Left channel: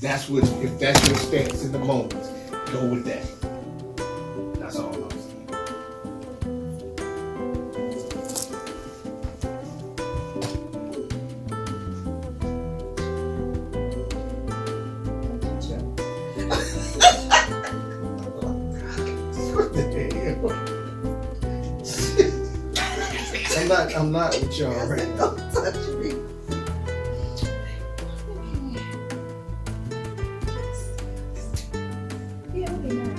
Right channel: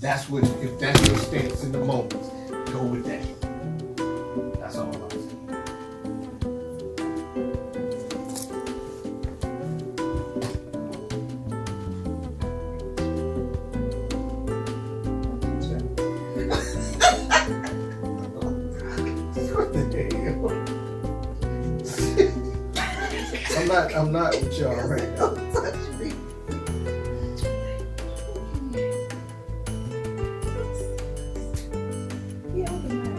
that's what, if that's your stance in the moment, go with that. That's all I'm saying. I'm not with y'all right now. Don't touch me. Yeah, it'll be nice.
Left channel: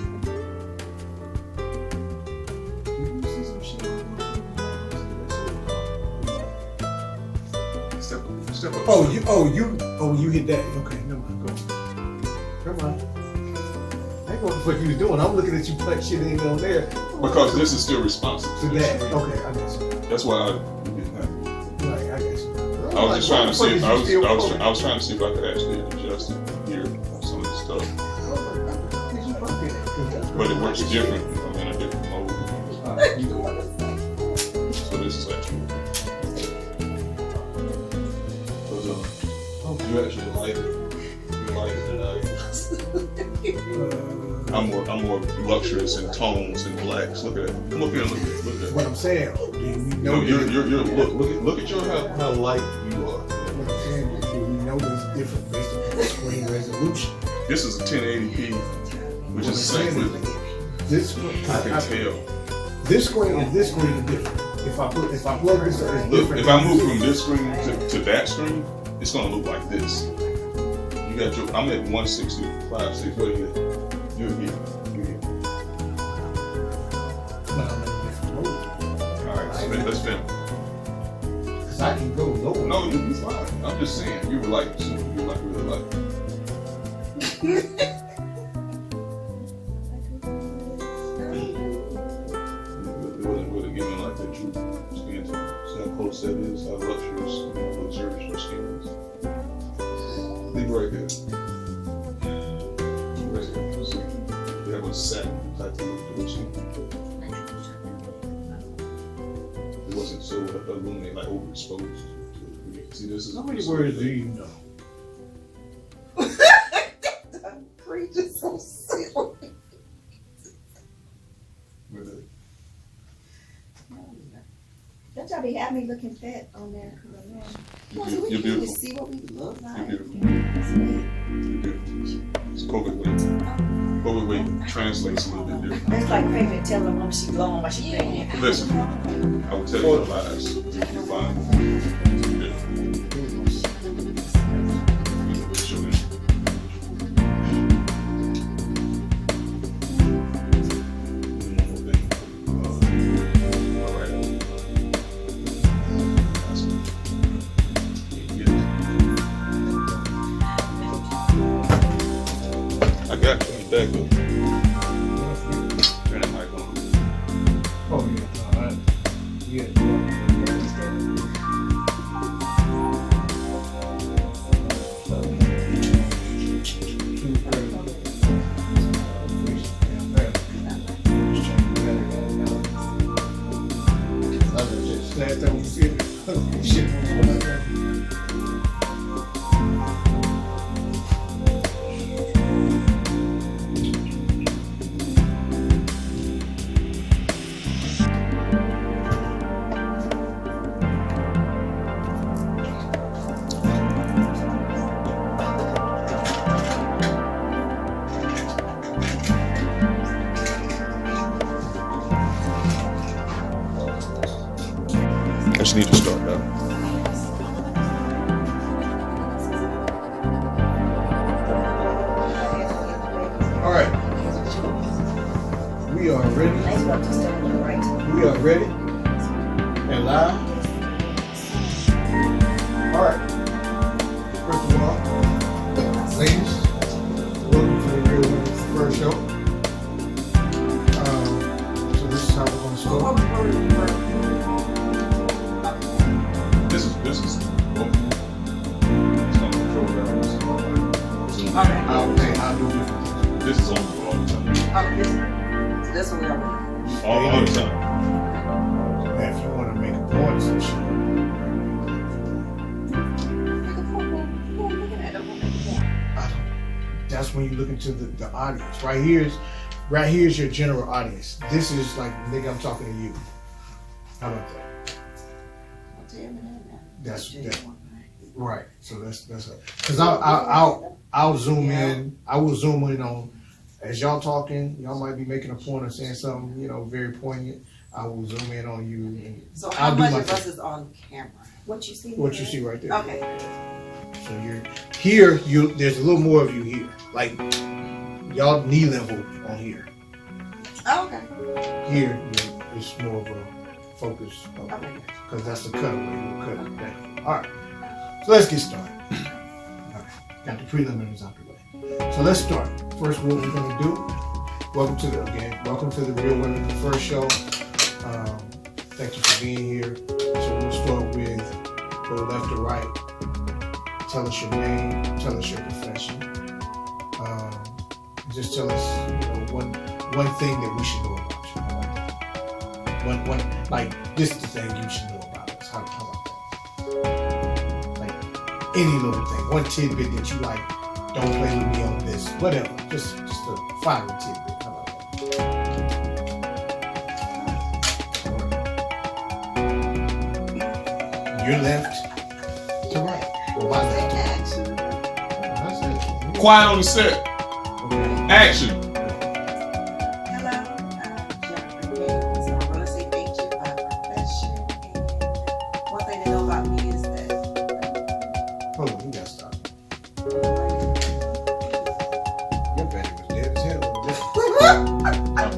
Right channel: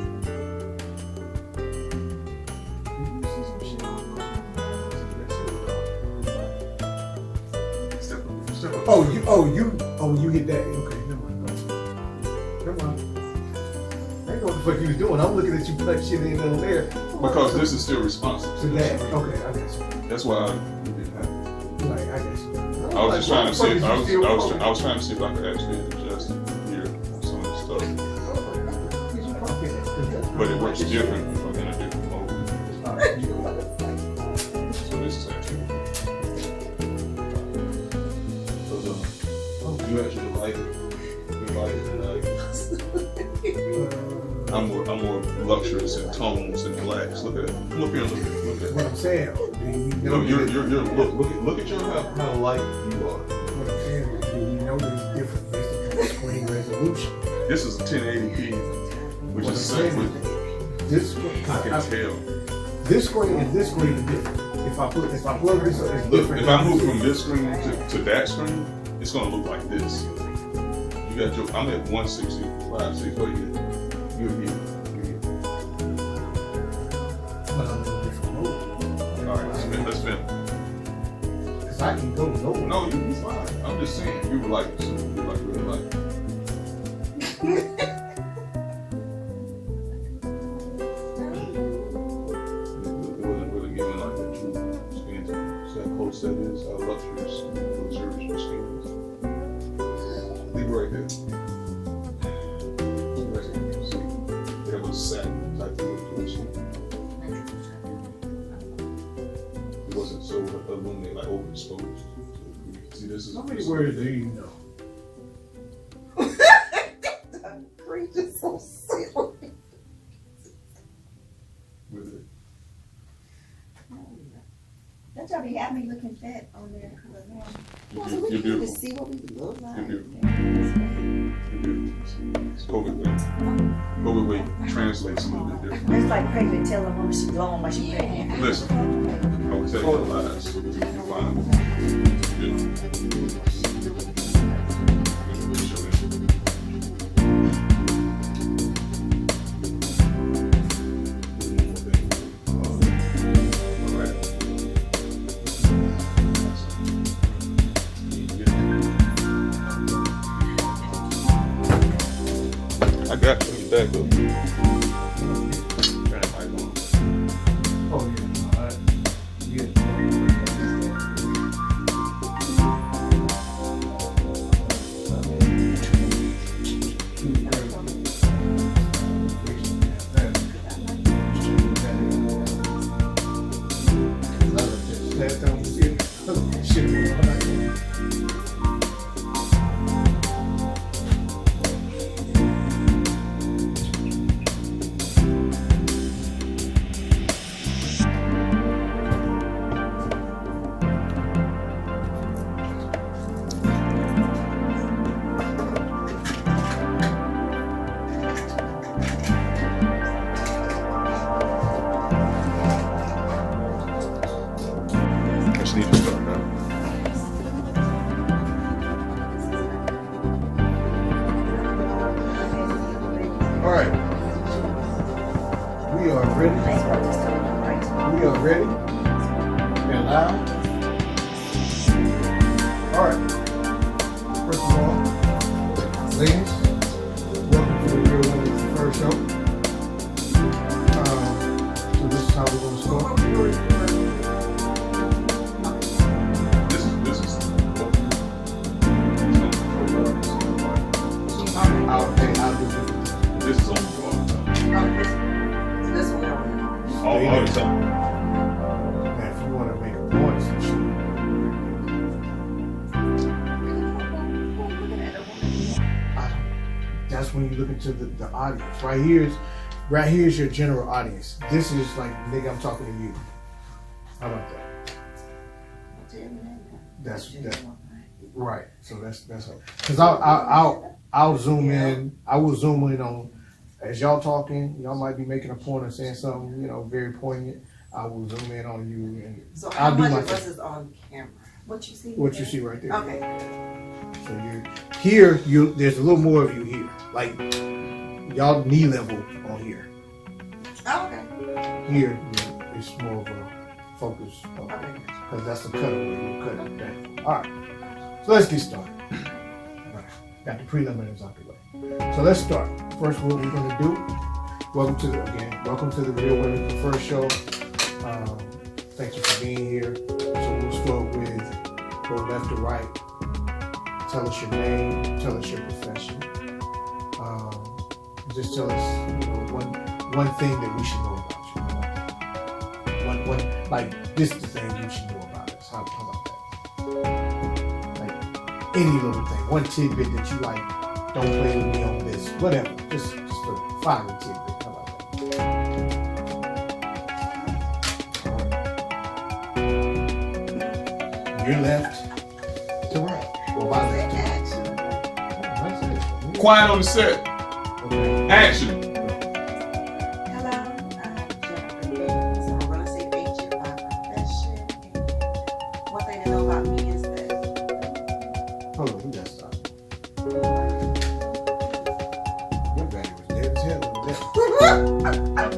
You hit that. Okay, never mind. Go. Come on. I ain't know what the fuck you was doing. I'm looking at you like shit ain't on there. Because this is still responsive To that. Okay, I guess. That's why I didn't have it. Right, I guess. I was just trying to see if I was trying to see if I could actually adjust it here on some of the stuff. But it works different if I'm in a different mode. So this is actually. You actually like it. You like it than I'm more luxurious in tones and blacks. Look at that. Come up here and look at that. What I'm saying. No, you're look at your how light you are. What I'm saying is, do we know that it's different based on the screen resolution? This is a 1080p, which is the same with this. I can tell. This screen and this screen are different. If I plug this up, it's Look, different. if I move from this screen to that screen, it's gonna look like this. You got your. I'm at 165. 6. What are you? You're here. But I'm in a different mode. All right, let's finish. Cause I can go lower. No, you be fine. I'm just saying, you were like really like. It wasn't really giving like the true skin tone. See how close that is, how luxurious, luxurious your skin is. Leave it right there. Right there. See, they have a satin type of look to their skin. It wasn't so illuminated, like overexposed. See, this is. How many words do you know? Preaching so silly. Really? Don't y'all be having me looking fat on there? You're So we can beautiful. just see what we look like. You're beautiful. It's COVID weight translates a little bit different. It's like pregnant telling a woman she's glowing while she's pregnant. Listen, I will tell you the lies. You're fine. I got that good. Oh yeah, alright. Yeah. I just need to start that. All right. We are ready. Nice work, just don't look right. We are ready and live. All right. First of all, ladies, welcome to the Real Women's First Show. So this is how we're going to start. This is I'll do different. this is on all the time. This one. All the time. Now, if you want to make a point, some shit. that's when you look into the audience. Right here's your general audience. This is like, nigga, I'm talking to you. How about that? That's right. So that's because I'll zoom in. I will zoom in on as y'all talking. Y'all might be making a point or saying something, very poignant. I will zoom in on you. And so how much of us is on camera? What you see? What you see right there. Okay. So you're here. There's a little more of you here. Like y'all knee level on here. Oh, okay. Here, it's more of a focus because that's the cutaway. You'll cut it down. All right. So let's get started. All right. Got the preliminaries out the way. So let's start. First, what we're gonna do. Welcome to the Real Women Prefer Show. Thank you for being here. So we'll start with go left to right. Tell us your name. Tell us your profession. Just tell us, one thing that we should know about you. One like this is the thing you should know about us. How about that? Like any little thing, one tidbit that you like. Don't play with me on this. Whatever. Just a final tidbit. How about that? Your left to right. My left to right. That's it. Quiet on the set. Okay. Action. Hello, Jennifer. I'm a real estate agent by profession. And one thing they know about me is that Hold on, you gotta stop. Your battery was dead as hell.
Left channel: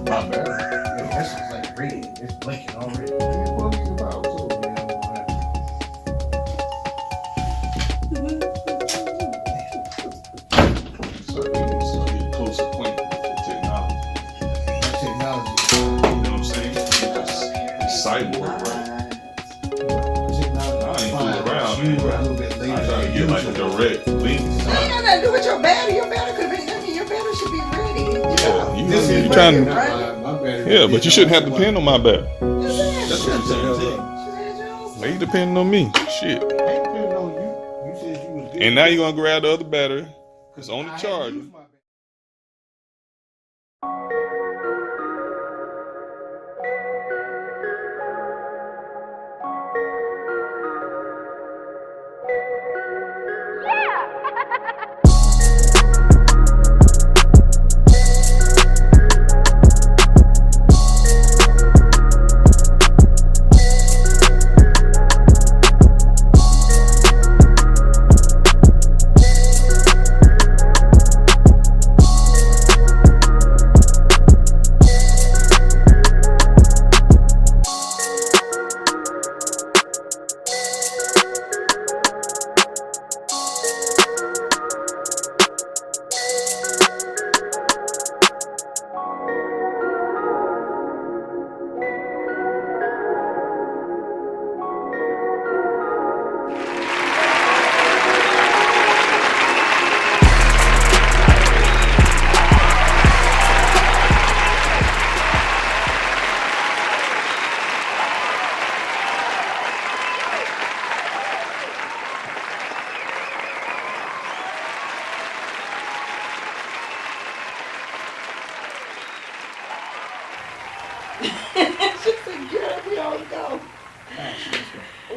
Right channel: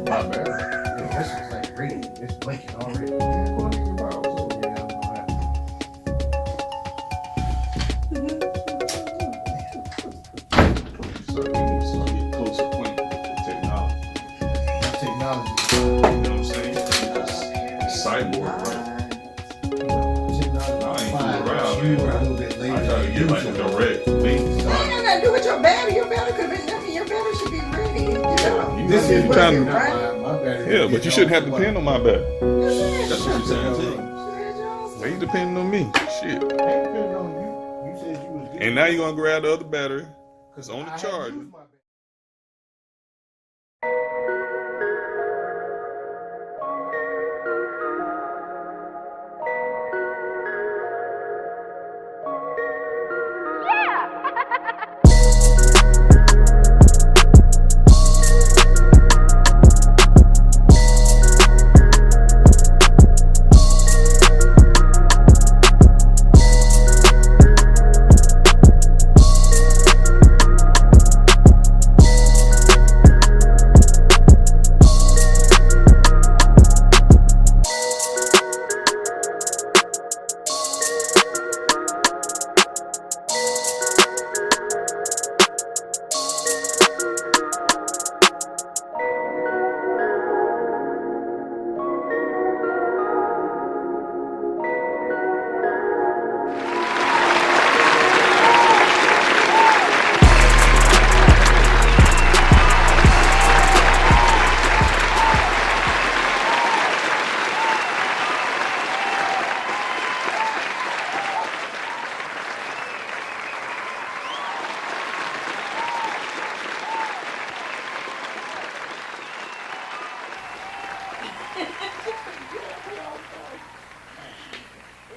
My bad. Yeah, that's just like green. It's blinking already. So you get close acquaintance with technology. Technology. You know what I'm saying? It's cyborg, bro. You were a little bit later. I try to get like a direct link. that ain't nothing to do with your battery. Your battery could be. Your battery should be ready. Yeah, This is you trying to. my battery. Yeah, but you shouldn't have to depend on my back. That's what I'm saying. Now you depending on me. Shit. And now you're gonna grab the other battery. It's on the charger.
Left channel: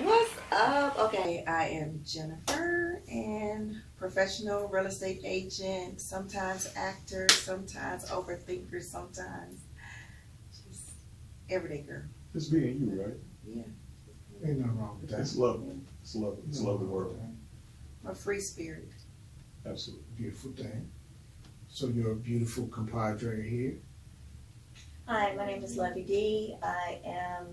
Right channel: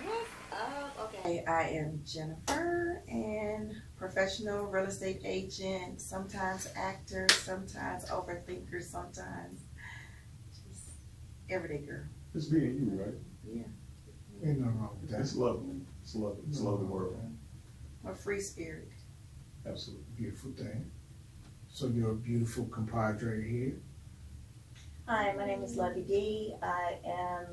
What's up? Okay, I am Jennifer, and professional real estate agent, sometimes actor, sometimes overthinker, sometimes just everyday girl. It's being you, right? Yeah, Ain't nothing wrong with that. It's love. It's love. It's love the world. a free spirit. Absolutely. Beautiful thing. So you're a beautiful compadre here. Hi, my name is Lovey D. I am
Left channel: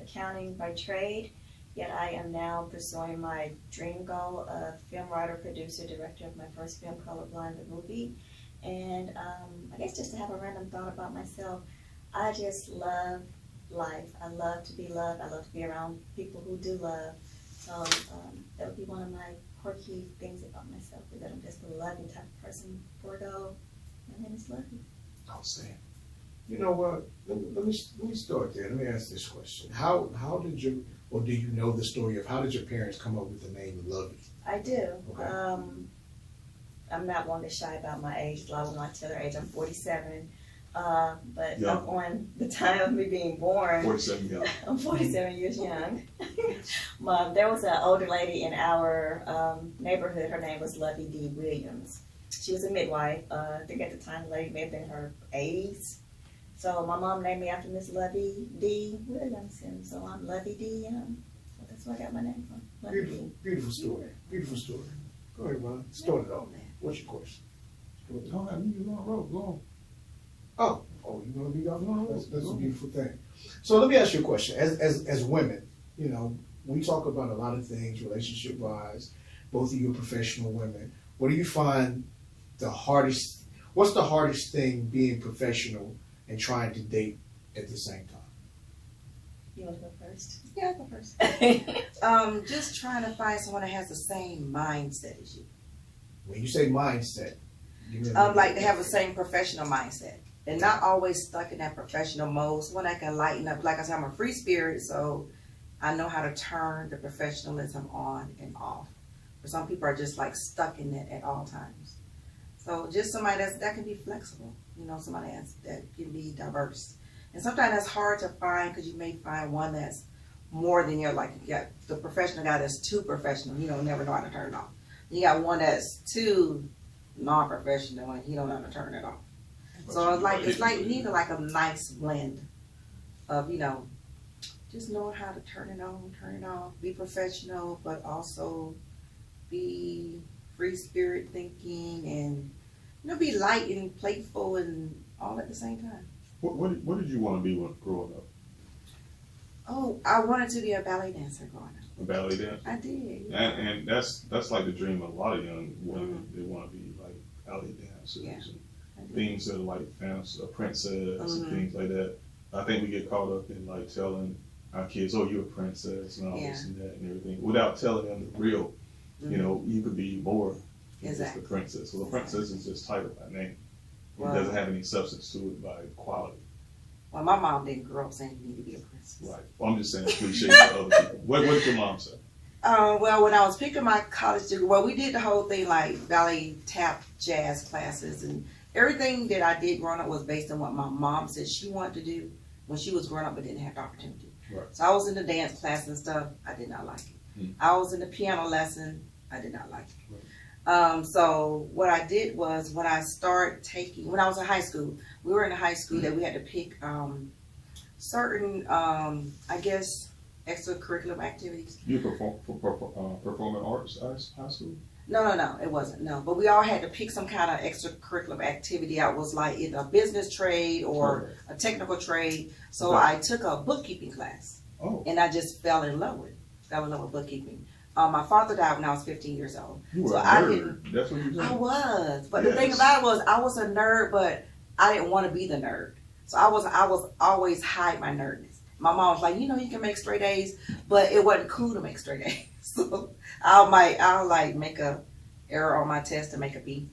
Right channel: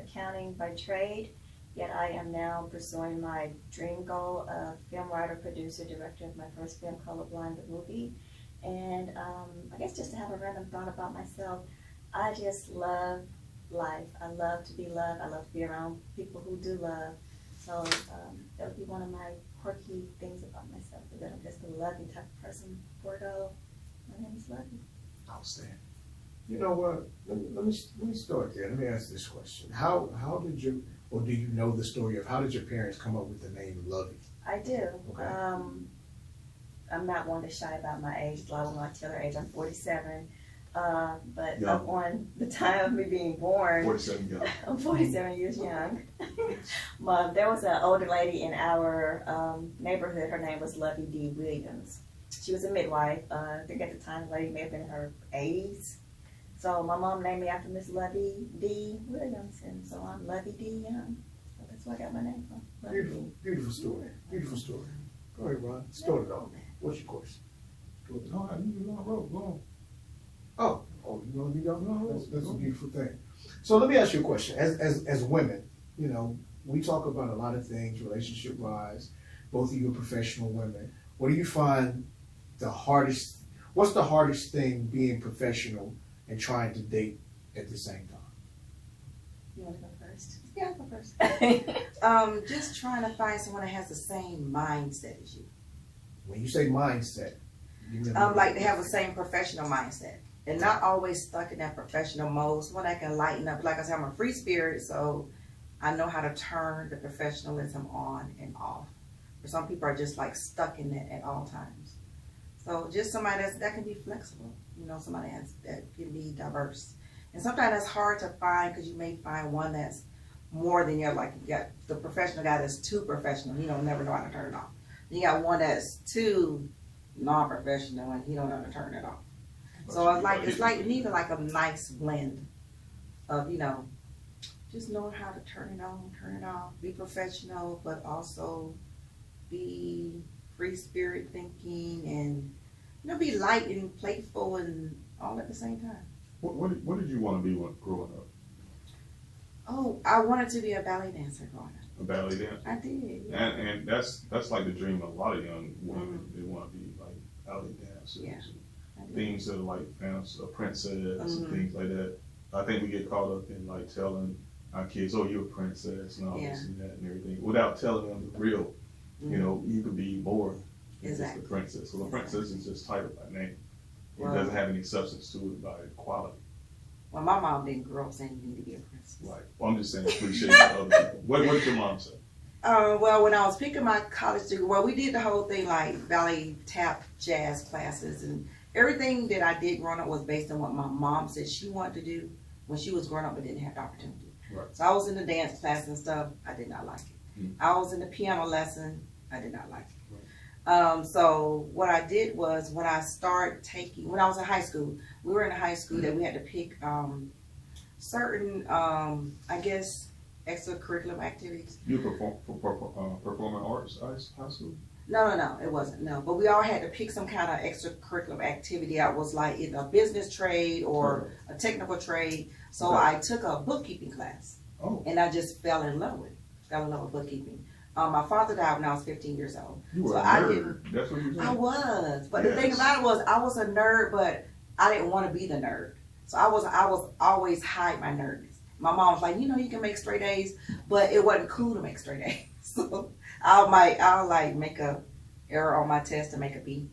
accounting by trade, yet I am now pursuing my dream goal of film writer, producer, director of my first film, Colorblind the movie. And I guess just to have a random thought about myself, I just love life. I love to be loved. I love to be around people who do love. So that would be one of my quirky things about myself, is that I'm just a loving type of person. Bordeaux, my name is Lovey. Outstanding. You know what? Let me start there. Let me ask this question. How did you, or do you know the story of how did your parents come up with the name Lovey? I do. Okay. I'm not one to shy about my age. A lot of women like to tell their age. I'm 47. But Yeah. up on the time of me being born, 47 young. I'm 47 years young. There was an older lady in our neighborhood. Her name was Lovey D. Williams. She was a midwife. I think at the time the lady may have been in her 80s. So my mom named me after Miss Lovey D. Williams, and so I'm Lovey D. So that's where I got my name from. Lovey Beautiful, D. beautiful story. Beautiful story. Go ahead, Ron. Start it off. What's your question? No, I knew you were on road. Go Oh, you want to be off on that's a beautiful thing. So let me ask you a question. As women, you know, we talk about a lot of things, relationship wise. Both of you are professional women. What do you find the hardest? What's the hardest thing being professional and trying to date at the same time? You want to go first? Yeah, I'll go first. Just trying to find someone that has the same mindset as you. When you say mindset, you mean Like to have the same professional mindset and not always stuck in that professional mode. Someone that can lighten up. Like I said, I'm a free spirit, so I know how to turn the professionalism on and off. For some people are just like stuck in it at all times. So just somebody that can be flexible, you know, somebody that can be diverse. And sometimes that's hard to find because you may find one that's more than you got the professional guy that's too professional, you don't never know how to turn it off. Then you got one that's too non-professional and he don't know how to turn it off. So it's like you need like a nice blend of, you know, just knowing how to turn it on, turn it off, be professional, but also be free spirit thinking and, you know, be light and playful and all at the same time. What did you want to be when growing up? Oh, I wanted to be a ballet dancer growing up. A ballet dancer? I did. Yeah. And that's like the dream of a lot of young women. They want to be like ballet dancers and things that are like fantasy, a princess and things like that. I think we get caught up in like telling our kids, "Oh, you're a princess," and all this and that and everything, without telling them the real. You know, you could be more than just a princess. So the princess is just title by name. It doesn't have any substance to it by quality. Well, my mom didn't grow up saying you need to be a princess. Right. Well, I'm just saying cliches to other people. What did your mom say? Well, when I was picking my college degree, well, we did the whole thing like ballet, tap, jazz classes, and everything that I did growing up was based on what my mom said she wanted to do when she was growing up but didn't have the opportunity. Right. So I was in the dance class and stuff. I did not like it. I was in the piano lesson. I did not like it. So what I did was when I was in high school, we were in a high school that we had to pick certain, I guess, extracurricular activities. You performing arts high school? No, it wasn't. No, but we all had to pick some kind of extracurricular activity. I was like either a business trade or a technical trade. So I took a bookkeeping class. Oh. And I just fell in love with bookkeeping. My father died when I was 15 years old. You were so a nerd. I didn't. That's what you did. I was, but the thing about it was, I was a nerd, but I didn't want to be the nerd. So I was always hide my nerdness. My mom was like, you know, you can make straight A's, but it wasn't cool to make straight A's. So I'll like make a error on my test to make a B,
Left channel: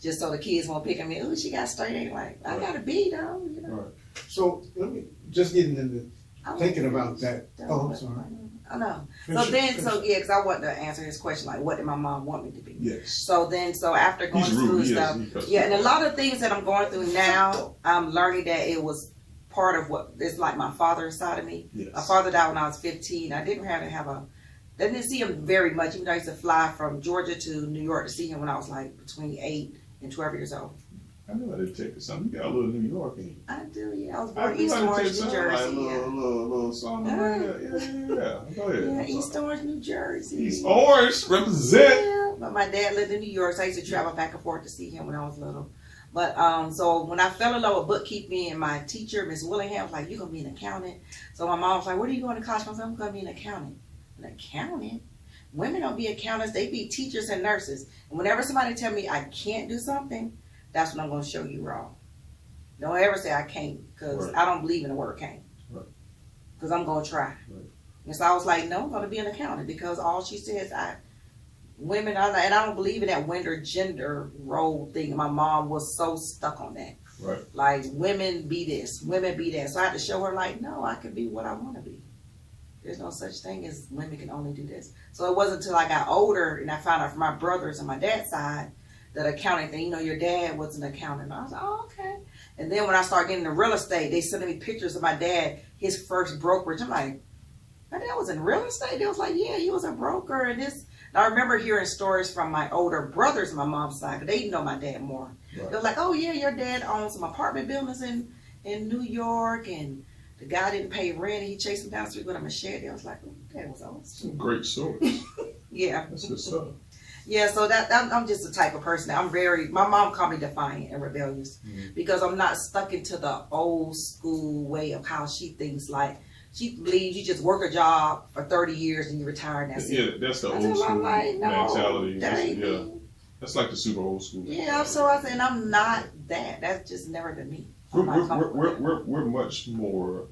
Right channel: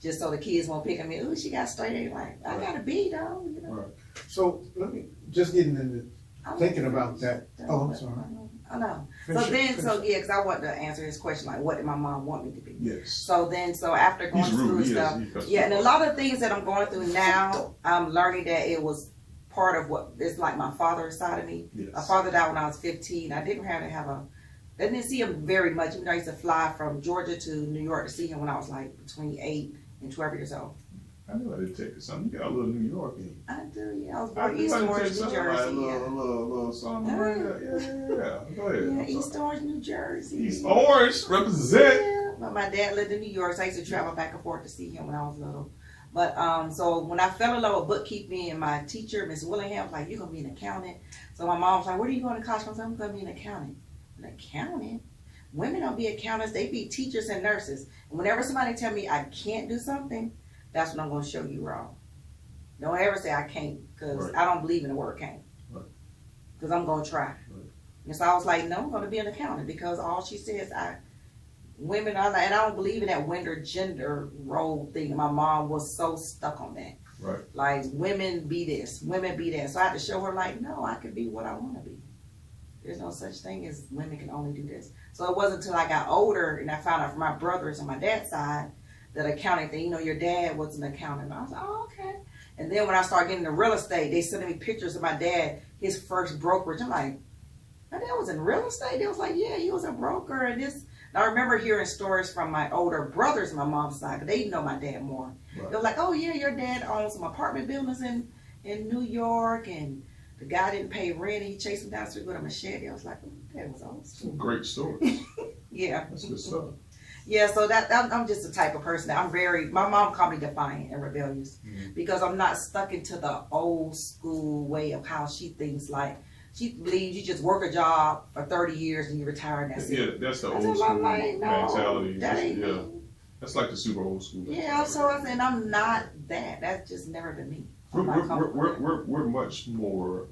just so the kids won't pick on me. Oh, she got straight A. Like I got a B though, you know. Right. So let me just getting into thinking about that. Oh, I'm sorry. I know. Because I wanted to answer his question, like, what did my mom want me to be? Yes. So after going to school and stuff, and a lot of things that I'm going through now, I'm learning that it was part of what it's like my father's side of me. Yes. My father died when I was 15. I didn't see him very much, even though I used to fly from Georgia to New York to see him when I was like between 8 and 12 years old. I knew I did take something. You got a little New York in you. I do, yeah. I was born in East Orange, New Jersey. Like a little something. Yeah. Go ahead. Yeah, East Orange, New Jersey. East Orange, represent. Yeah, but my dad lived in New York, so I used to travel back and forth to see him when I was little. But so when I fell in love with bookkeeping, and my teacher, Miss Willingham, was like, "You're gonna be an accountant." So my mom was like, "What are you going to college for?" I said, "I'm gonna be an accountant." An accountant? Women don't be accountants; they be teachers and nurses. And whenever somebody tell me I can't do something, that's when I'm going to show you wrong. Don't ever say I can't, because I don't believe in the word can't. Because I'm going to try. And so I was like, no, I'm going to be an accountant, because all she says, women are like, and I don't believe in that gender role thing. And my mom was so stuck on that. Right. Like, women be this, women be that. So I had to show her, like, no, I can be what I want to be. There's no such thing as women can only do this. So it wasn't until I got older and I found out from my brothers on my dad's side that accounting thing. You know, your dad was an accountant. I was like, oh, okay. And then when I started getting into real estate, they sent me pictures of my dad, his first brokerage. I'm like, my dad was in real estate? They was like, yeah, he was a broker and this. And I remember hearing stories from my older brothers on my mom's side, but they know my dad more. Right. They was like, oh yeah, your dad owns some apartment buildings in New York, and the guy didn't pay rent and he chased him down the street with a machete. I was like, oh, that was awesome. Some great stories. Yeah. That's good stuff. Yeah, so I'm just the type of person that my mom called me defiant and rebellious because I'm not stuck into the old school way of how she thinks. Like, she believes you just work a job for 30 years and you retire and that's it. Yeah, that's the old I school said, like, no, mentality. that ain't Yeah, me. that's like the super old school. Yeah, so I said, I'm not that. That's just never been me. We're much more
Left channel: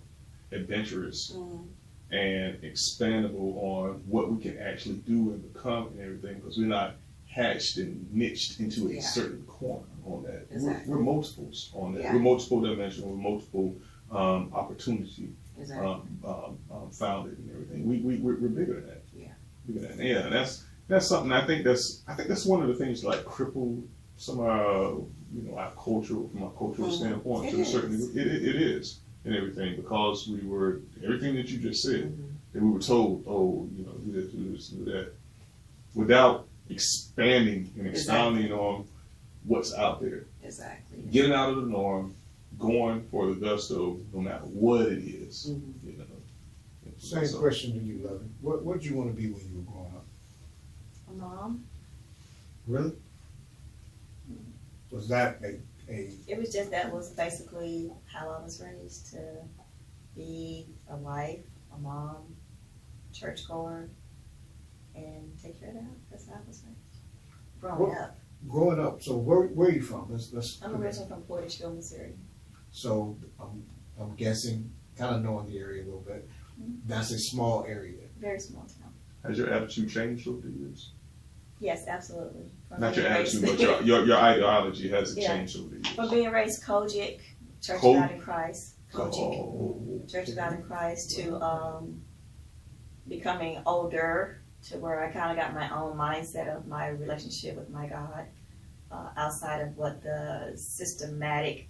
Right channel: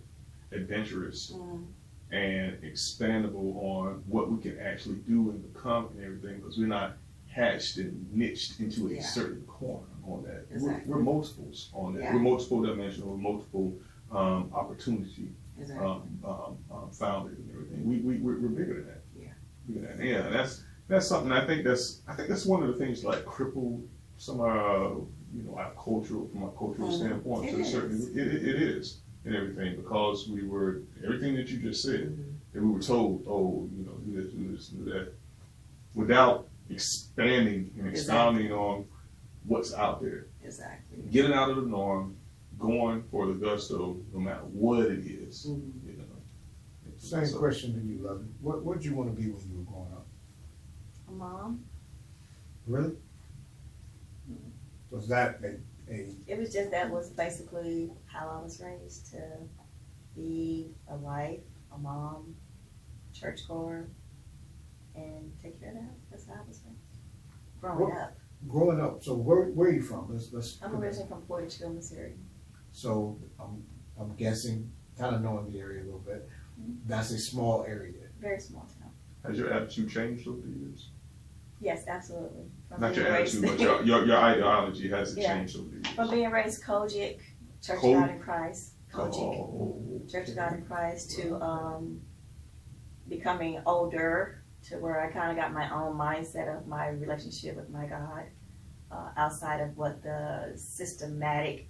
adventurous Mm. and expandable on what we can actually do and become and everything, because we're not hatched and niched into a Yeah. certain corner on that. Exactly. We're multiples on that. Yeah. We're multiple dimensional, we're multiple opportunity Exactly. founded and everything. We're bigger than that. Yeah. Bigger than that. Yeah, and that's something I think that's one of the things like cripple some our cultural, from a cultural standpoint, It to a is. certain degree. It is and everything, because we were everything that you just said, Mhm. that we were told, oh, do this, do this, do that, without expanding and expounding on what's out there. Exactly. Getting out of the norm, going for the gusto, no matter what it is. Mhm. Same So- question to you, Lovey. What did you want to be when you were growing up? A mom. Really? Was that a It was just, that was basically how I was raised, to be a wife, a mom, churchgoer, and take care of the house. That's how I was raised. Growing up. growing up? So where are you from? Let's. I'm originally from Porterville, Missouri. So I'm guessing, kind of knowing the area a little bit. That's a small area. Very small town. Has your attitude changed over the years? Yes, absolutely. From Not your being attitude, raised- but your ideology has Yeah. changed over the years. From being raised Kojic, Church of Ko- God in Christ, Kojic, Oh, Church of God in Christ, to becoming older, to where I kind of got my own mindset of my relationship with my God, outside of what the systematic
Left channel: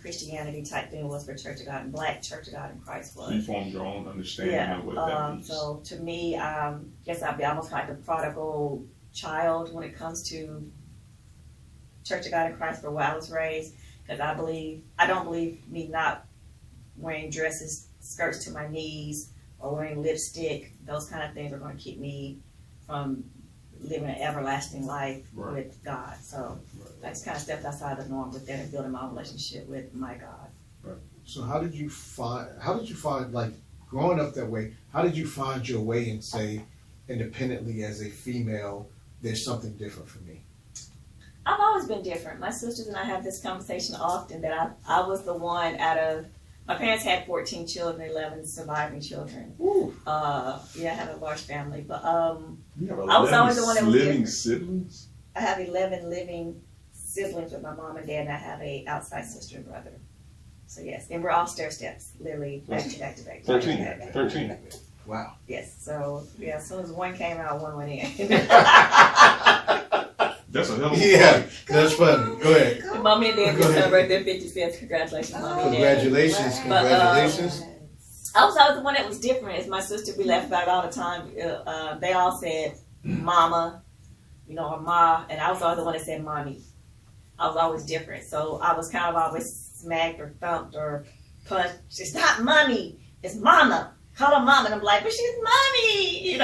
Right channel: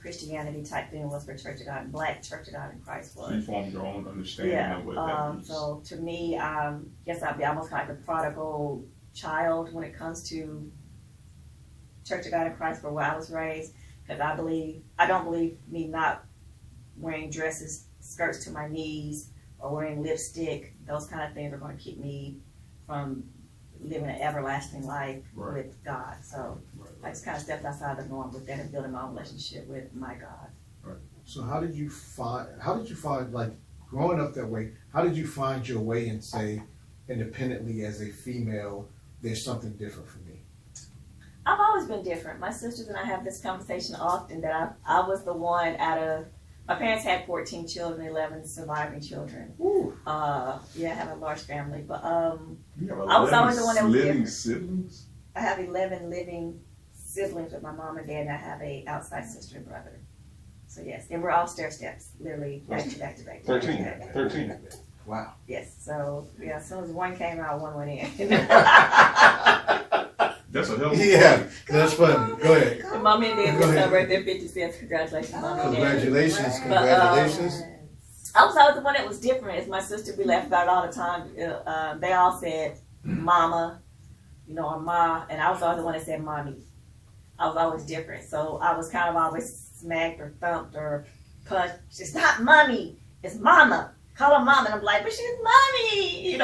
Christianity type thing was for Church of God and Black Church of God in Christ so you was. formed your own understanding Yeah, of what that means. so to me, guess I'd be almost like a prodigal child when it comes to Church of God in Christ, for where I was raised, because I don't believe me not wearing dresses, skirts to my knees, or wearing lipstick. Those kind of things are going to keep me from living an everlasting life Right. with God. So I just kind of stepped outside the norm with that and building my own relationship with my God. So how did you find like growing up that way? How did you find your way and say independently as a female, there's something different for me? I've always been different. My sisters and I have this conversation often, that I was the one out of, my parents had 14 children, 11 surviving children. Ooh. I have a large family, but You have I was always the one that was living different. siblings? I have 11 living siblings with my mom and dad, and I have a outside sister and brother. So yes, and we're all stair steps, literally back to back to back. to back to back. 13. Wow. Yes, so yeah, as soon as one came out, one went in. That's a hell of a Yeah, that's funny. Go ahead. And Mommy and Dad Go just ahead. celebrate their 50 cents. Congratulations, Mommy and Dad. Congratulations, Right. But, congratulations. I was always the one that was different. As my sister, we laugh about it all the time. They all said mama, or ma, and I was always the one that said mommy. I was always different. So I was kind of always smacked or thumped or punched. It's not mommy, it's mama. Call her mama. And I'm like, but she's mommy,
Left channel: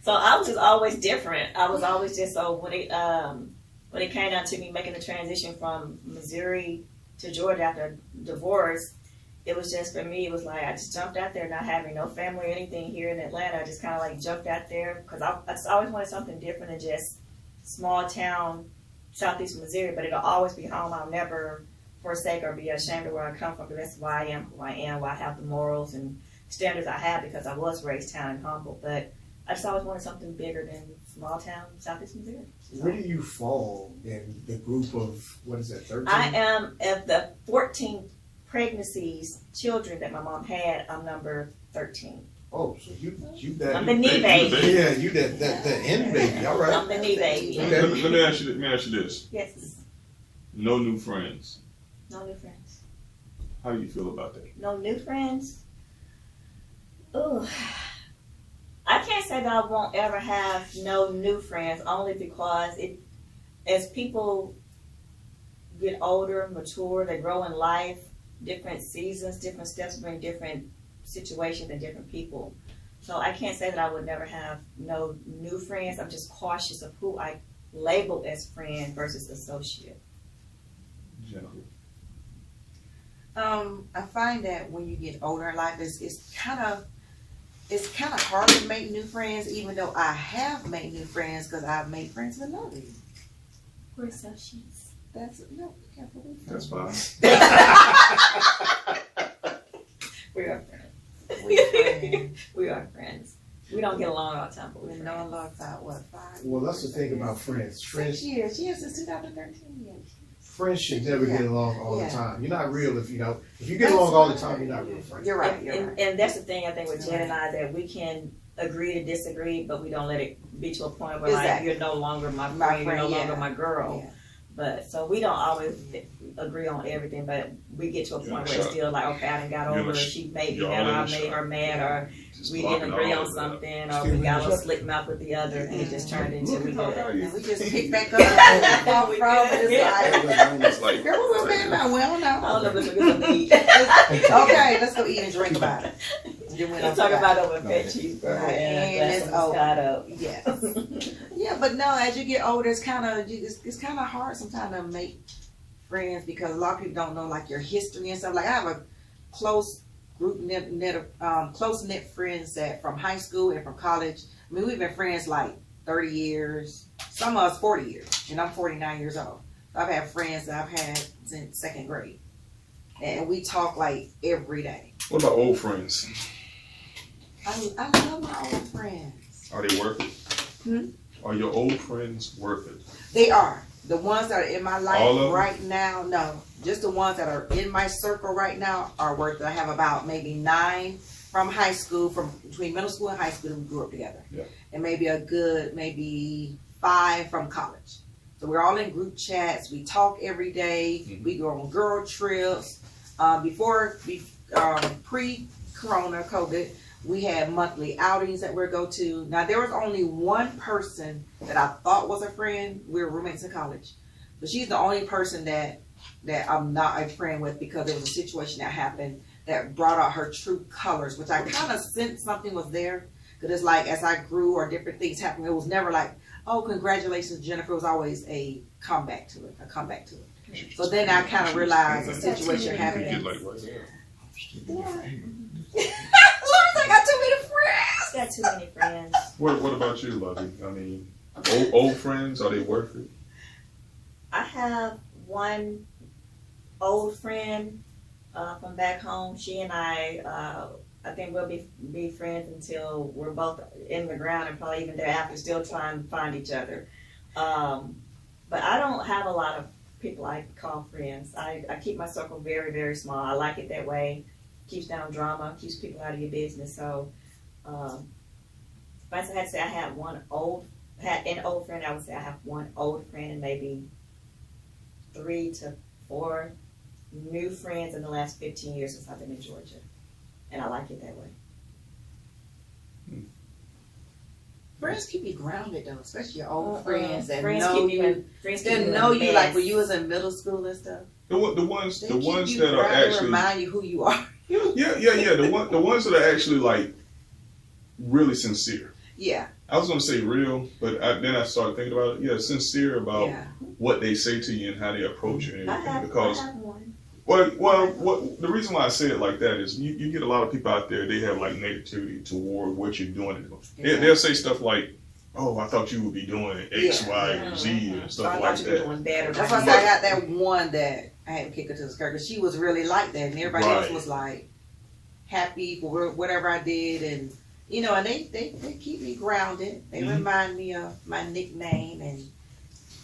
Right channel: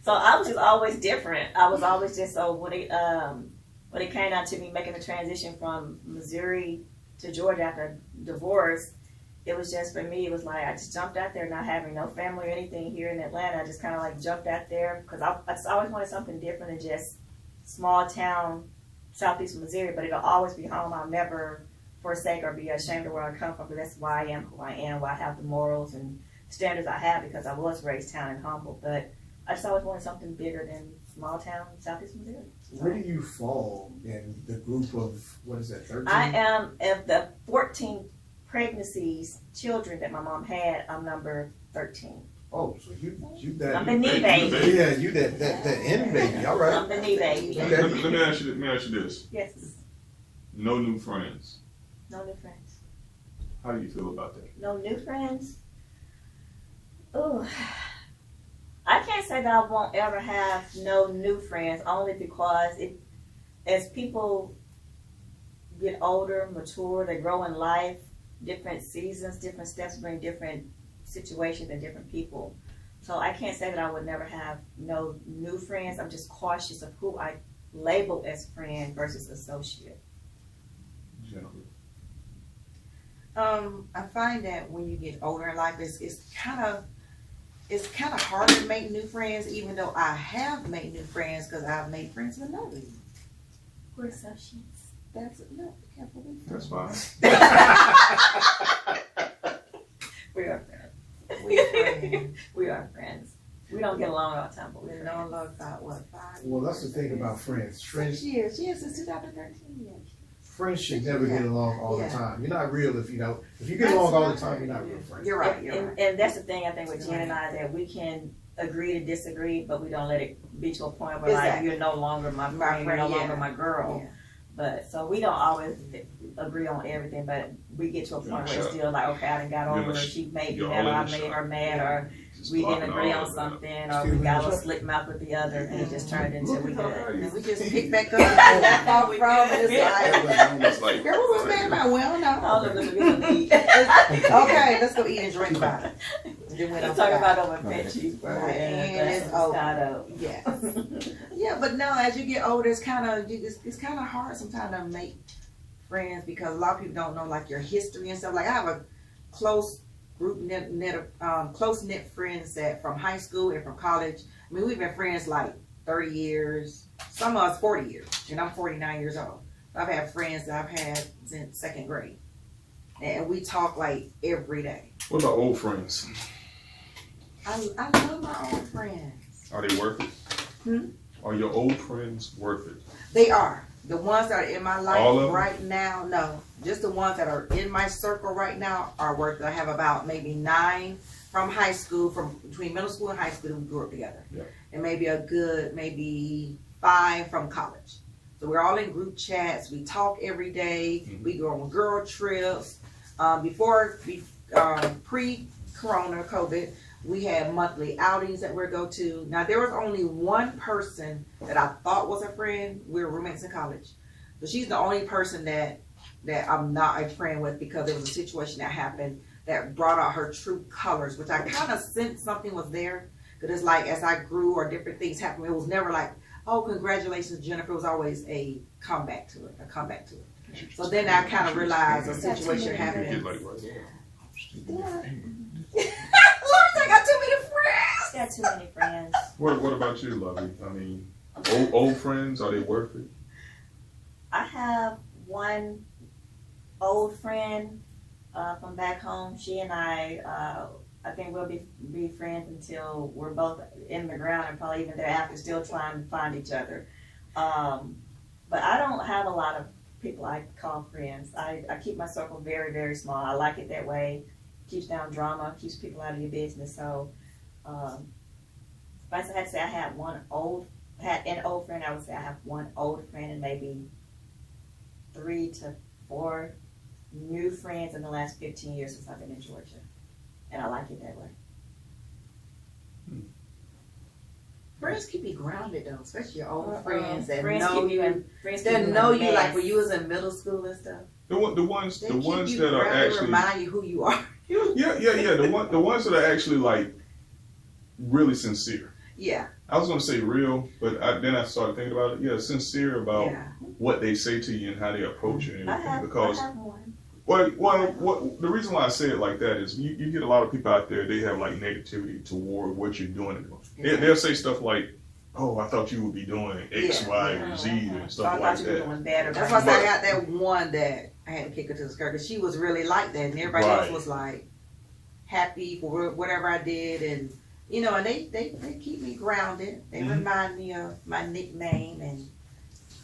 So I was just always different. I was always just, so when it came down to me making the transition from Missouri to Georgia after divorce, it was just, for me, it was like I just jumped out there, not having no family or anything here in Atlanta. I just kind of like jumped out there because I just always wanted something different than just small town Southeast Missouri, but it'll always be home. I'll never forsake or be ashamed of where I come from, because that's why I am who I am, why I have the morals and standards I have, because I was raised town and humble. But I just always wanted something bigger than small town Southeast Missouri. So Where do you fall in the group of, 13? I am, of the 14 pregnancies, children that my mom had, I'm number 13. Oh, so you that. I'm the knee baby. Yeah, you that end baby. All right. I'm the knee baby. Okay. Let me ask you this. Yes. No new friends. No new friends. How do you feel about that? No new friends. Ooh. I can't say that I won't ever have no new friends, only because as people get older, mature, they grow in life, different seasons, different steps bring different situations and different people. So I can't say that I would never have no new friends. I'm just cautious of who I label as friend versus associate. Generally. I find that when you get older in life, it's kind of hard to make new friends, even though I have made new friends because I've made friends with Lovey. We're associates. That's fine. We are friends. We're friends. We are friends. We don't get along all the time, but We've we're known friends. love about what, 5 years? Well, that's the thing about friends. 6 years. Yeah, since 2013 years. Friends should never get along all the time. You're not real if you get along all the time, you're not real friends. You're right. And that's the thing I think with Jen and I, that we can agree to disagree, but we don't let it be to a point where like Exactly. you're no longer my friend, you're no longer my girl. Yeah. But so we don't always agree on everything, but we get to a point where it's still like, okay, I done got over her, she made me mad, or I made her mad, or we didn't agree on something, or we got a little slick mouth with the other, and it just turned into we good. And we just pick back up and fall from it. It's like, girl, we were mad about it. We don't know. I don't know if it's a good meat. Okay, let's go eat and drink about it. Let's talk about it with fat cheeseburger and it's over. Moscato. Yes. Yeah, but no, as you get older, it's kind of hard sometimes to make friends because a lot of people don't know like your history and stuff. Like I have a close group close knit friends that from high school and from college. I mean, we've been friends like 30 years. Some of us 40 years, and I'm 49 years old. I've had friends that I've had since second grade, and we talk like every day. What about old friends? I love my old friends. Are they worth it? Are your old friends worth it? They are. The ones that are in my life All of them? right now, no. Just the ones that are in my circle right now are worth it. I have about maybe 9 from high school, from between middle school and high school, we grew up together. Yeah. And maybe a good, maybe 5 from college. So we're all in group chats. We talk every day. Mhm. We go on girl trips. Pre-corona, COVID, we had monthly outings that we'd go to. Now, there was only one person that I thought was a friend. We were roommates in college. But she's the only person that I'm not a friend with because there was a situation that happened that brought out her true colors, which I kind of sensed something was there. Because it's like as I grew or different things happened, it was never like, oh, congratulations, Jennifer. It was always a comeback to it. So then I kind of realized a situation happened. Get like right there. I got too many friends. Got too many friends. What about you, Lovey? I mean, old friends, are they worth it? I have one old friend from back home. She and I think we'll be friends until we're both in the ground and probably even thereafter still trying to find each other. But I don't have a lot of people I call friends. I keep my circle very, very small. I like it that way. Keeps down drama, keeps people out of your business. So if I had to say I had an old friend, I would say I have one old friend and maybe 3 to 4 new friends in the last 15 years since I've been in Georgia. And I like it that way. Friends keep you grounded though, especially your old Friends friends that keep know you. That know you like when you was in middle school and stuff. The ones They that keep you are grounded, actually remind you who you are. yeah. The ones that are actually like really sincere. Yeah. I was gonna say real, but then I started thinking about it. Yeah, sincere about what they say to you and how they approach you and everything. Because I have one. what the reason why I say it like that is you get a lot of people out there, they have like negativity toward what you're doing. They'll say stuff like, "Oh, I thought you would be doing X, Y, or Z and stuff like you that." were doing better. That's why I said I got that one that I had to kick her to the skirt because she was really like that, and everybody else was like happy for whatever I did, and and they keep me grounded. They remind me of my nickname, and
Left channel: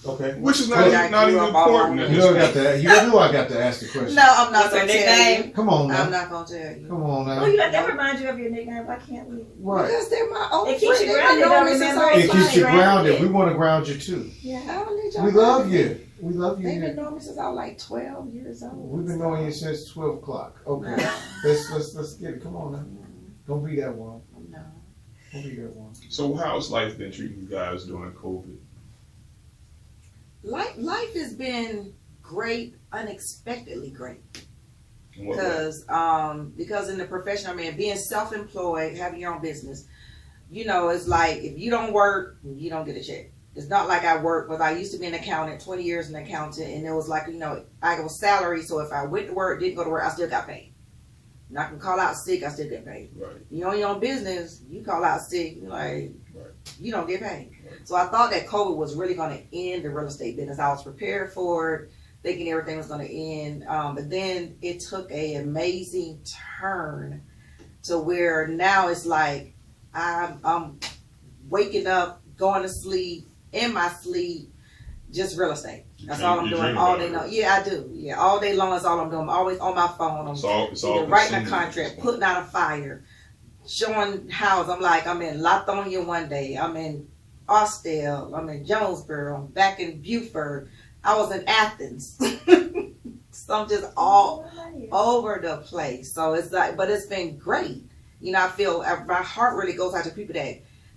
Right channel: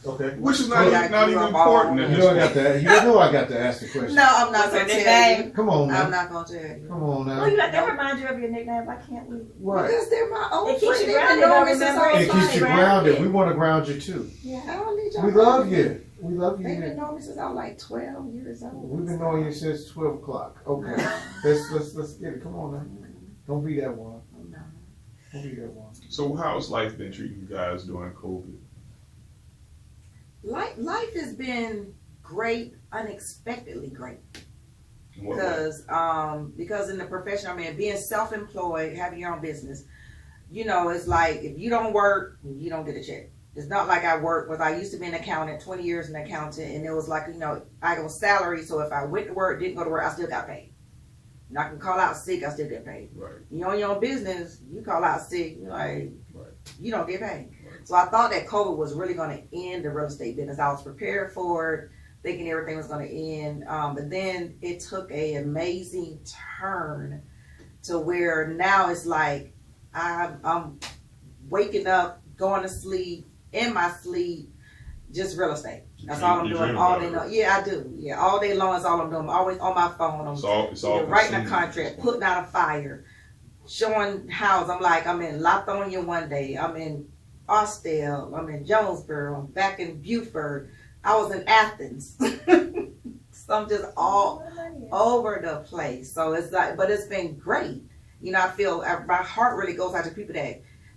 Okay. Which is Like not even you up important all- at You this know I got point. that. You know I got to ask the question. No, I'm not What's your gonna tell nickname? you. Come on now. I'm not gonna tell you. Come on now. Well, you let them remind you of your nickname. Why can't we? Right. Because they're my old It keeps friends. you They've been grounded, knowing though, me since remember? I was It keeps you like, grounded. We want to ground you too. I don't need y'all We love grounded. you. We love They've you. been knowing me since I was like 12 years old. We've been knowing you since 12 o'clock. Okay. Let's get it. Come on now. Don't be that one. No. Don't be that one. So how's life been treating you guys during COVID? Life has been great, unexpectedly great. In what way? Because in the profession I'm in, being self-employed, having your own business, you know, it's like if you don't work, you don't get a check. It's not like I work, but I used to be an accountant, 20 years an accountant, and it was like, you know, I was salary, so if I went to work, didn't go to work, I still got paid. And I can call out sick, I still get paid. Right. You own your own business, you call out sick, you like, Right. you don't get paid. Right. So I thought that COVID was really going to end the real estate business. I was prepared for it, thinking everything was going to end. But then it took an amazing turn to where now it's like I'm waking up, going to sleep, in my sleep, just real estate. That's all I'm You doing dream all about day it. long. Yeah, I do. Yeah, all day long is all I'm doing. I'm always on my phone. It's all Either writing a consuming. contract, putting out a fire, showing house. I'm like, I'm in Lithonia one day. I'm in Austell. I'm in Jonesboro. I'm back in Beaufort. I was in Athens. So I'm just all over the place. So it's like, but it's been great. You know, I feel my heart really goes out to people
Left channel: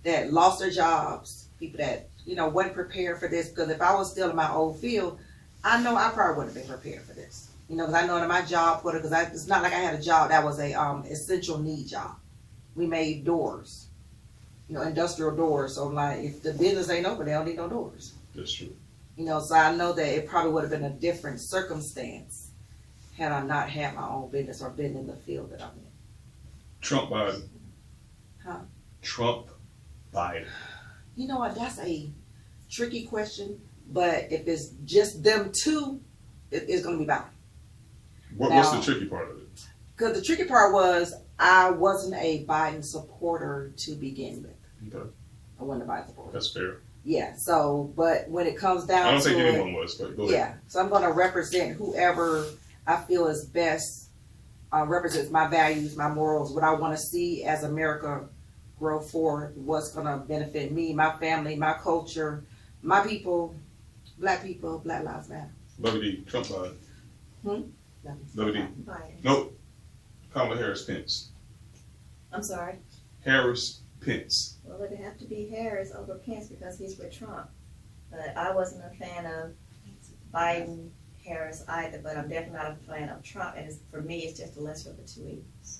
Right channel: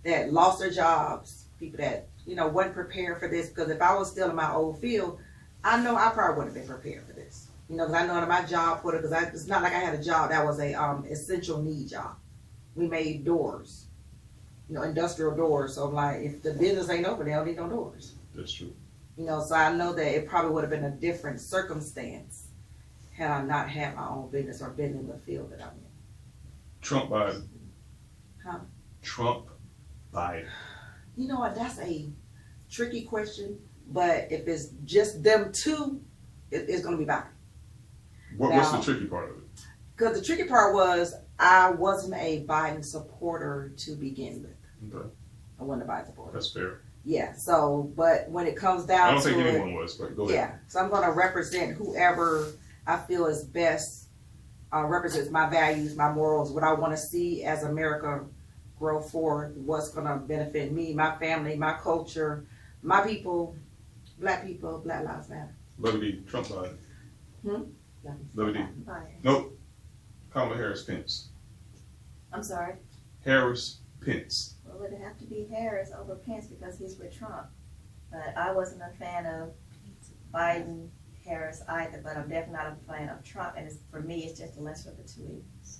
that lost their jobs, people that, you know, wasn't prepared for this. Because if I was still in my old field, I know I probably wouldn't have been prepared for this. You know, because I know in my job, because it's not like I had a job that was a essential need job. We made doors, you know, industrial doors. So I'm like, if the business ain't open, they don't need no doors. That's true. You know, so I know that it probably would have been a different circumstance had I not had my own business or been in the field that I'm in. Trump Biden. Huh? Trump Biden. You know what? That's a tricky question. But if it's just them two, it's going to be Biden. What's Now- the tricky part of it? Because the tricky part was I wasn't a Biden supporter to begin with. Okay. I wasn't a Biden supporter. That's fair. Yeah. So, but when it comes down I don't to think it, anyone was, but go ahead. yeah. So I'm going to represent whoever I feel is best, represents my values, my morals, what I want to see as America grow forward, what's going to benefit me, my family, my culture, my people, Black lives matter. Lovey D. Trump Biden. Lovey D. Biden. Nope. Kamala Harris Pence. I'm sorry. Harris Pence. Well, it'd have to be Harris over Pence because he's with Trump. But I wasn't a fan of Biden, Harris either, but I'm definitely not a fan of Trump. And for me, it's just the lesser of the two evils.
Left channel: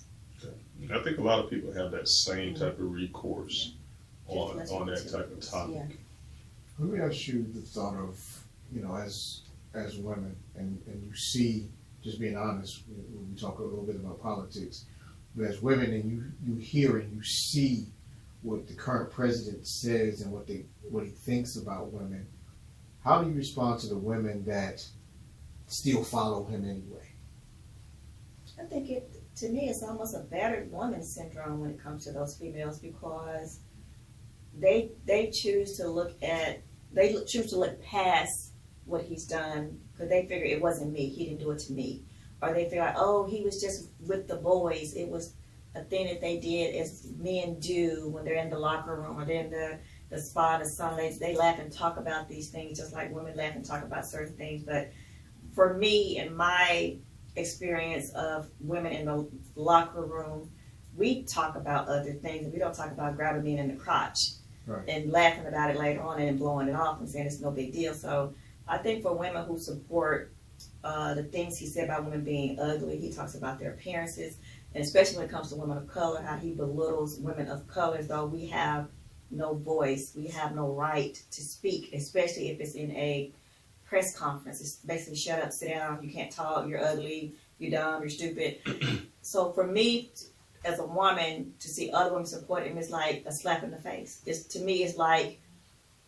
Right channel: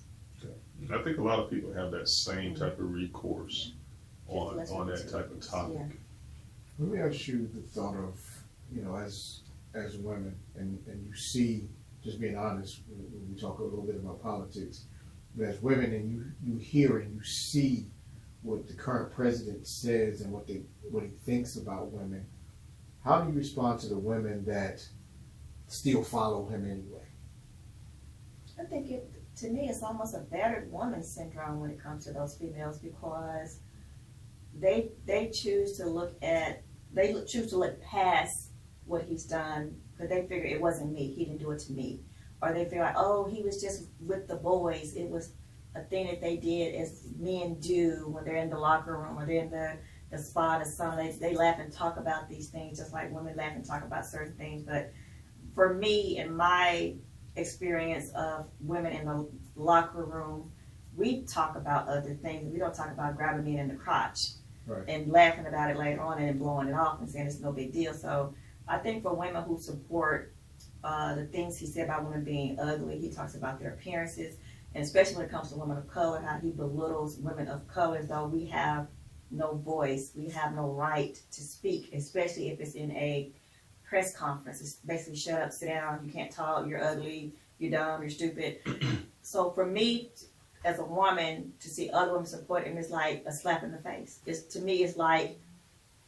I think a lot of people have that same type of recourse on Just that listen type of topic. Yeah. Let me ask you the thought of, you know, as women, and you see, just being honest, when we talk a little bit about politics, but as women and you hear and you see what the current president says and what he thinks about women, how do you respond to the women that still follow him anyway? I think to me, it's almost a battered woman syndrome when it comes to those females because they choose to look past what he's done because they figure it wasn't me, he didn't do it to me, or they figure, oh, he was just with the boys. It was a thing that they did as men do when they're in the locker room or they're in the spa or something. They laugh and talk about these things just like women laugh and talk about certain things. But for me, in my experience of women in the locker room, we talk about other things. We don't talk about grabbing men in the crotch and laughing about it later on and then blowing it off and saying it's no big deal. So I think for women who support the things he said about women being ugly, he talks about their appearances, and especially when it comes to women of color, how he belittles women of color as though we have no voice, we have no right to speak, especially if it's in a press conference. It's basically shut up, sit down, you can't talk, you're ugly, you're dumb, you're stupid. So for me, as a woman, to see other women support him is like a slap in the face. To me, it's like,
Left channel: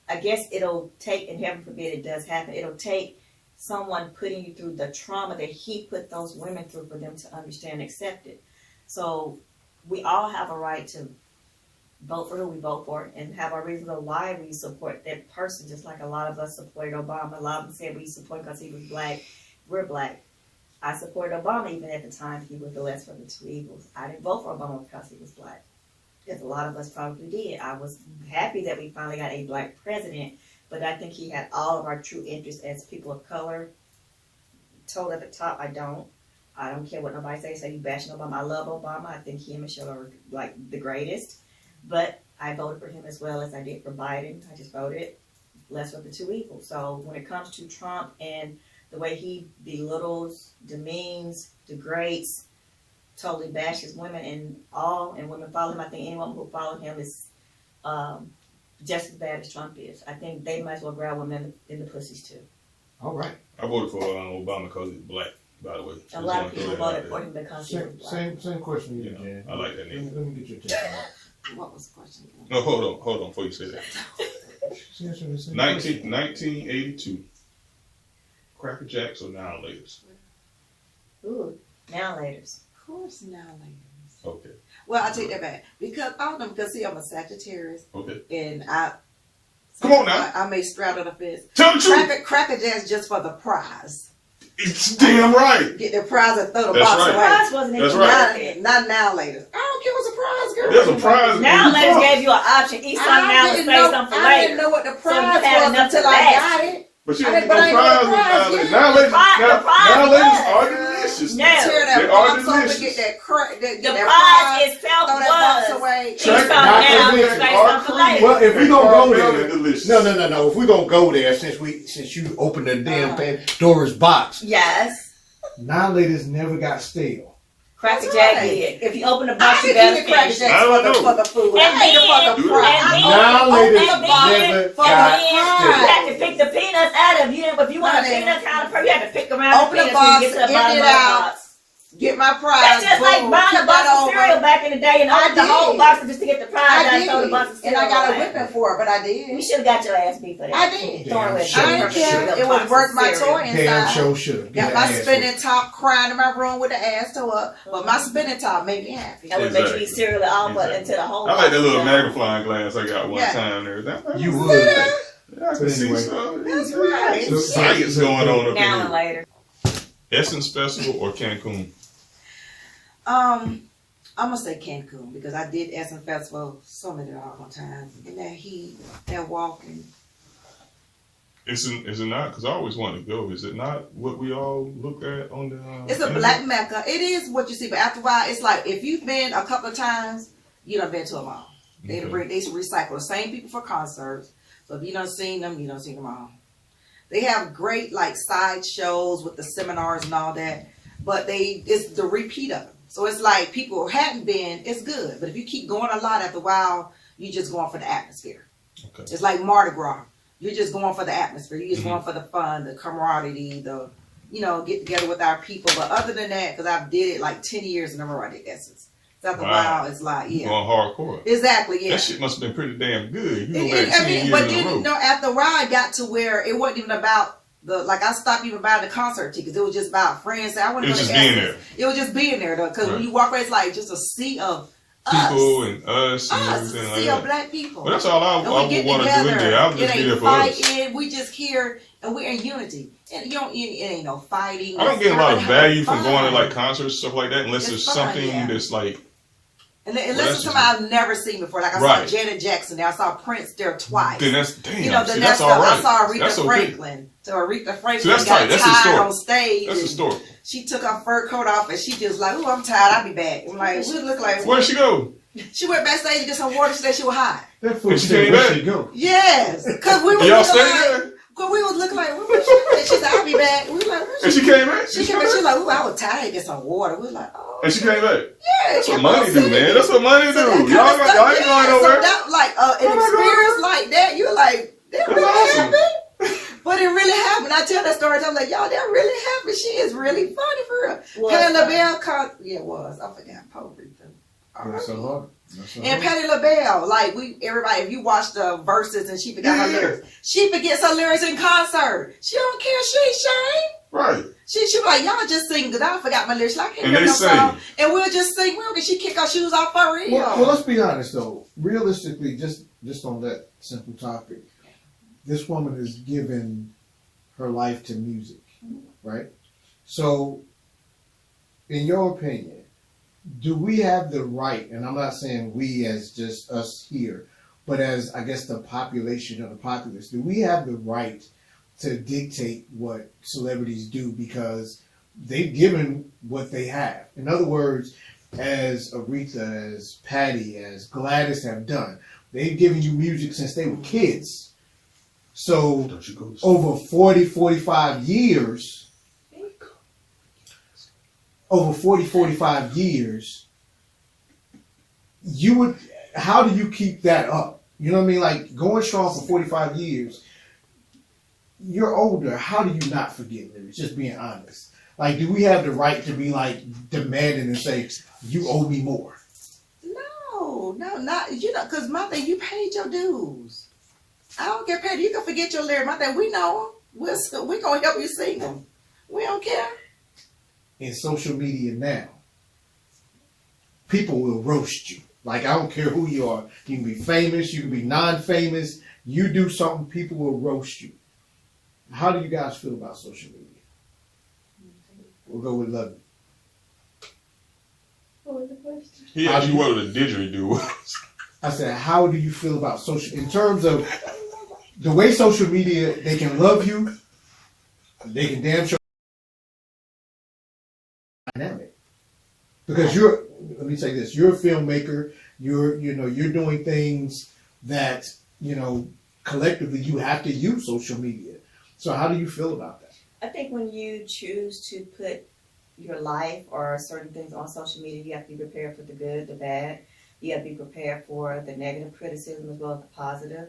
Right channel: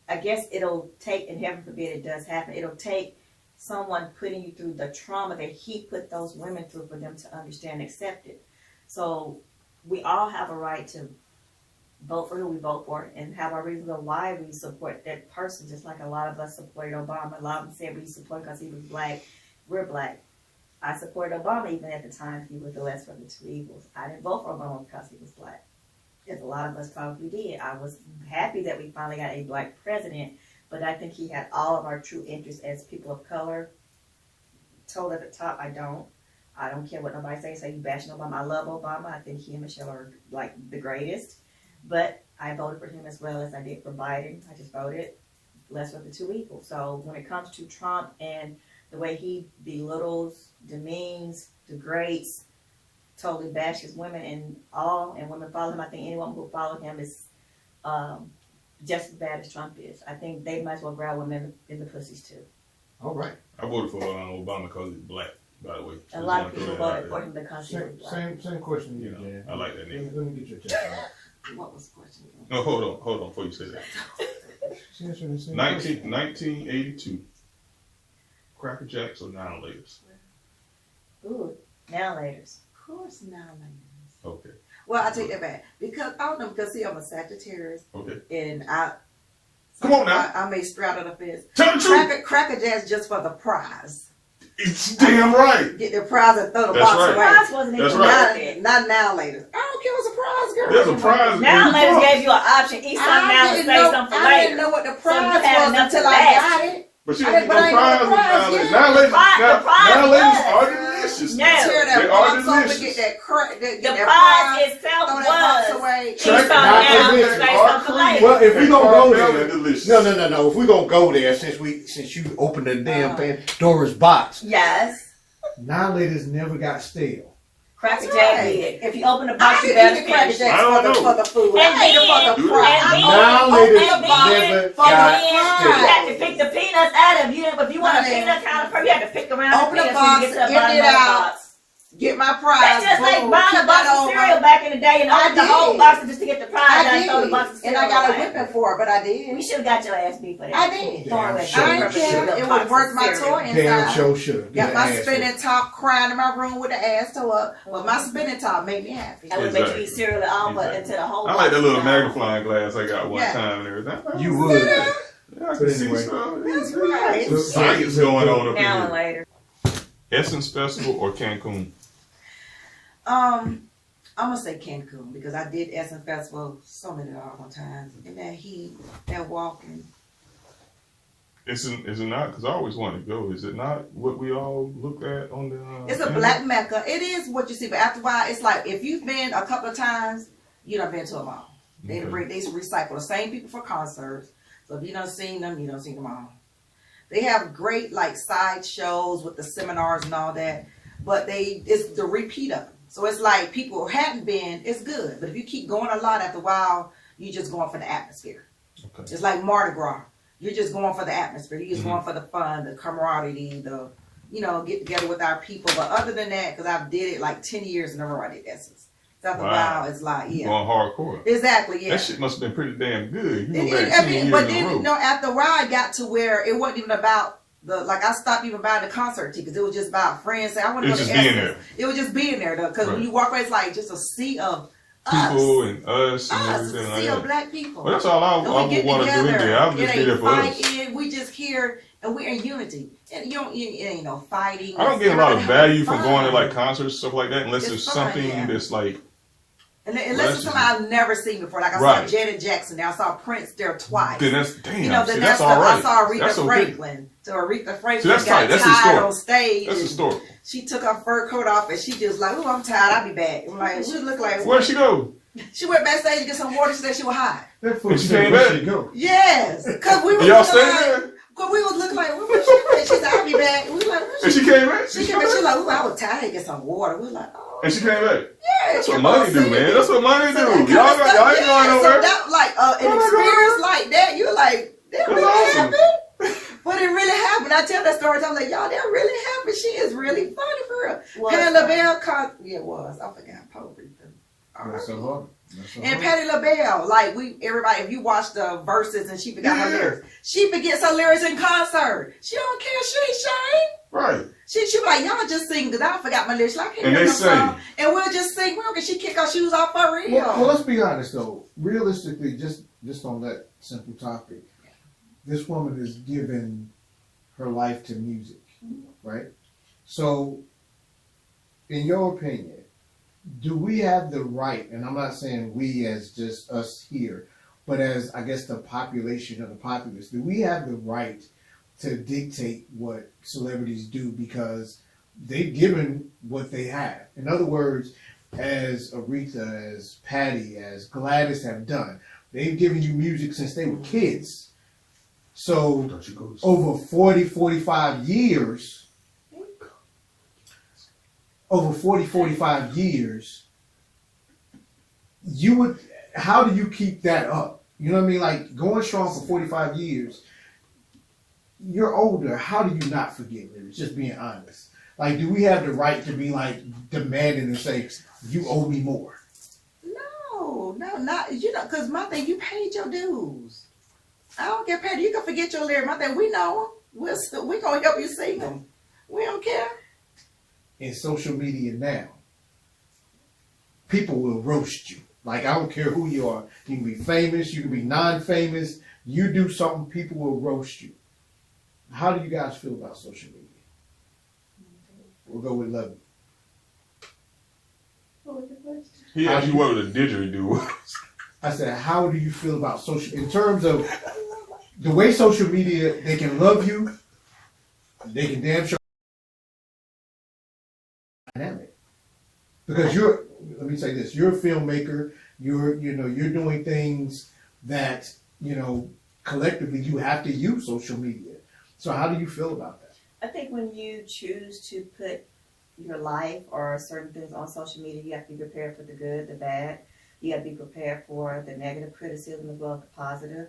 I guess it'll take, and heaven forbid it does happen, it'll take someone putting you through the trauma that he put those women through for them to understand and accept it. So we all have a right to vote for who we vote for and have our reasons of why we support that person, just like a lot of us supported Obama. A lot of them said we support because he was black. We're black. I supported Obama even at the time he was the less of the two evils. I didn't vote for Obama because he was black, as a lot of us probably did. I was happy that we finally got a black president, but I think he had all of our true interests as people of color. Told at the top, I don't care what nobody says. Say you bashing Obama. I love Obama. I think he and Michelle are like the greatest. But I voted for him as well as I did for Biden. I just voted less of the two evils. So when it comes to Trump and the way he belittles, demeans, degrades, totally bashes women and women follow him, I think any woman who follows him is just as bad as Trump is. I think they might as well grab women in the pussies too. All right. I voted for Obama because he's black, by the way. A lot of people voted for him because he was black. Same question to you, Jen. I like that name. Let me get your take on that. What was the question again? No, hold on before you say that. She's answering the same 1982. Cracker Jacks or Now Laters? Ooh, now laters. Of course, now laters. Okay. Well, I take that back because I don't know because see, I'm a Sagittarius, Okay. and I. Come on now. I may straddle the fence. Tell the truth. Cracker Jacks just for the prize. It's damn right. Get the prize and throw the That's box right. The away. prize wasn't even That's worth right. it. Not now later. I don't care what's a prize, girl. There's a prize. Now in the laters box. gave you an option. Eat something now and save something for I didn't later. know what the So you prize had was enough until to I last. got it. But you I don't didn't- get but no I ain't got prize a with prize Now Laters. yet. Now Laters, The prize now was- Laters are delicious. No. Tear that They box are open, delicious. get that The that prize itself throw that box was. away. Eat Check something it. now Not and delicious. save something for later. Well, if we gonna go Caramel there, and delicious. no. If we gonna go there, since you opened the damn Pandora's box, Yes. Now Laters never got stale. Cracker That's Jack right. did. If you open the I box, you didn't better eat the Cracker finish. Jacks I don't for know. the food. And I ate it for the then- prize. and Now then- Laters and then- never for the got prize. You stale. had to pick the peanuts out of you. If you want a Honey. peanut kind of person, you had to pick around Open the the peanuts when you box, get to the empty bottom it of the out. box. Get my prize. That's just like boom, buying keep a box that of over. cereal back in the day and I open the whole did. box just to get the prize I out and throw the box of did, cereal and I got a away. whipping for it, but I did. We should have got your ass beat for that. I did. Throw away Damn I didn't sure. care. It was worth my toy Damn inside. show should. Got my spinning top crying in my room with the ass toe up, but my spinning top made me happy. I would make you Exactly. eat cereal at all, but Exactly. until the whole I like that little box is magnifying glass I got one Yeah. time and everything. You would. Yeah, I can see Anyway. some. That's right. So- Science going on up now and here. later. Essence Festival or Cancun? I'm gonna say Cancun because I did Essence Festival so many doggone times, and that heat, that walking. Is it not? Because I always wanted to go. Is it not what we all look at on the? It's a black mecca. It is what you see, but after a while, it's like if you've been a couple of times, you done been to them all. They recycle the same people for concerts. So if you done seen them, you done seen them all. They have great like side shows with the seminars and all that, but it's the repeat of them. So it's like people who hadn't been, it's good. But if you keep going a lot after a while, you're just going for the atmosphere. Okay. It's like Mardi Gras. You're just going for the atmosphere. You're just going for the fun, the camaraderie, get together with our people. But other than that, because I've did it like 10 years in a row, I did Essence. So after a while, it's like, yeah. Going hardcore. Exactly, yeah. That shit must have been pretty damn good. You go back 10 years But in a row. then, after a while, I got to where it wasn't even about I stopped even buying the concert tickets. It was just about friends saying, I want to go to It's just being Essence. there. It was just being there, though. Because when Right. you walk away, it's like just a sea of People us. and us and Us, it's everything a like sea of that. black people. Well, that's all I And would we get want to do in together. there. I would It just be there ain't for us. fighting. We just here and we're in unity. And it ain't no fighting. I don't get a lot of It's value from fun. going to like concerts, stuff like that, unless It's there's fun, something yeah. that's like, And Well, unless it's somebody I've never seen before. Like I Right. saw Janet Jackson there. I saw Prince there twice. then that's damn. Then see, that's that's all right. I saw Aretha That's okay. Franklin. So Aretha Franklin See, that's got tight. That's tired historic. on stage. That's and historic. She took her fur coat off and she just like, oh, I'm tired. I'll be back. I'm like, we look like. Where'd she go? She went backstage to get some water. She said she was hot. That fool And she said, came where back? she go? Yes, because we were Y'all looking stayed like. there? Cause we was looking like, where she at? She said, I'll be back. We was like, where And she came back? She came back. She was like, ooh, I was tired. Get some water. We was like, oh. And she came back? Yeah, That's she what was money do, singing. man. That's what money do. So that Y'all kind of got, stuff, y'all ain't yeah, going so nowhere. that like an Oh my experience God. like that, you're like, that That's really awesome. happened. But it really happened. I tell that story. I'm like, y'all, that really happened. She is really funny for real. Was Patti funny. LaBelle, yeah, it was. I forgot. Poetry. That's so hard. That's so And hard. Patti LaBelle, like everybody, if you watch the verses and she forgot her lyrics, she forgets her lyrics in concert. She don't care. She ain't ashamed. Right. She be like, y'all just sing, because I forgot my lyrics. Like, I can't And hear they no say- song. And we'll just sing. Well, can she kick her shoes off for real? Well, let's be honest though. Realistically, just on that simple topic, this woman has given her life to music, right? So, in your opinion, do we have the right, and I'm not saying we as just us here, but as, I guess, the population of the populace, do we have the right to dictate what celebrities do because they've given what they have? In other words, as Aretha, as Patty, as Gladys have done, they've given you music since they were kids. So Don't you go to over 40, 45 years, you would, how do you keep that up? You know what I mean? Like going strong for 45 years, you're older. How do you not forget lyrics? Just being honest. Like, do we have the right to be like demanding and say, you owe me more? No, not, because my thing, you paid your dues. I don't get paid. You can forget your lyrics. My thing, we know them. We're going to help you sing them. We don't care. In social media now, people will roast you. Like, I don't care who you are. You can be famous, you can be non-famous. You do something, people will roast you. How do you guys feel about social media? We'll go with Lovey. What was the question? He asked you what the didgeridoo was. I said, how do you feel about social, in terms of the way social media, they can love you, they can damn sure dynamic. Because let me say this, you're a filmmaker, you're doing things that, collectively you have to use social media. So how do you feel about that? I think when you choose to put your life or certain things on social media, you have to be prepared for the good, the bad. You have to be prepared for the negative criticism as well as the positive.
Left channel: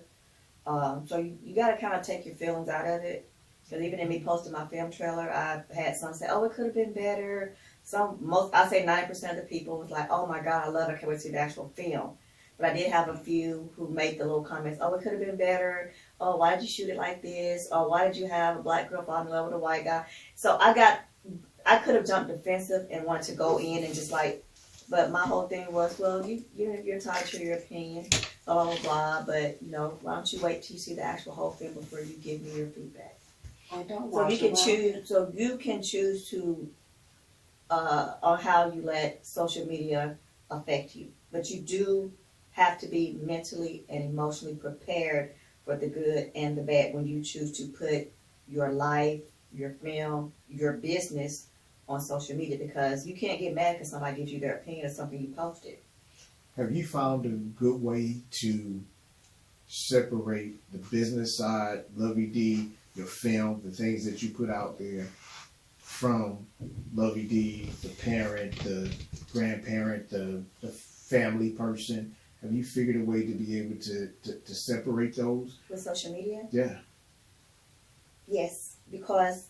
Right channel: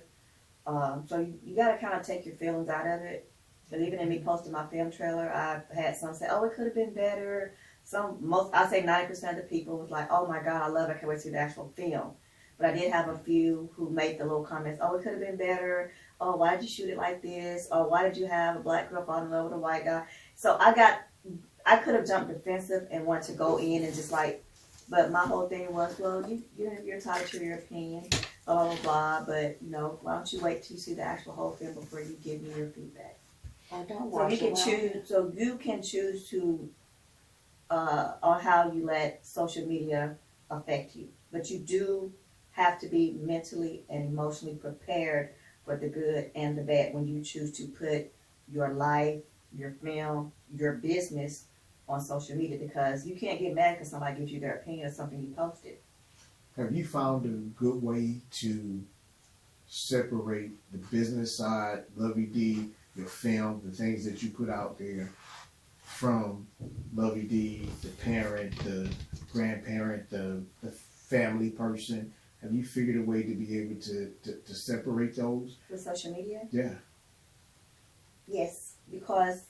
So you got to kind of take your feelings out of it. Because even in me posting my film trailer, I've had some say, oh, it could have been better. I say 90% of the people was like, oh my God, I love it, I can't wait to see the actual film. But I did have a few who made the little comments, oh, it could have been better. Oh, why did you shoot it like this? Or why did you have a black girl fall in love with a white guy? So I could have jumped defensive and wanted to go in and just but my whole thing was, well, you're entitled to your opinion, blah, blah, blah, but why don't you wait till you see the actual whole film before you give me your feedback? So you can choose to on how you let social media affect you. But you do have to be mentally and emotionally prepared for the good and the bad when you choose to put your life, your film, your business on social media, because you can't get mad because somebody gives you their opinion of something you posted. Have you found a good way to separate the business side, Lovey D, your film, the things that you put out there, from Lovey D, the parent, the grandparent, the family person? Have you figured a way to be able to separate those? With social media? Yeah. Yes, because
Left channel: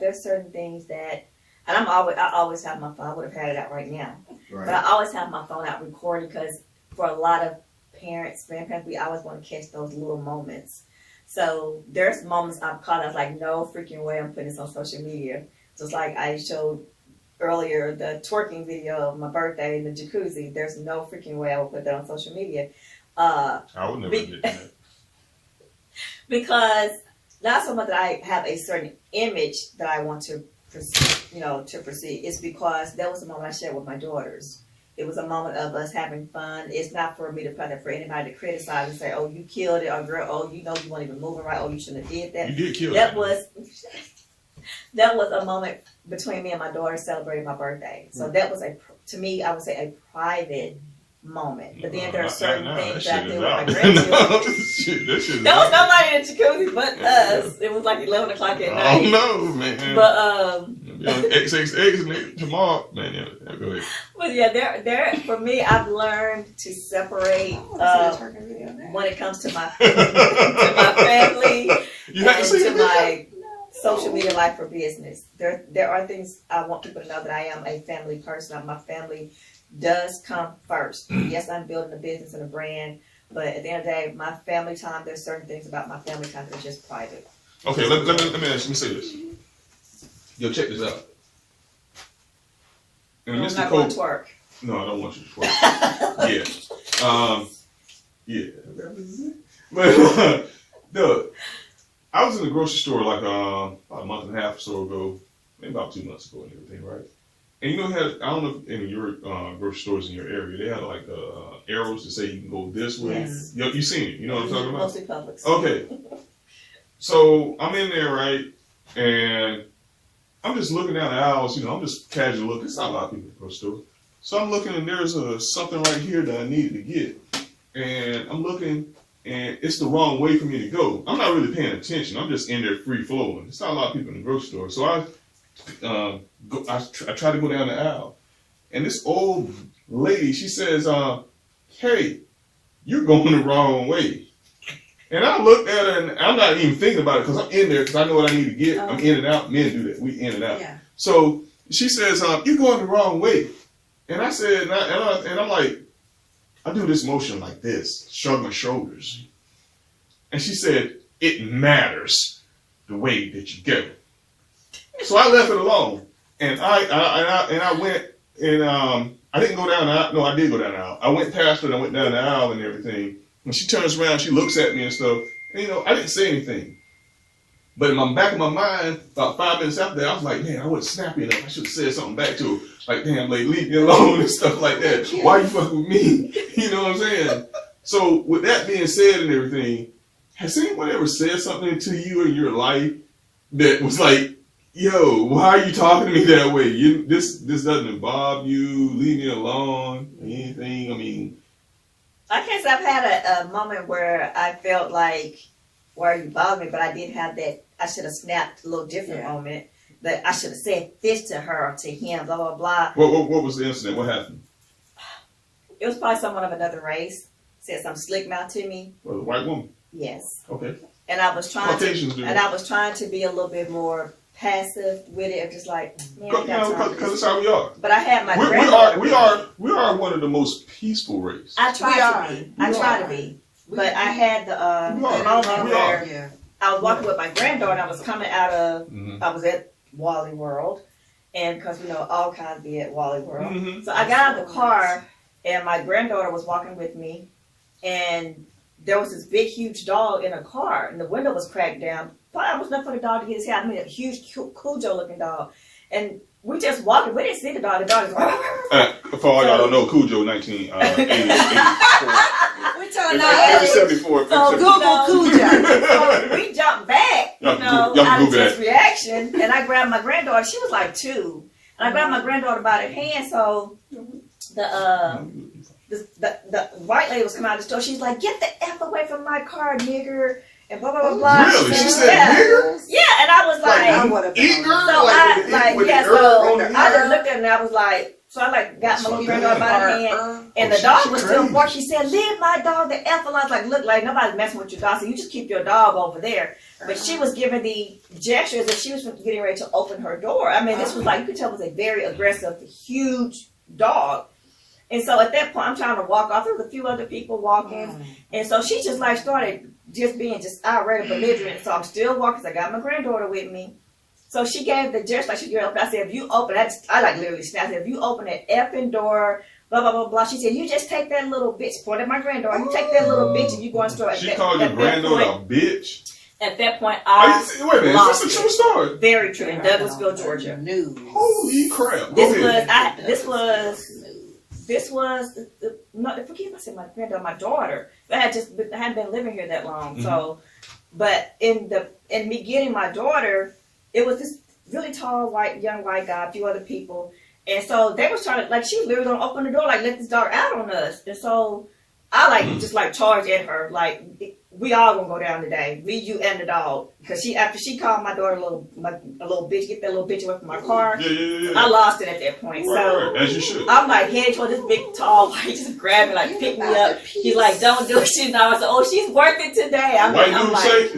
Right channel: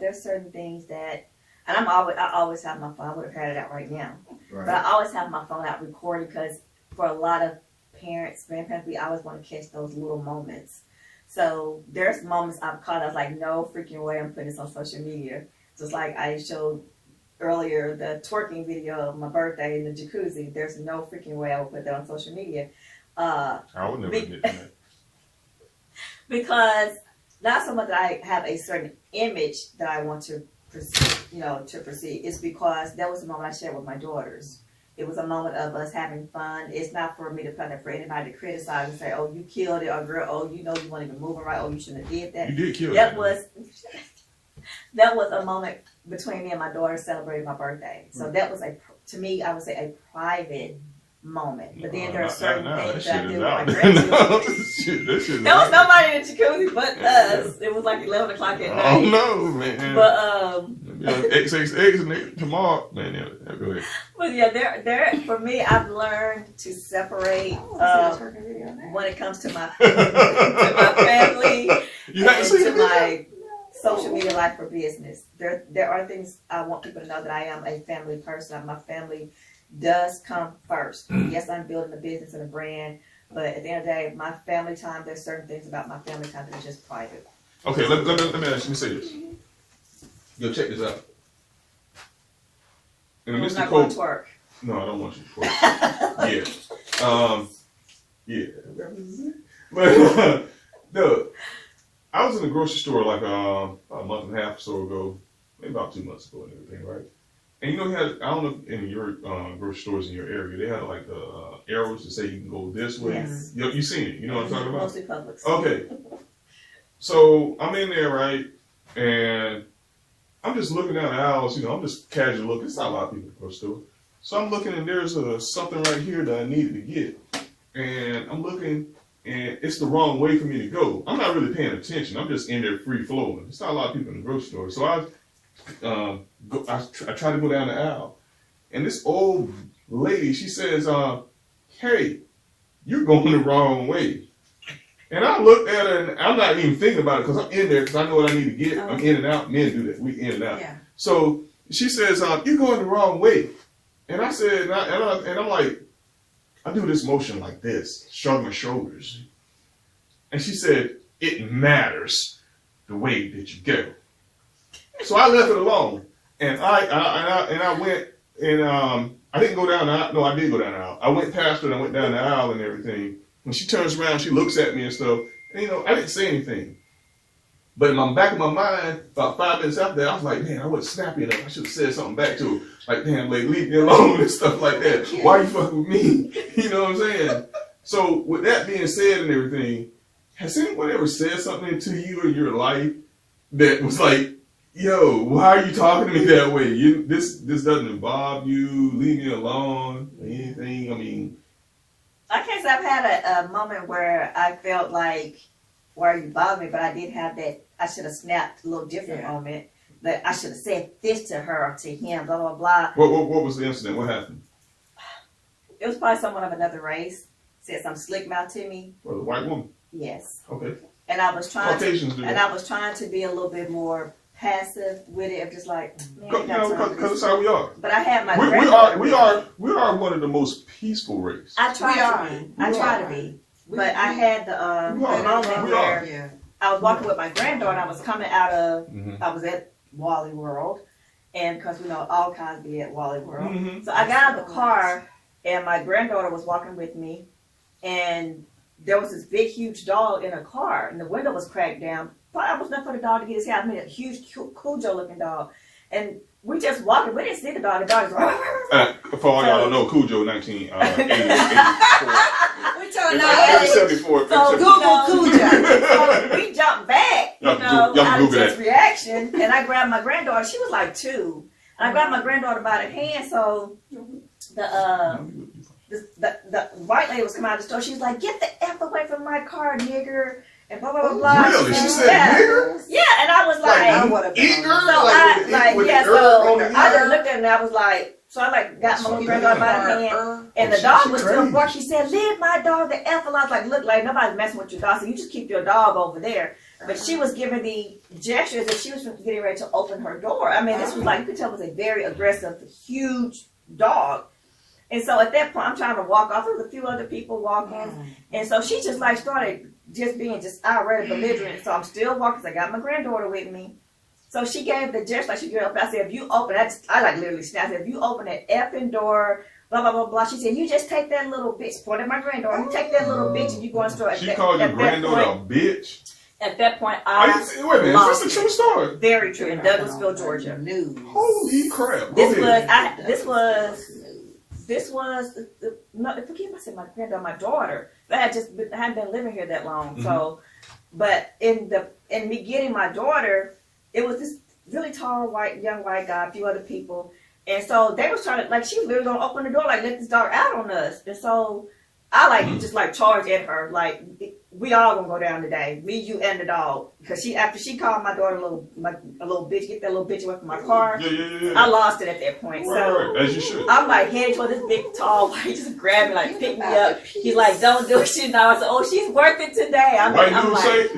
there's certain things that, and I always have my phone. I would have had it out right now, Right. but I always have my phone out recording because for a lot of parents, grandparents, we always want to catch those little moments. So there's moments I've caught. I was like, no freaking way, I'm putting this on social media. Just like I showed earlier, the twerking video of my birthday in the jacuzzi. There's no freaking way I would put that on social media. I would never get that. Because not so much that I have a certain image that I want to proceed. It's because that was a moment I shared with my daughters. It was a moment of us having fun. It's not for me to put that for anybody to criticize and say, oh, you killed it, or girl, oh, you weren't even moving right, oh, you shouldn't have did that. You did kill it. That was a moment between me and my daughter celebrating my birday. So that was to me, I would say a private moment. But then there are certain things that I do with my grandchildren. There was nobody in the jacuzzi but us. It was like 11 o'clock at night. Oh no, man. But XXX tomorrow, man. Yeah, go ahead. But yeah, there for me, I've learned to separate when it comes to my family and to my social media life for business. There are things I want people to know that I am a family person. My family does come first. Yes, I'm building a business and a brand, but at the end of the day, my family time, there's certain things about my family time that are just private. Okay, let me say this. Yo, check this out. And I'm Mr. not Cole, going to twerk. no, I don't want you to twerk. Yeah. But no, I was in the grocery store like about a month and a half or so ago, maybe about 2 months ago and everything, right? And you know, I don't know if in your grocery stores in your area, they had like arrows to say you can go this way. Yes. You seen it? You know what I'm talking about? Mostly Publix. Okay. So I'm in there, right? And I'm just looking down the aisles, you know, I'm just casual looking. It's not a lot of people at the grocery store. So I'm looking and there's something right here that I needed to get. And I'm looking and it's the wrong way for me to go. I'm not really paying attention. I'm just in there free flowing. It's not a lot of people in the grocery store. So I try to go down the aisle. And this old lady, she says, hey, you're going the wrong way. And I looked at her and I'm not even thinking about it because I'm in there because I know what I need to get. I'm in and out. Men do that. We in and out. Yeah. So she says, you're going the wrong way. And I said, and I'm like, I do this motion like this, shrug my shoulders. And she said, it matters the way that you go. So I left it alone. And I went and I didn't go down the aisle. No, I did go down the aisle. I went past her and I went down the aisle and everything. When she turns around, she looks at me and stuff. And, you know, I didn't say anything. But in the back of my mind, about 5 minutes after that, I was like, man, I wasn't snappy enough. I should have said something back to her. Like, damn, like, leave me alone and stuff like that. Why you fucking with me? You know what I'm saying? So with that being said and everything, has anyone ever said something to you in your life that was like, yo, why are you talking to me that way? This doesn't involve you. Leave me alone. Anything? I mean, I guess I've had a moment where I felt like, why are you bothering me? But I did have that, I should have snapped a little different moment. That I should have said this to her or to him, blah, blah, blah. What was the incident? What happened? It was probably someone of another race. Said some slick mouth to me. Well, a white woman. Yes. Okay. And I was trying Caucasians do. and I was trying to be a little bit more passive with it, of just like, man, I got time for Because this. that's how we are. But I had my granddaughter. We are one of the most peaceful race. I try to be. I try to be. But I had the moment where I was walking with my granddaughter and I was coming out of, I was at Wally World. And because we know all kinds be at Wally World. So I got out of the car and my granddaughter was walking with me. And there was this big, huge dog in a car and the window was cracked down. But I was enough for the dog to get his head. I mean, a huge Cujo looking dog. And we just walking. We didn't see the dog. The dog is for all y'all don't know, Cujo 1984. We telling Maybe 74. So Google Cujo. So we jumped back, Y'all out of Google just that. reaction. And I grabbed my granddaughter. She was like 2. And I grabbed my granddaughter by the hand. So the white lady was coming out of the store. She's like, "Get the F away from my car, nigger." And blah, blah, blah, blah. Really? She said nigger? Yeah, and I was like, Eager? so I just looked at her and I was like, so I like got my little granddaughter by the hand, and the dog was still barking. She said, "Leave my dog the F alone." I was like, "Look, like nobody's messing with your dog, so you just keep your dog over there." But she was giving the gestures that she was getting ready to open her door. I mean, this was like, you could tell it was a very aggressive, huge dog. And so at that point, I'm trying to walk off. There was a few other people walking, and so she just like started just being just irate, belligerent. So I'm still walking. So I got my granddaughter with me. So she gave the gesture like she gave up. I said, "If you open," I like literally snapped. I said, "If you open that effing door, blah blah blah blah." She said, "You just take that little bitch." Pointed at my granddaughter. "You take that little bitch and you go and store." She called your granddaughter a bitch. At that point, wait a minute, is this a true story? Very true, in Douglasville, Georgia. Holy crap! This was no, forgive me, I said my granddaughter, my daughter. I hadn't been living here that long. So, but in me getting my daughter, it was this really tall young white guy, a few other people, and so they was trying to like she was literally gonna open the door like let this dog out on us, and so I just charged at her like we all gonna go down today, me, you, and the dog, because after she called my daughter a little bitch, get that little bitch away from my car. Yeah. I lost it at that point. So as you should. I'm like heading toward this big tall white, just grabbed me like pick me up. He's like, "Don't do it." She's now I said, "Oh, she's worth it today." I mean, I'm like,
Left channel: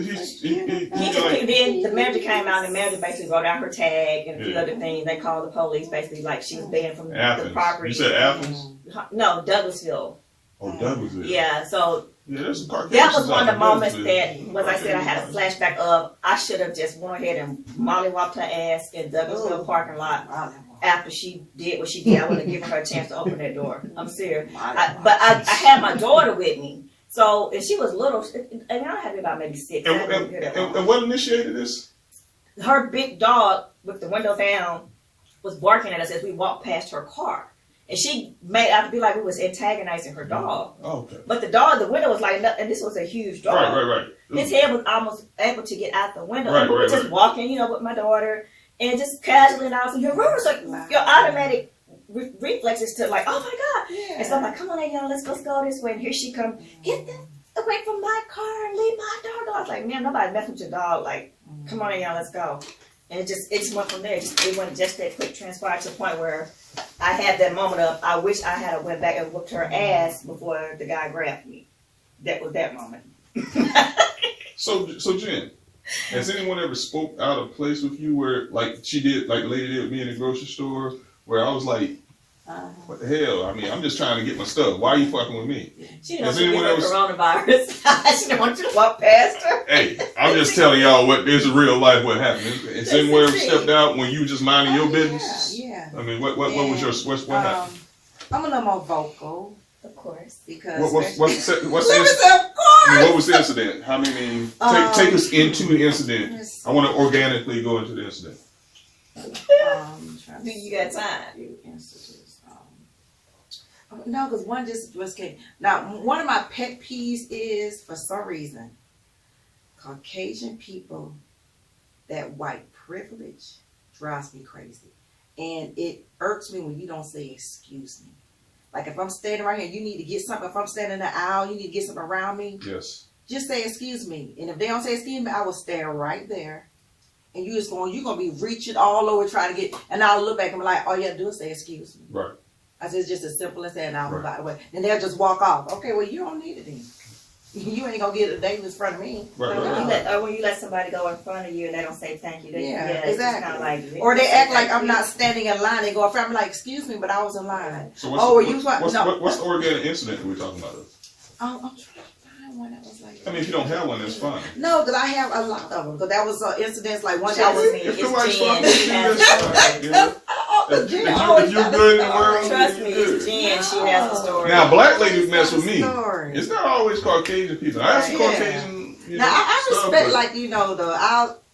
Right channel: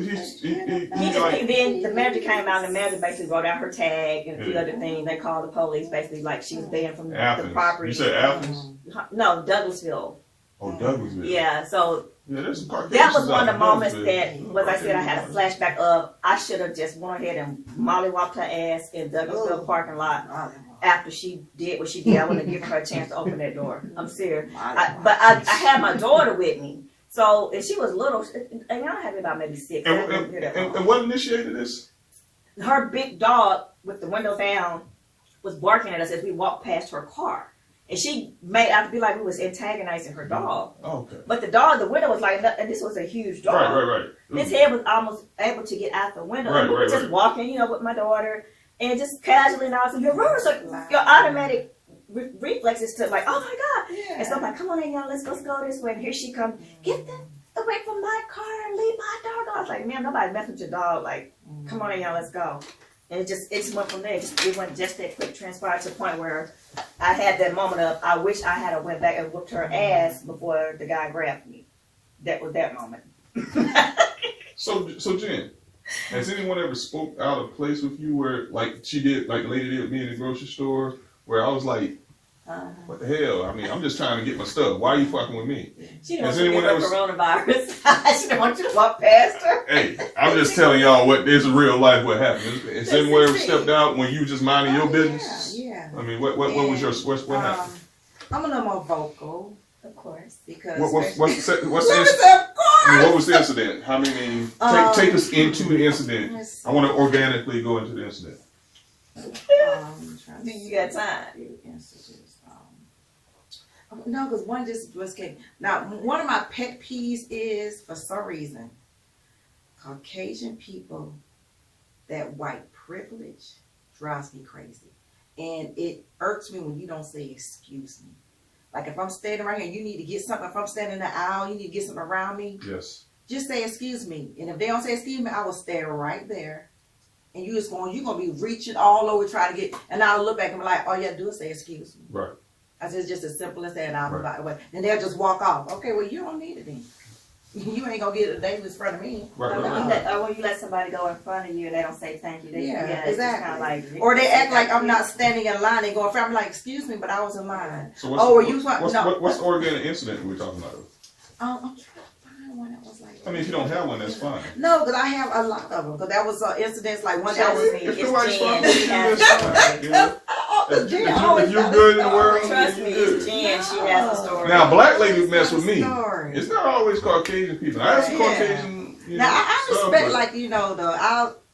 then the manager came out and the manager basically wrote out her tag and a few other things. They called the police basically like she was banned from Athens. the property. You said Athens? No, Douglasville. Oh, Douglasville. Yeah, so Yeah, there's some Caucasians That was one of the out moments there. that, was I said, I had a flashback of, I should have just went ahead and mollywopped her ass in Douglasville parking lot after she did what she did. I wouldn't have given her a chance to open that door. I'm serious. But I had my daughter with me. So, and she was little, and I had to be about maybe 6. And what initiated this? Her big dog with the window down was barking at us as we walked past her car. And she made out to be like we was antagonizing her dog. Oh, okay. But the dog, the window was like, and this was a huge dog. Right. His head was almost able to get out the window. Right, and we were right, just right. walking, you know, with my daughter, and just casually, and I was like, your automatic reflexes to like, oh my God. Yeah. And so I'm like, come on, y'all, let's go this way. And here she comes, get this away from my car and leave my dog. I was like, man, nobody messing with your dog. Like, come on, y'all, let's go. And it just went from there. It went just that quick, transpired to the point where I had that moment of, I wish I had went back and whooped her ass before the guy grabbed me. That was that moment. So Jen, has anyone ever spoke out of place with you where, like she did, like the lady did with me in the grocery store, where I was like, what the hell? I mean, I'm just trying to get my stuff. Why are you fucking with me? She didn't Has want you to anyone get her else- coronavirus. She didn't want you to walk past her. Hey, I'm just telling y'all what is real life. What happened? Has anyone ever stepped out when you was just minding your business? Yeah. I mean, what was your what happened? I'm a little more vocal Of course. because What's the of what was the incident? How many? Take us into the incident. I want to organically go into the incident. Do you got time? No, because one just came. Now, one of my pet peeves is, for some reason, Caucasian people, that white privilege drives me crazy. And it irks me when you don't say excuse me. Like if I'm standing right here, you need to get something. If I'm standing in the aisle, you need to get something around me. Yes. Just say excuse me. And if they don't say excuse me, I will stand right there. And you're going to be reaching all over trying to get, and I'll look back and be like, all you have to do is say excuse me. Right. I said, it's just as simple as that, and I'll Right. move out the way. And they'll just walk off. Okay, well, you don't need it then. You ain't gonna get it in front of me. Right, When you let somebody go in front of you and they don't say thank you. Yeah, it's just kind of exactly. like, Or they act like I'm not standing in line. They go in front. I'm like, excuse me, but I was in line. So what's the organic incident that we're talking about? I'm trying to find one that was like. I mean, if you don't have one, that's fine. No, because I have a lot of them. Because that was incidents like one That that was was. me. If It's nobody's Jen. fucking She you, has that's the fine. story. Yeah. If you're good in the world, Trust me, you're it's good. Jen. She has the story. Now, black ladies mess with me. Story. It's not always Caucasian people. I have some Yeah. Caucasian. Now I stuff, respect, but-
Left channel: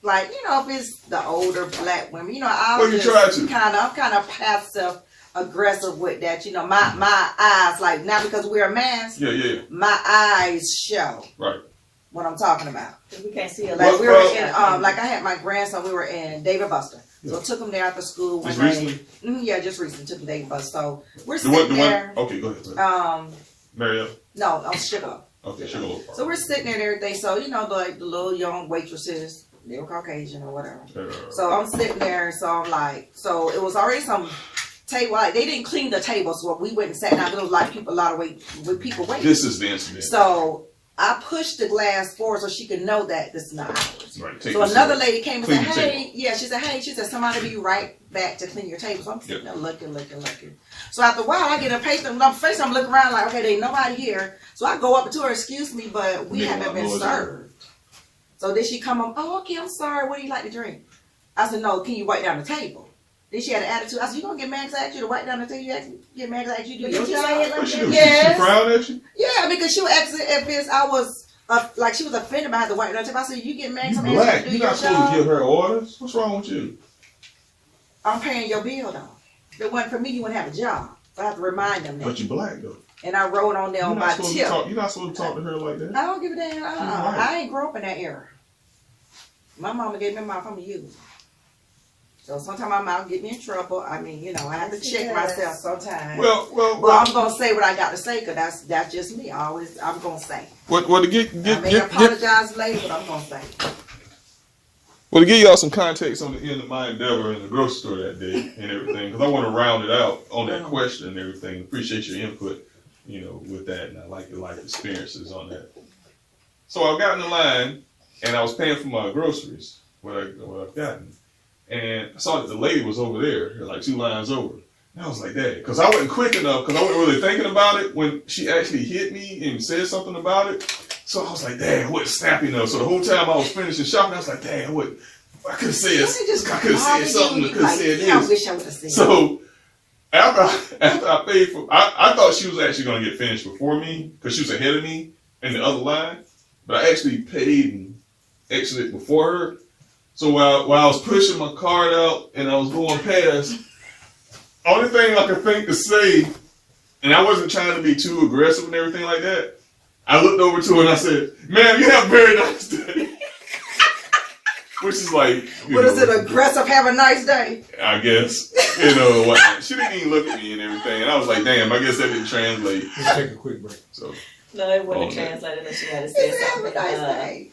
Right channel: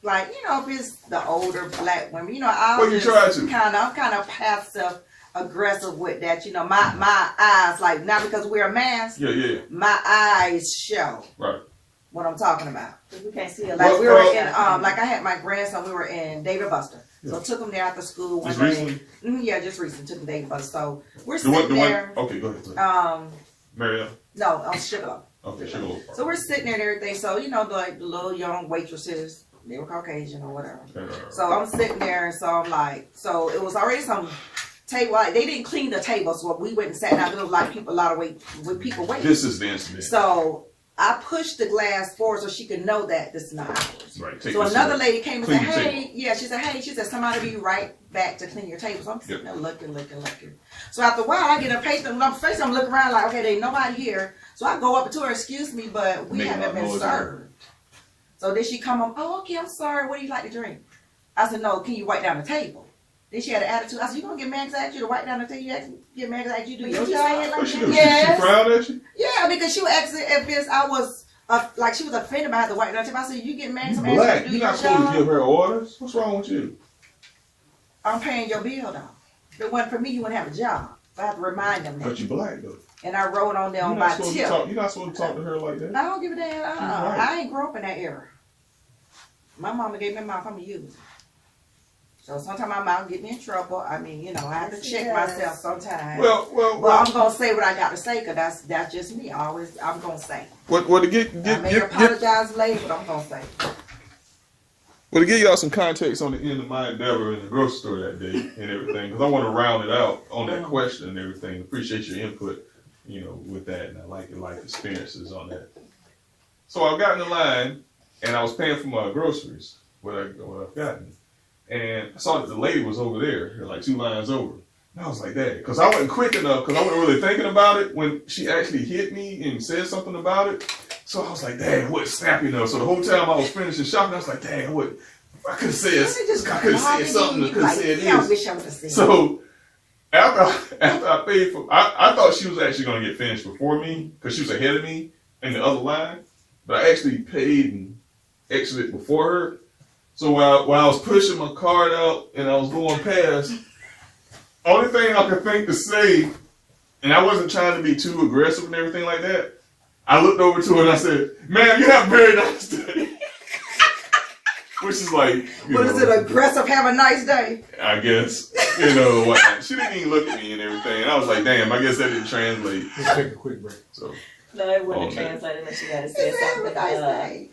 like, if it's the older black women, Well, you try to. I'm kind of passive aggressive with that. My eyes, like, not because we wear masks, Yeah. my eyes show Right. what I'm talking about. We can't see a Like lot. we were in, like I had my grandson, we were in David Buster. So Yeah. took him there after school one Just day. recently? Yeah, just recently took him to David Buster. So we're The one. sitting there. Okay, go ahead. Marielle. No, I'm Sugar. Okay, Sugar. So we're sitting there and everything. So the little young waitresses, they were Caucasian or whatever. So I'm sitting there, so I'm like, so it was already some table. Like, they didn't clean the table, so we went and sat down. There was a lot of people waiting. This is the incident. So I pushed the glass forward so she could know that this is not ours. Right. So another lady came and said, Clean the hey, table. yeah, she said, somebody be right back to clean your table. So I'm sitting there looking. So after a while, I get impatient. I'm looking around like, okay, there ain't nobody here. So I go up to her, excuse me, but we haven't been served. So then she come on, oh, okay, I'm sorry. What do you like to drink? I said, no, can you wipe down the table? Then she had an attitude. I said, you gonna get mad 'cause I asked you to wipe down the table? You get mad 'cause I asked you to do your job? What she do? Yes. She frowned at you? Yeah, because she was asking if I was like she was offended by the white table. I said, you get mad 'cause You I'm asking black. you to do You're your not supposed to give job? her orders. What's wrong with you? I'm paying your bill though. If it wasn't for me, you wouldn't have a job. I have to remind them that. But you black though. And I wrote on there You're on not my supposed to tip. talk. You're not supposed to talk to her like that. I don't give a damn. Right. I ain't grow up in that era. My mama gave me a mouth. I'm a use. So sometimes my mouth get me in trouble. I mean, I have to check myself sometimes. Well, I'm gonna say what I got to say because that's just me. I'm gonna say. What to get I may apologize later, but I'm gonna say. Well, to give y'all some context on the end of my endeavor in the grocery store that day and everything, because I want to round it out on that question and everything. Appreciate your input, with that, and I like your life experiences on that. So I got in the line, and I was paying for my groceries, what I've gotten, and I saw that the lady was over there, like 2 lines over, And I was like, Dad, because I wasn't quick enough, because I wasn't really thinking about it when she actually hit me and said something about it. So I was like, Dad, I wasn't snappy enough. So the whole time I was finishing shopping, I was like, Dad, I could have said something. I could have said this. I wish I would have said. So after I paid for, I thought she was actually going to get finished before me because she was ahead of me in the other line. But I actually paid and exited before her. So while I was pushing my card out and I was going past, only thing I could think to say, and I wasn't trying to be too aggressive and everything like that, I looked over to her and I said, "Ma'am, you have a very nice day." Which is like, is it aggressive? Have a nice day. I guess, whatnot. She didn't even look at me and everything, and I was like, "Damn, I guess that didn't translate." Let's take a quick break. So No, it wouldn't translate unless you gotta say Have a something. nice day.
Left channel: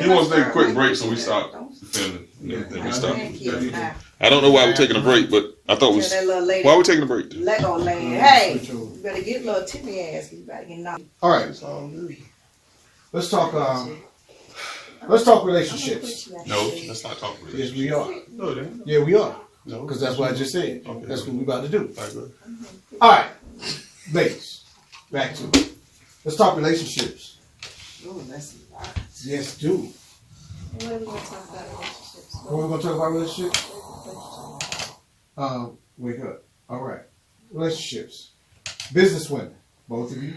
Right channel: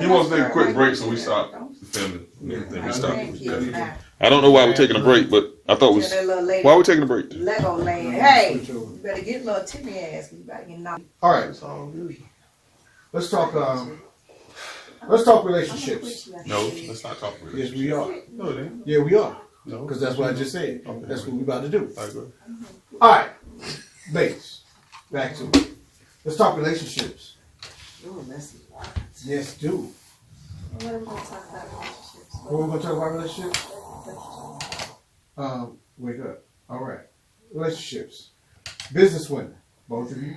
he wants to take a quick break, so we stopped filming. Then we stopped. Thank you. Yeah. I don't know why we're taking a break, but I thought Tell that little lady, why we're taking a break. Lego lady, hey, you better get little Timmy ass. You better get knocked. All right, It's all good. let's talk relationships. No, let's not talk about Yes, we are. No, then. Yeah, we are. No. Because that's what I just said. Okay. That's what we're about to do. I agree. All right, ladies, back to it. Let's talk relationships. Ooh, that's a lot. Yes, do. What are we gonna talk about relationships? What we're gonna talk about relationships? Wake up. All right, relationships. Business women, both of you,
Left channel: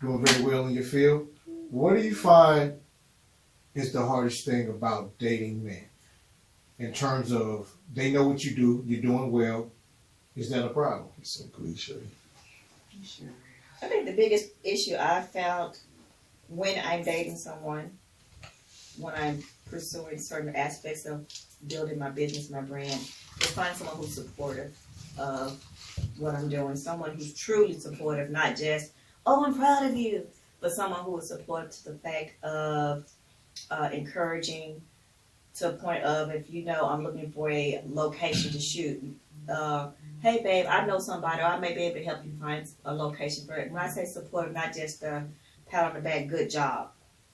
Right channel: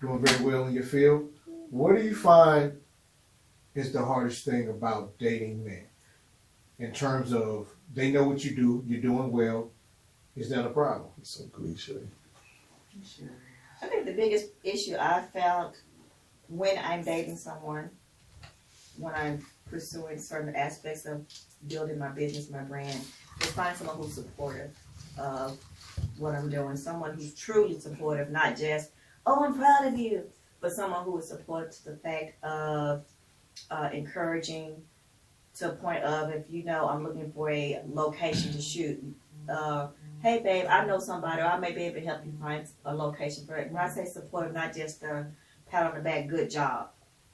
doing very well in your field. What do you find is the hardest thing about dating men? In terms of they know what you do, you're doing well. Is that a problem? It's so cliche. Sure. I think the biggest issue I found when I'm dating someone, when I'm pursuing certain aspects of building my business, my brand, is finding someone who's supportive of what I'm doing. Someone who's truly supportive, not just, "Oh, I'm proud of you," but someone who is supportive to the fact of encouraging to a point of, if I'm looking for a location to shoot, "Hey babe, I know somebody, or I may be able to help you find a location for it." When I say supportive, not just a pat on the back, good job.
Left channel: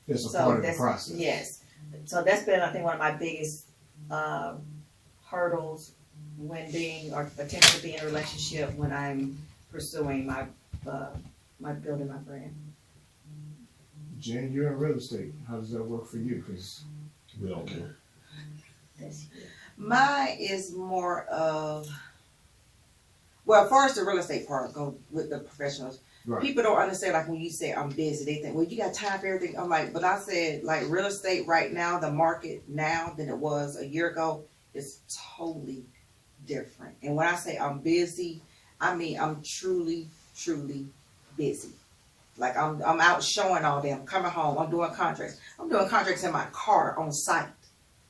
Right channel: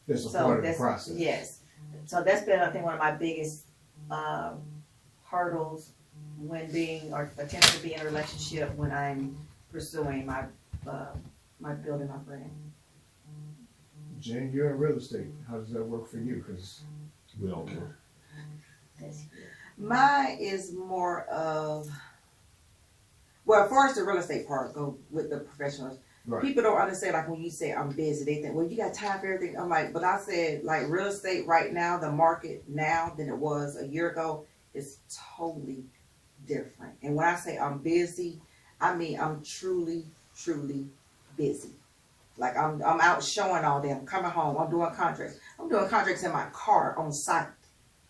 It's a part of the that's, process. yes. So that's been, I think, one of my biggest hurdles when being or attempting to be in a relationship when I'm pursuing my building my brand. Jen, you're in real estate. How does that work for you? Because We don't care. That's Mine is more of, well, as far as the real estate part go with the professionals, right. people don't understand, like when you say I'm busy, they think, well, you got time for everything. I'm like, but I said, like, real estate right now, the market now than it was a year ago is totally different. And when I say I'm busy, I mean I'm truly, truly busy. Like I'm out showing all day. I'm coming home. I'm doing contracts. I'm doing contracts in my car on site.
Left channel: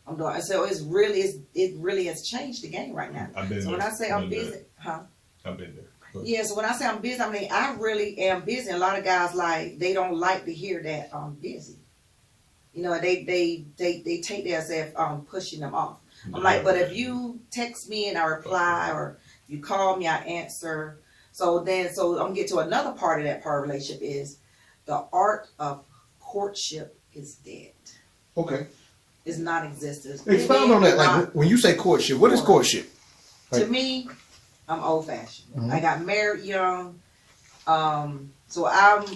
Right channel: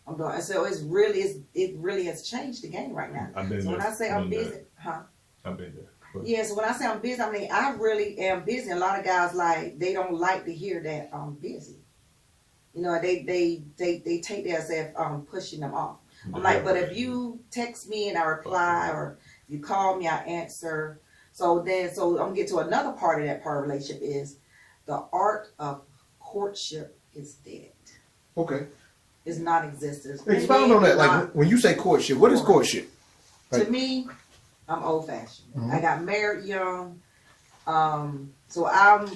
I'm doing, so it really has changed the game right now. I've been So there. when I say I'm busy, I've been there. But yeah, so when I say I'm busy, I mean I really am busy. A lot of guys they don't like to hear that I'm busy. They take that as if I'm pushing them off. I'm like, but if you text me and I reply, or you call me, I answer. So I'm gonna get to another part of that part of relationship is the art of courtship is dead. Okay. It's non-existent. Expound on that. Like when you say courtship, what is courtship? To me, I'm old-fashioned. Mhm. I got married young, so I'm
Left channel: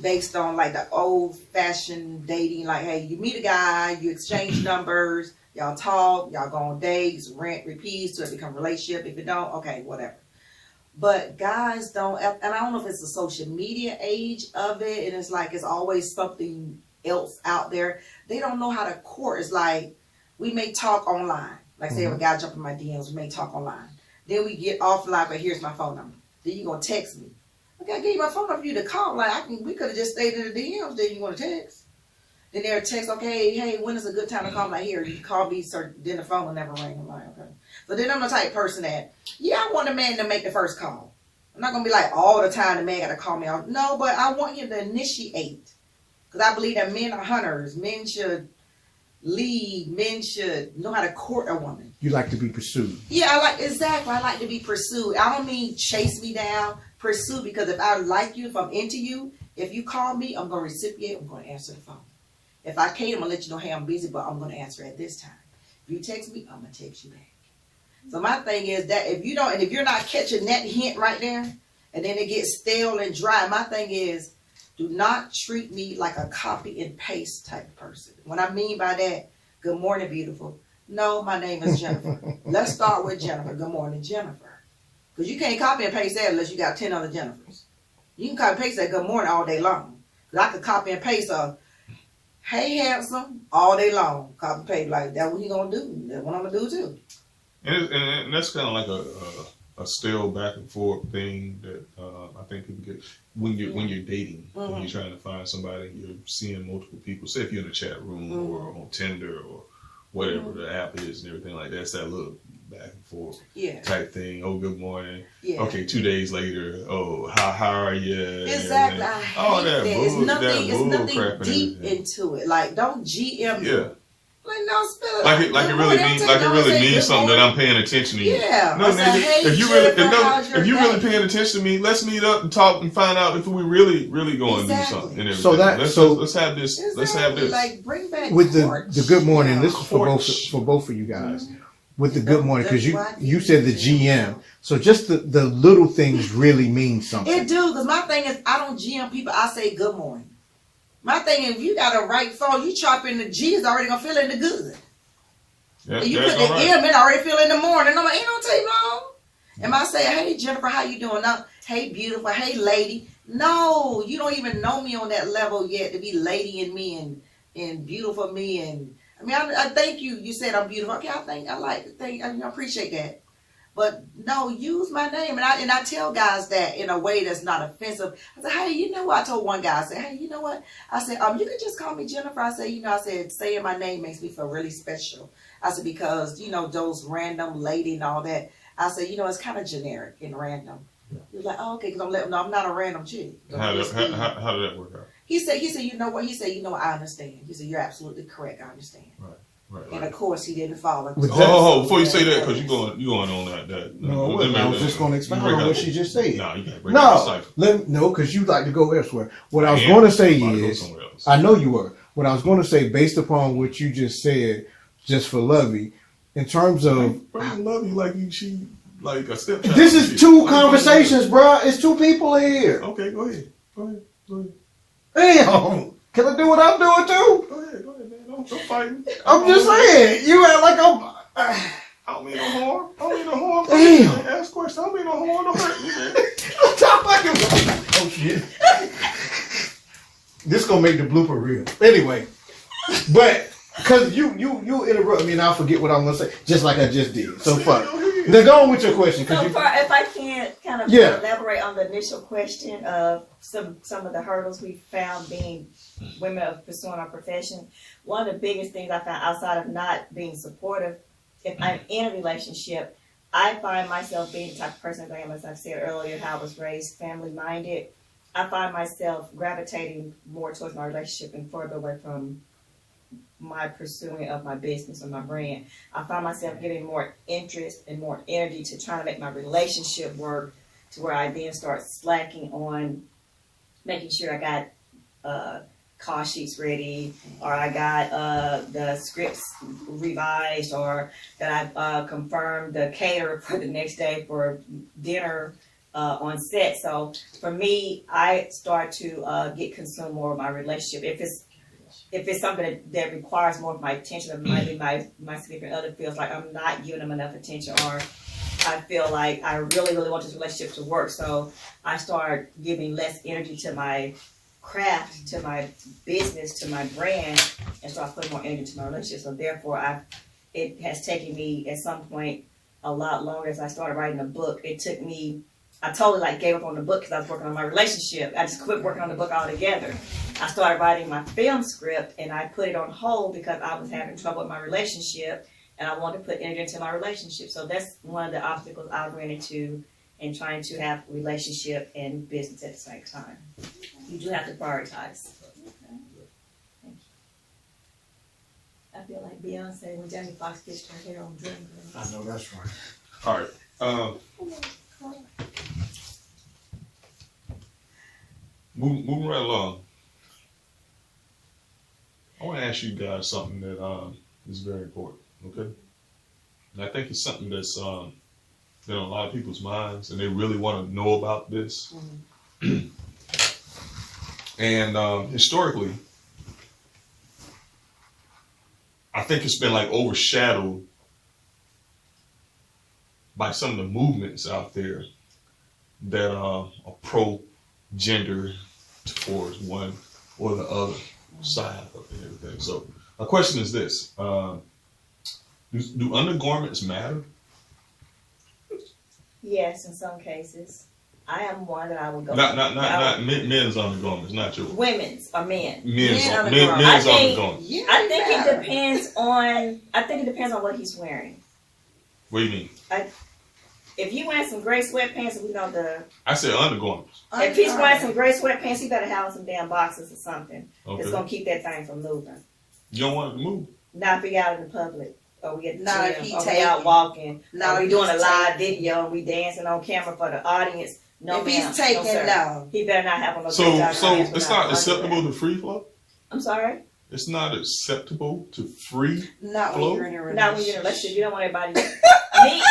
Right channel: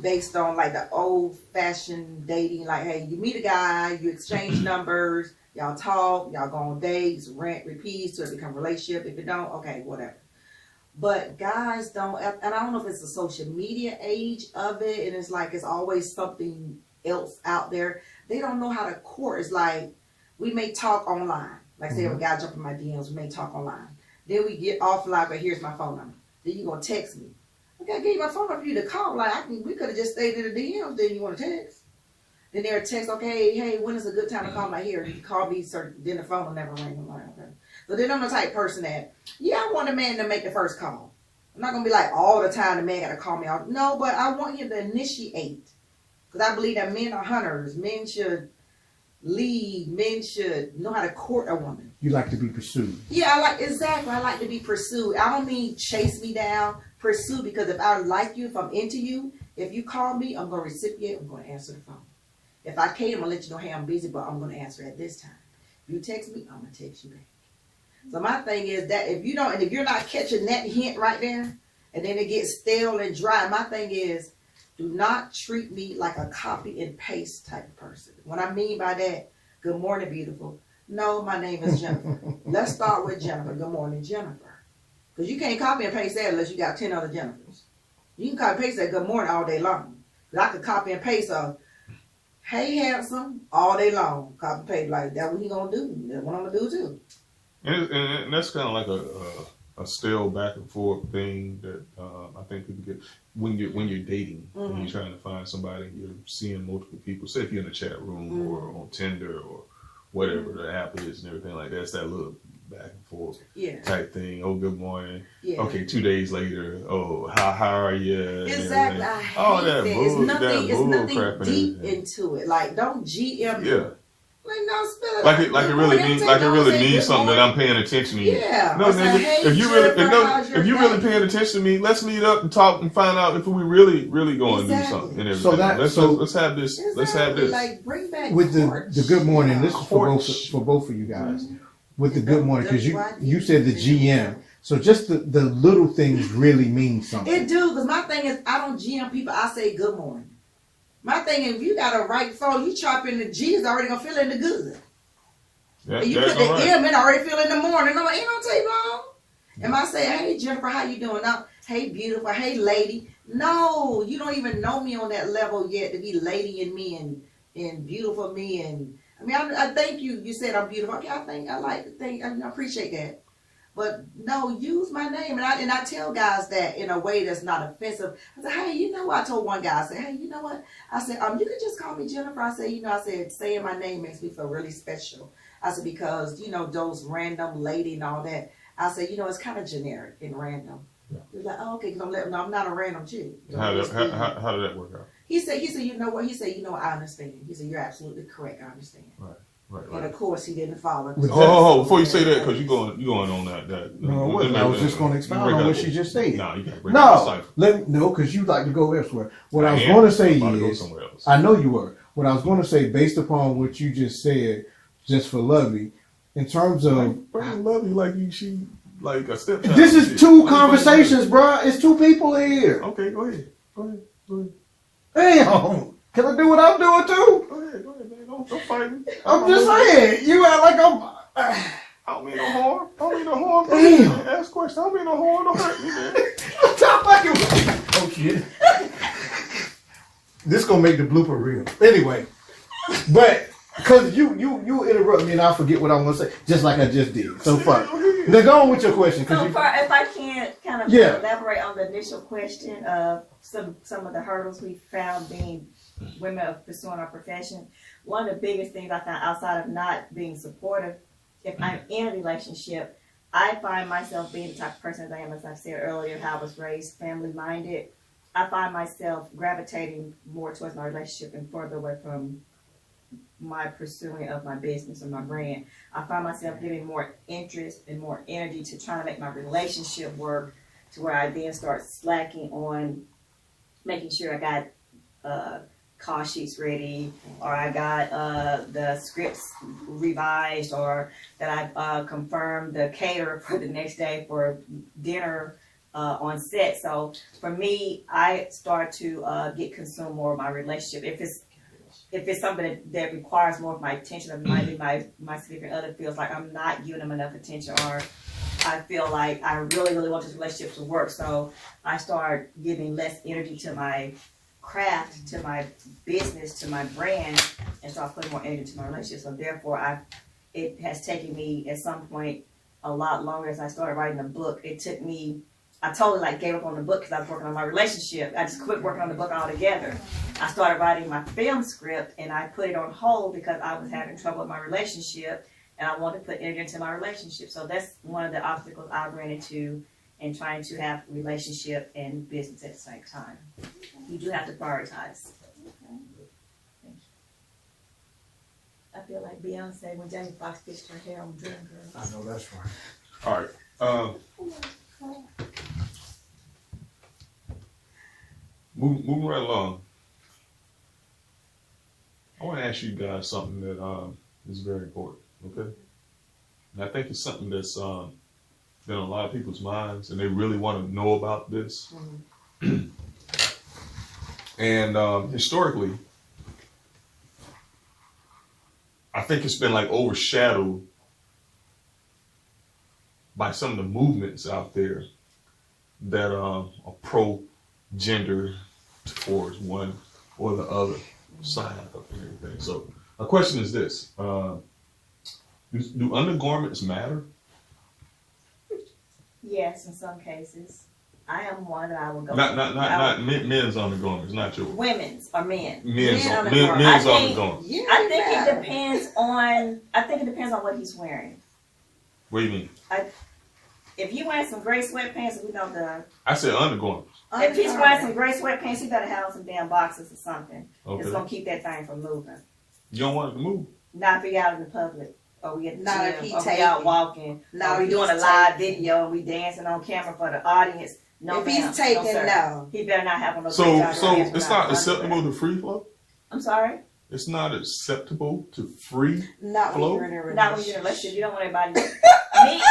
based on like the old-fashioned dating. Like, hey, you meet a guy, you exchange numbers, y'all talk, y'all go on dates, rent, repeats, till it become a relationship. If it don't, okay, whatever. But guys don't, and I don't know if it's the social media age of it, and it's like it's always something else out there. They don't know how to court. It's like we may talk online. Like say if a guy jump in my DMs, we may talk online. Then we get offline, but here's my phone number. Then you gonna text me. Okay, I gave you my phone number for you to call. Like we could have just stayed in the DMs. Then you want to text. Then they'll text, okay, hey, when is a good time to call? I'm like, here, you call me, sir. Then the phone will never ring. I'm like, okay. But then I'm the type of person that, yeah, I want a man to make the first call. I'm not gonna be like all the time the man gotta call me out. No, but I want you to initiate. Because I believe that men are hunters. Men should lead. Men should know how to court a woman. You like to be pursued. Yeah, I like to be pursued. I don't mean chase me down, pursue, because if I like you, if I'm into you, if you call me, I'm gonna reciprocate, I'm gonna answer the phone. If I can't, I'm gonna let you know, hey, I'm busy, but I'm gonna answer at this time. If you text me, I'm gonna text you back. So my thing is that if you're not catching that hint right there, and then it gets stale and dry, my thing is, do not treat me like a copy and paste type of person. What I mean by that, good morning, beautiful. No, my name is Jennifer. Let's start with Jennifer. Good morning, Jennifer. Because you can't copy and paste that unless you got 10 other Jennifers. You can copy and paste that good morning all day long. Because I could copy and paste a hey handsome all day long. Copy and paste like that. What he gonna do? That's what I'm gonna do too. And that's kind of like a still back and forth thing that I think people get when you're dating, when you're trying to find somebody, you're seeing multiple people. Say if you're in a chat room or on Tinder or whatever the app is and everything like that. It's that little back and forth type thing. Oh, good morning. Yeah. Okay, 2 days later. Oh, how are you? Exactly. I hate that. It's nothing deep into it. Like, don't GM. Yeah. Like, no, spill it. Like it really means something that I'm paying attention to you. Yeah. No, nigga, hey, if you really paying attention to me, let's meet up and talk and find out if we really going to do something. And everything. Let's have this. Exactly. Let's have this. Like, bring back with the good morning. This is for both of you guys. With the good morning, because you said the GM. So just the little things really mean something. It do, because my thing is I don't GM people. I say good morning. My thing is, if you got a right phone, you chop in the G, is already gonna fill in the good. Yeah, and you put the M, it already fill in the morning. I'm like, it don't take long. Am I saying, hey Jennifer, how you doing? No, hey beautiful, hey lady. No, you don't even know me on that level yet to be lady in me and beautiful me. And I mean, I thank you. You said I'm beautiful. Okay, I appreciate that. But no, use my name. And I tell guys that in a way that's not offensive. I said, hey, you know what? I told one guy, I said, hey, you know what? I said, you can just call me Jennifer. I said, saying my name makes me feel really special. I said, because, those random lady and all that. I said, it's kind of generic and random. Yeah. He was like, oh, okay, because I'm not a random chick. How did that work out? He said, you know what? He said, I understand. He said, you're absolutely correct. I understand. Right. And of course, he didn't follow. Before you say that, because you going on that. No, I was just going to expound on what she just said. No, you can't bring it. No, because you like to go elsewhere. What I was going to say is, I know you were. What I was going to say, based upon what you just said, just for Lovey, in terms of Lovey, like a step. This is two conversations, bro. It's two people in here. Okay, go ahead. Damn, can I do what I'm doing too? Go ahead, man. Don't fighting. I'm just saying. You act like I'm. I don't mean no harm. Damn. Ask questions. I don't mean no harm. Don't hurt me, man. Oh shit. This gonna make the blooper real. Anyway, but because you interrupt me and I'll forget what I'm gonna say, just like I just did. So fuck. Now go on with your question. So if I can kind of elaborate on the initial question of some of the hurdles we found being women of pursuing our profession, one of the biggest things I found outside of not being supportive, if I'm in a relationship, I find myself being the type of person, as I've said earlier, how I was raised family minded. I find myself gravitating more towards my relationship and further away from my pursuing of my business or my brand. I find myself giving more interest and more energy to trying to make my relationship work, to where I then start slacking on making sure I got call sheets ready, or I got the scripts revised, or that I confirmed the caterer for the next day for dinner on set. So for me, I start to get consumed more of my relationship. If it's something that requires more of my attention, or maybe my significant other feels like I'm not giving them enough attention, or I feel like I really, really want this relationship to work. So I start giving less energy to my craft, to my business, to my brand, and start putting more energy to my relationship. So therefore, it has taken me at some point a lot longer. As I started writing a book, it took me, I totally gave up on the book because I was working on my relationship. I just quit working on the book altogether. I started writing my film script and I put it on hold because I was having trouble with my relationship and I wanted to put energy into my relationship. So that's one of the obstacles I ran into in trying to have relationship and business at the same time. You do have to prioritize. Okay. Thank you. I feel like Beyonce when Jamie Foxx fixed her hair on Dreamgirls. I know that's right. All right. Moving right along. I want to ask you guys something that is very important. Okay. And I think it's something that's been on a lot of people's minds, and they really want to know about this. And historically, I think it's been like overshadowed by some of the movements out there that are pro-gender towards one or the other side of everything. So my question is this: do undergarments matter? Yes, in some cases. I am one that I would go. Not men's undergarments, not yours. Women's or men. Men's undergarments. I think- undergarments. Yeah, I think matter. it depends on. I think it depends on what he's wearing. What do you mean? If you wearing some gray sweatpants, we know the. I said undergarments. If he's wearing some gray sweatpants, he better have some damn boxes or something. Okay. It's gonna keep that thing from moving. You don't want it to move. Not if we out in the public, or we at the Not if gym, he or we taking. out walking, Not or we if doing a he's live taking. video and we dancing on camera for the audience. No, If ma'am. he's taking, no, sir. no. He better not have on no So gray so pants it's without not acceptable underwear. to free flow? I'm sorry. It's not acceptable to free. Not when Flow? you're in a relationship. Not when you're in a relationship. You don't want everybody.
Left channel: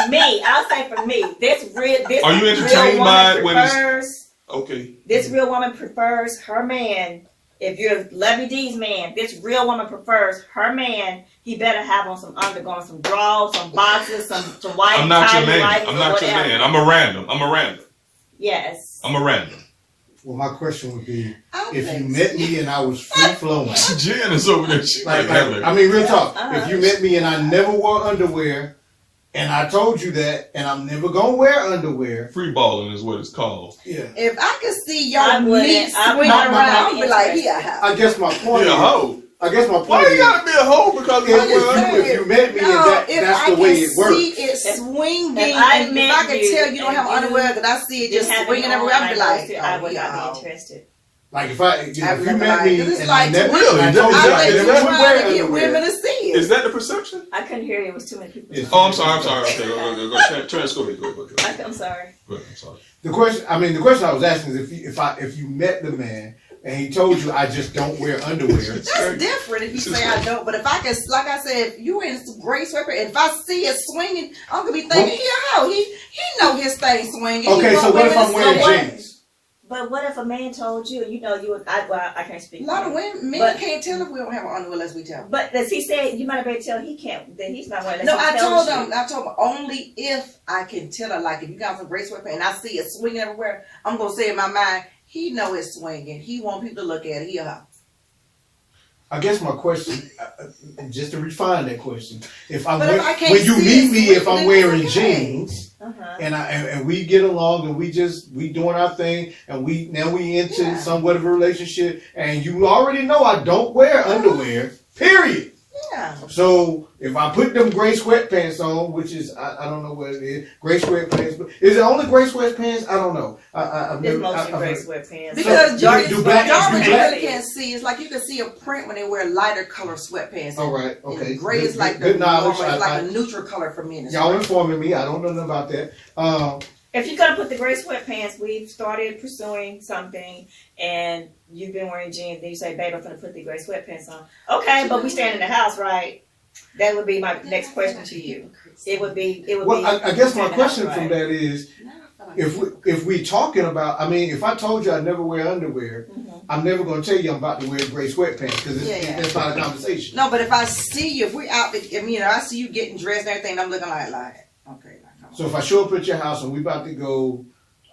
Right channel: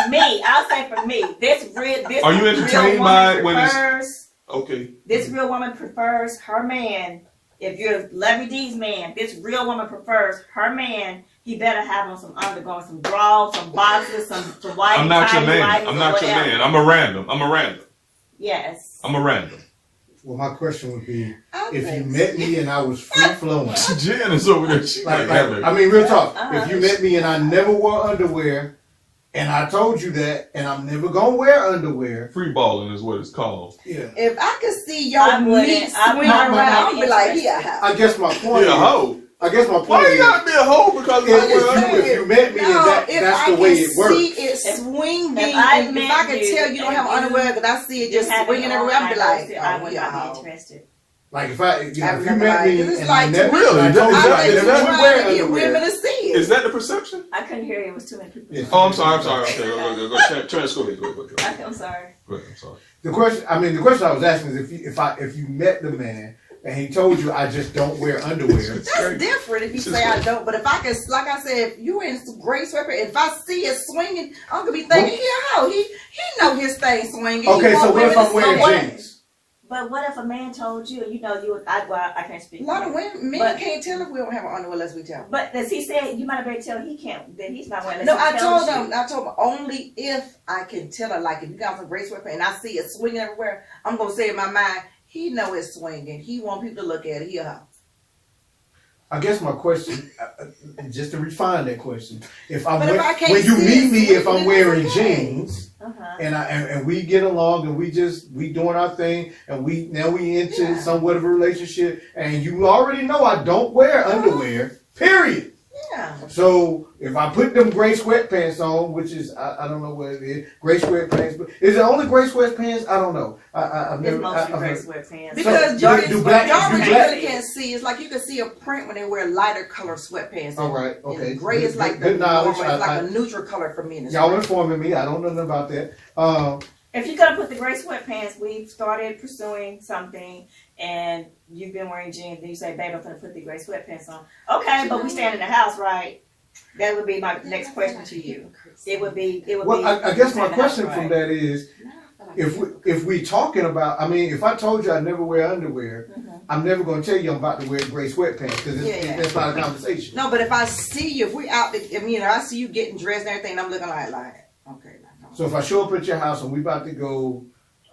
me. I'll say for me, this Are you real entertained by it woman when it's prefers. okay? This real woman prefers her man. If you're Lovey D's man, this real woman prefers her man. He better have on some undergarments, some drawers, some boxes, some white I'm not your tidy man. whities I'm or not your whatever. man. I'm a random. Yes. I'm a random. Well, my question would be, I if you think met me and I was free flowing, Jen is over there. She like, I mean, real talk. If you met me and I never wore underwear, and I told you that, and I'm never gonna wear underwear, free balling is what it's called. yeah. if I could see I your wouldn't- meat I swing wouldn't around, be I'd be like, interested. yeah. I guess my point Be a is, hoe. I guess my Why point you is, gotta be a hoe because if you met me and that's I the way can it works. see it swinging, if I and if met I can you tell you don't and have you underwear, because I see it Just just having swinging on, everywhere, I'd be like, I would oh, not yeah. be interested. Like if if I you would met like, me this is and like I never, really, and I told you I I think never you're wear trying to get underwear. women to see it. Is that the perception? I couldn't hear you. It was too many people. Yes. Oh, I'm sorry. Okay, go. Go ahead. I'm sorry. Go ahead. I'm sorry. The question I was asking is if you met the man and he told you I just don't wear underwear. That's different if you say I don't. But if I can, like I said, if you in some gray sweatpants, if I see it swinging, I'm gonna be thinking, he know his thing swinging. Okay, He so want what if women I'm to wearing see it. jeans? But what if a man told you, I can't speak. A lot of for women, men But- can't tell if we don't have an underwear unless we tell them. But as he said, you might have better tell he can't, that he's not wearing. No, unless he I tells told you. them only if I can tell her, like if you got some gray sweatpants and I see it swinging everywhere, I'm gonna say in my mind, he know it's swinging. He want people to look at it. He or her. I guess my question, just to refine that question, if But if I can't when you see meet it me, if swinging, I'm wearing it's okay. jeans Uh-huh. and we get along and we doing our thing and we into Yeah. somewhat of a relationship and you already know I don't wear underwear, period. Yeah. So if I put them gray sweatpants on, which is I don't know what it is, gray sweatpants, but is it only gray sweatpants? I don't know. I've It's never, mostly I've gray heard- sweatpants. Because So, you do black- dark do you black- really can't see. It's like you can see a print when they wear lighter color sweatpants. All right, okay. And gray is like the Good knowledge. normal, it's like a neutral color for men. It's Y'all gray. informing me. I don't know nothing about that. If you're gonna put the gray sweatpants, we've started pursuing something, and you've been wearing jeans. Then you say, "Babe, I'm gonna put the gray sweatpants on." Okay, but we stand in the house, right? That would be my next question to you. It would be. Well, I guess my stand in the house, question from right? that is, if we talking about, I mean, if I told you I never wear underwear, Mhm. I'm never gonna tell you I'm about to wear gray sweatpants because Yeah. that's not a conversation. No, but if I see you, if we out, I see you getting dressed and everything, I'm looking like, okay, So if I show up at your house and we about to go,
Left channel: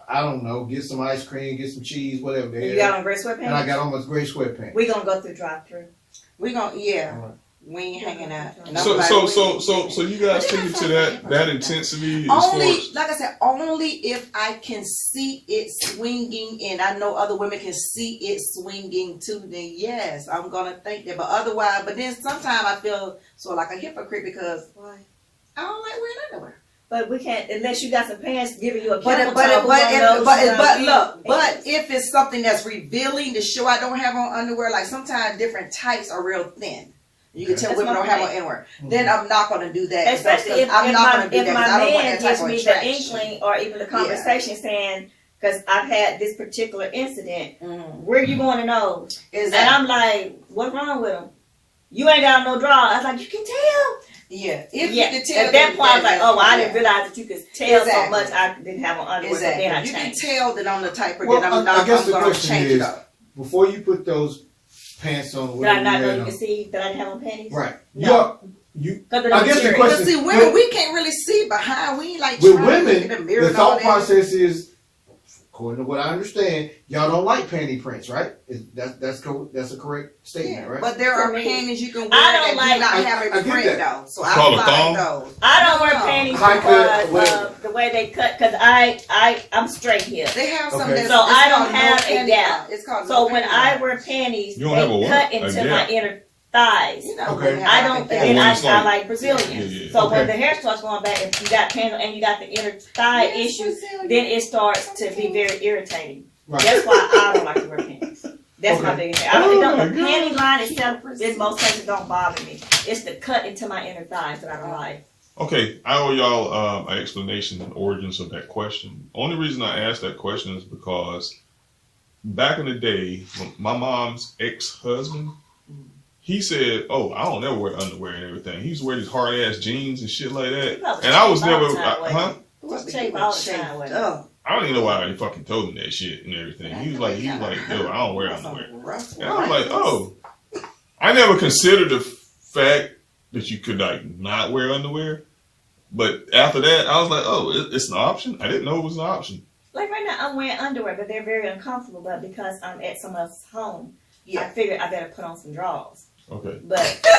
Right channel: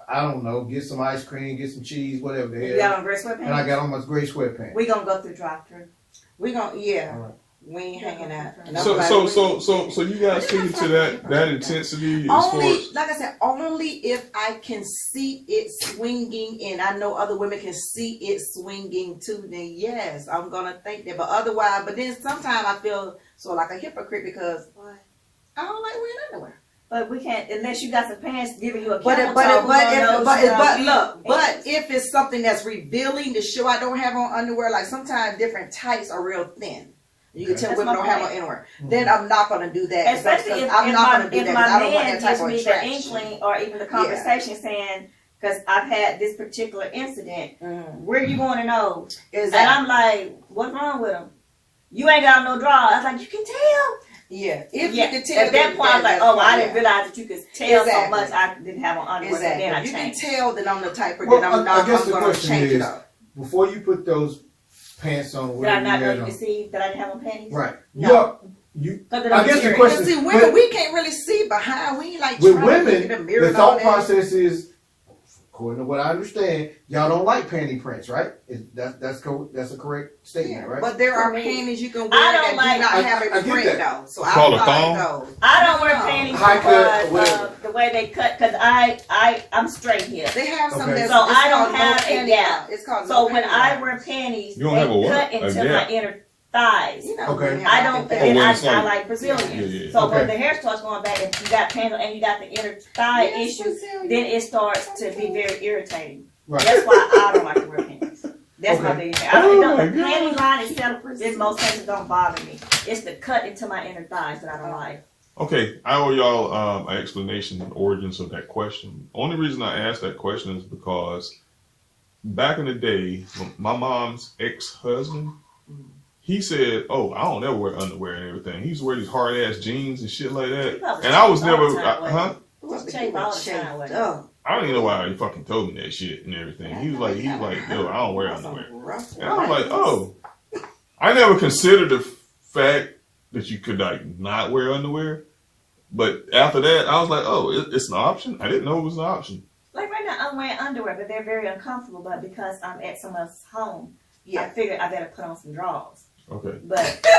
I don't know, get some ice cream, get some cheese, whatever the You hell, got on gray and I sweatpants. got on my gray sweatpants. We gonna go through drive-through. we gonna, yeah, All right. we ain't hanging out. And I'm So like, you guys take it to that intensity as far only, as like I said, only if I can see it swinging and I know other women can see it swinging too, then yes, I'm gonna think that. But otherwise, but then sometimes I feel so like a hypocrite because I don't like wearing underwear. But we can't unless you got some pants giving you a But camel toe. if it's something that's revealing to show I don't have on underwear, like sometimes different tights are real thin. You can tell That's women my don't have on point. underwear. Then I'm not gonna do that. Especially if I'm not gonna do that. 'Cause my I don't want man that type gives of me the attraction. inkling or even the conversation saying, because I've had this particular incident, where you going to know? Is And that I'm like, what's wrong with him? You ain't got no draw. I was like, you can tell. Yeah, if you could tell. At that point, I was like, oh, I didn't realize that you could tell so Exactly. much. I didn't have on underwear, so then I If you can changed. tell that I'm the type of Well, that I'm I guess I'm the gonna question change is, it up. before you put those pants on, Did I whatever not know had you on- could see that I didn't have on panties? Right. No. You. Because of I the guess the material. question- But see, women, we can't really see behind. We ain't like With trying to look women, in the mirror the and all thought that. process is, according to what I understand, y'all don't like panty prints, right? That's a correct statement, right? But there For are me, panties you can wear I don't that like- do not I have a get print that. though. So It's called a I thong? find those. I don't wear No. panties High cut, because whatever. of the way they cut. Because I'm straight here. They have some Okay. that's So it's I don't called no have a panty gap. line. It's called So no when panty I line. wear panties, You don't have a they what? cut A into gap? my inner thighs. You know, Okay. women have I like don't, a and gap. then it's I like- like Brazilians. Yeah. So Okay. when the hair starts going back and you got panties and you got the inner thigh Yes, issue, Brazilian. then it starts to be very irritating. Right. That's why I don't like to wear panties. That's my Okay. biggest thing. The Oh my panty line itself, in most cases, don't bother me. It's the cut into my inner thighs that I don't like. Okay, I owe y'all an explanation and origins of that question. Only reason I asked that question is because back in the day, when my mom's ex-husband, he said, "Oh, I don't ever wear underwear and everything. He used to wear these hard ass jeans and shit like that." probably And I was shave all never, the time, huh? Just shave all the time with it. Oh, I don't even know why he fucking told me that shit and everything. He was like, "Yo, I don't wear underwear." And I was like, "Oh, I never considered the fact that you could like not wear underwear." But after that, I was like, "Oh, it's an option." I didn't know it was an option. Like right now, I'm wearing underwear, but they're very uncomfortable. But because I'm at someone else's home, I yeah. figured I better put on some drawers. Okay. But so,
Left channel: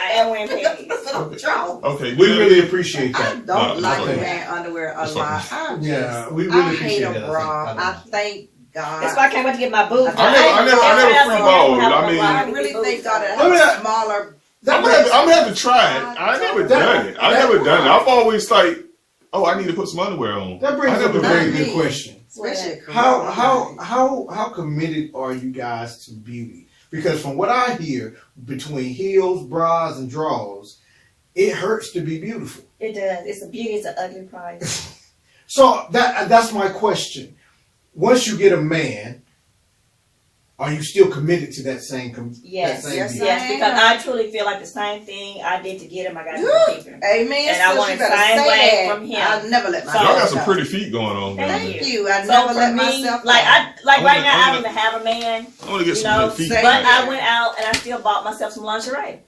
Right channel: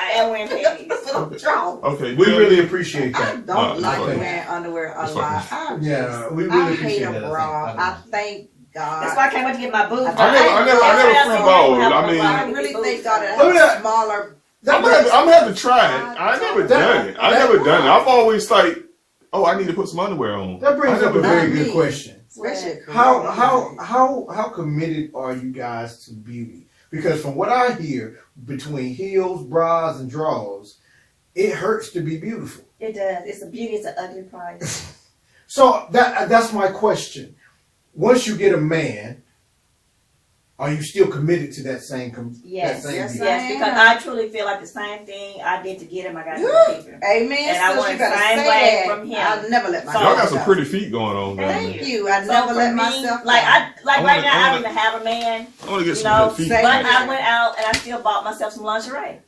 I am wearing panties. Okay. We yeah. really appreciate I that. don't No, like it's okay. wearing underwear a It's lot. okay. I Yeah, just, we really I hate appreciate a that. bra. I think. thank God. That's why I can't wait to get my boobs. I never free-balled. I mean- I really thank God that I mean, I have smaller. I'm gonna have to try it. I never done it. I never done it. I've always like, oh, I need to put some underwear on. That brings I up a never very done it. good question. Especially How committed are you guys to beauty? Because from what I hear, between heels, bras, and drawers, it hurts to be beautiful. It does. It's a beauty. It's an ugly price. So that's my question. Once you get a man, are you still committed to that same? Yes, that same yes, beauty? yes, because I truly feel like the same thing I did to get him, I got to keep him. Amen. And I sis, want you the better same say way that. from him. I'll never let So- Y'all myself got some go. pretty feet going on. down Thank there. you. I So never for let me, myself like go. right I'm now, I gonna- don't even have a man, I want to get you some know, good feet. Same. but I went out and I still bought myself some lingerie.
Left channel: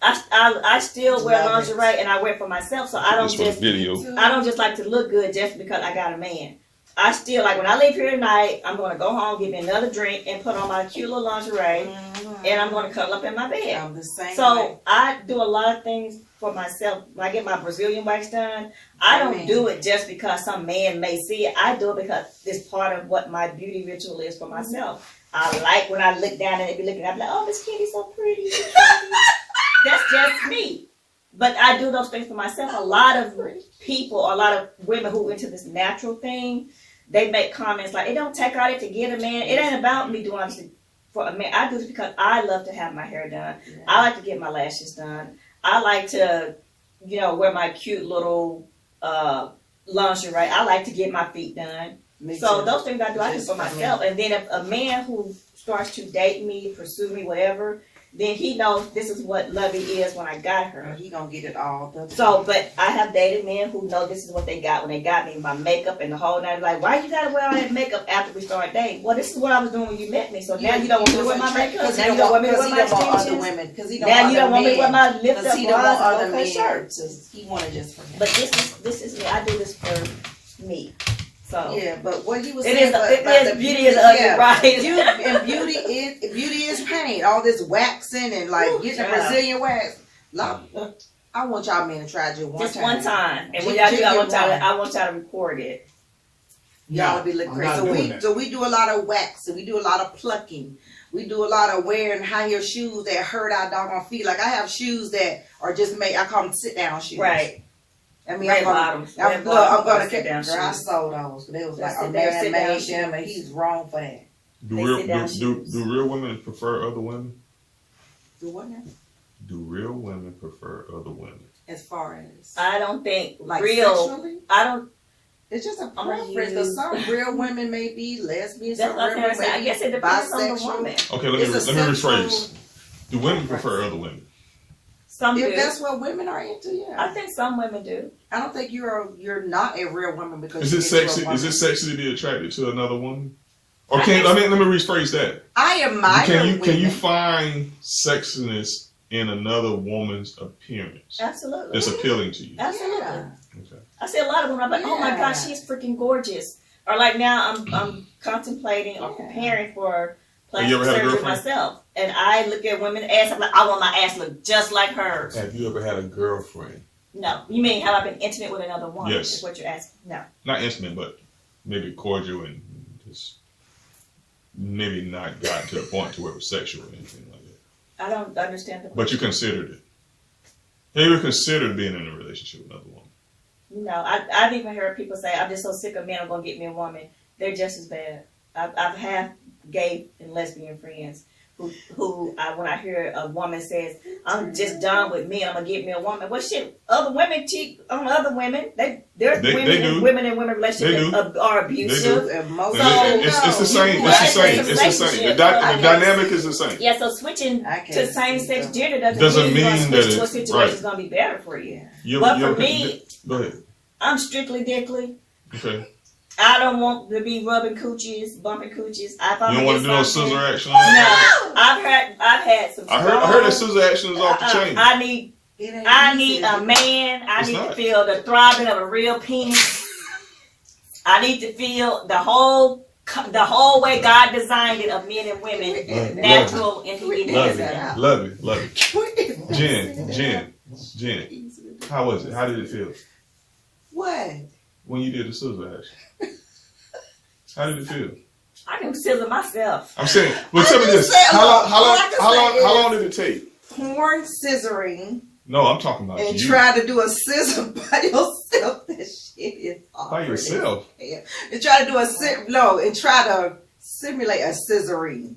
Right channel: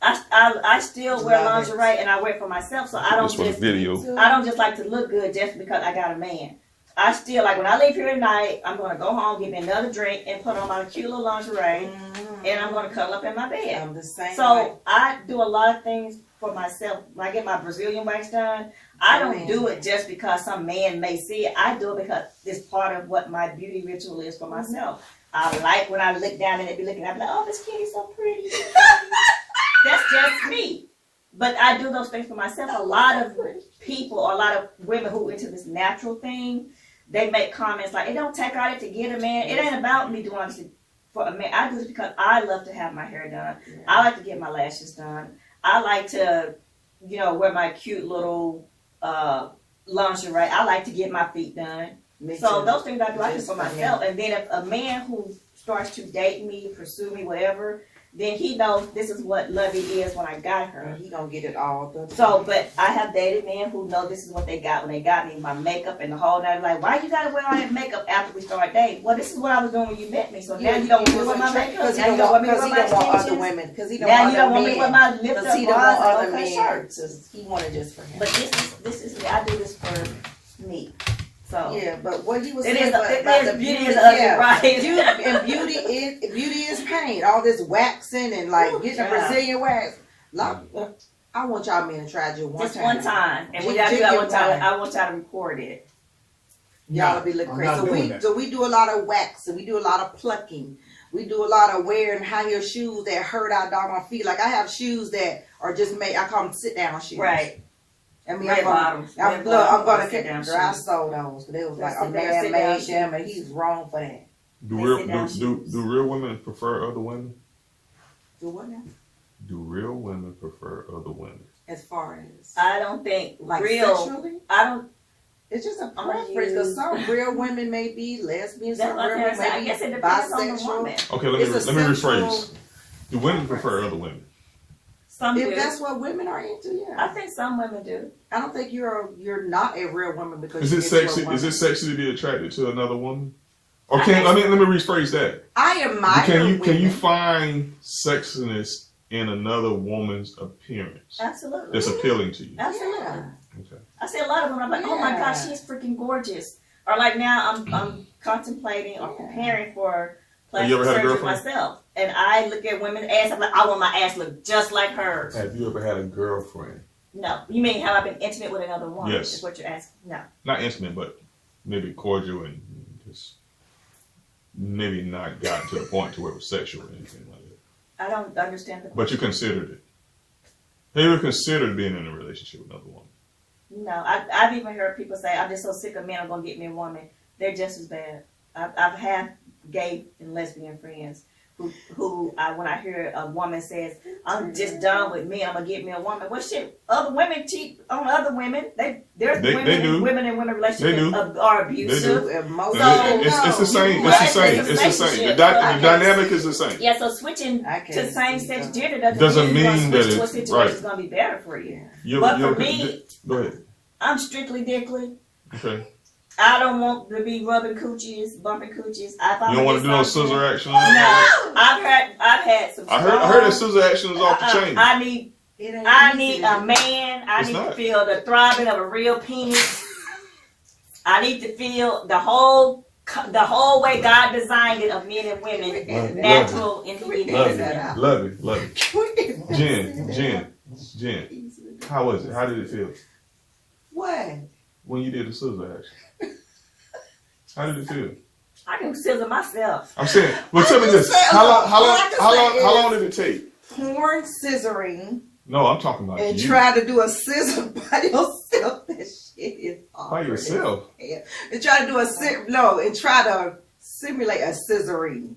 I still wear Love it. lingerie and I wear it for myself, so I don't This was just video. I don't just like to look good just because I got a man. I still like when I leave here tonight, I'm gonna go home, get me another drink, and put on my cute little lingerie, and I'm gonna cuddle up in my bed. I'm the same way. So I do a lot of things for myself. When I get my Brazilian wax done, I don't Amen. do it just because some man may see it. I do it because it's part of what my beauty ritual is for myself. I like when I look down and they be looking, I be like, oh, this kitty's so pretty. That's just me. But I do those things for myself. A lot of people, a lot of women who into this natural thing, they make comments like, it don't take all that to get a man. It ain't about me doing all this for a man. I do this because I love to have my hair done. Yeah. I like to get my lashes done. I like to, wear my cute little lingerie. I like to get my feet done. Me So too. those things I do Just for for myself. And then if a man who starts to date me, pursue me, whatever, then he knows this is what Lovey is when I got her. He gonna get it all the time. So, but I have dated men who know this is what they got when they got me, my makeup and the whole night. Like, why you gotta wear all that makeup after we start dating? Well, this is what I was doing when you met me. So now you don't want me to wear my makeup. Because Now you don't want me to wear he my don't want other extensions. women. Because he don't Now want you don't other want me to wear men. my lift Because up he don't bras want and other low cut men. shirts. He wanted just for him. But this is me. I do this for me. So Yeah, but what he was it saying is. about It the is beauty is ugly, yeah. right? Beauty is pain. All this waxing and like Ooh, getting a child. Brazilian wax. I want y'all men to try just one Just time. one time, and when Just y'all do that get one time, one. I want y'all to record it. Y'all will be looking I'm crazy. not So doing that. we do a lot of waxing. We do a lot of plucking. We do a lot of wearing high heel shoes that hurt our doggone feet. Like I have shoes that are just made. I call them sit down shoes. Right. I mean, Red I'm gonna, bottoms. I'm, Red look, I'm bottoms gonna are sit-down girl, I shoes. sold those. They was They're like a sit-down man shoes. made them, and he's wrong for that. Do They real, sit down do real women prefer other women? Do what now? Do real women prefer other women? As far as I don't think like real. sexually, I don't. it's just a I'm gonna preference. Because use- some real women may be lesbians, That's some what real I'm women saying. may I be guess it depends on the bisexual. woman. Okay, let It's me a rephrase. sexual Do women prefer other women? Some If do. that's what women are into, yeah. I think some women do. I don't think you're not a real woman because Is it you're into sexy? a woman. Is it sexy to be attracted to another woman? Or I can think let me rephrase that. I admire Can you women. find sexiness in another woman's appearance Absolutely. that's appealing to you? Absolutely. Yeah. Okay. I see a lot of women. I'm like, oh my Yeah. gosh, she's freaking gorgeous. Or like now, I'm contemplating or preparing for Have you plastic ever had a surgery girlfriend? myself, and I look at women's ass. I'm like, I want my ass to look just like hers. Have you ever had a girlfriend? No, you mean have I been intimate with another woman? Yes. Is what you're asking? No. Not intimate, but maybe cordial and just maybe not gotten to the point to where it was sexual or anything like that. I don't understand the. But you considered it. Have you ever considered being in a relationship with another woman? No, I've even heard people say, I'm just so sick of men, I'm going to get me a woman. They're just as bad. I've had gay and lesbian friends who when I hear a woman says, I'm just done with me, I'm going to get me a woman. Well, shit, other women cheat on other women. There's They women do. in women and women relationships that are abusive. Emotional. It's the same. you It's the want same. this It's the same. The relationship, dynamic is the same. Yeah, so switching I can't to same-sex see gender Doesn't doesn't mean you're mean going to that switch to a it's- situation right. that's going to be better for you. But for me, go ahead. I'm strictly dickly. Okay. I don't want to be rubbing coochies, bumping coochies. If I'm You don't want to do no against something- scissor action? No, I've had some. I heard that scissor action is off the chain. I need It ain't I easy, need is a it? man. I It's need not. to feel the throbbing of a real penis. I need to feel the whole way God designed it of men and women, natural and We He did has that. it. Love it. We did that. Jen, Easily. how was it? How did it feel What? when you did the scissor action? How did it feel? I can scissor myself. I'm saying, well, tell me can this. say- How all I can say long did it take? Porn scissoring No, I'm talking about and you. try to do a scissor by yourself. That shit is awkward. By yourself. And try to do and try to simulate a scissoring.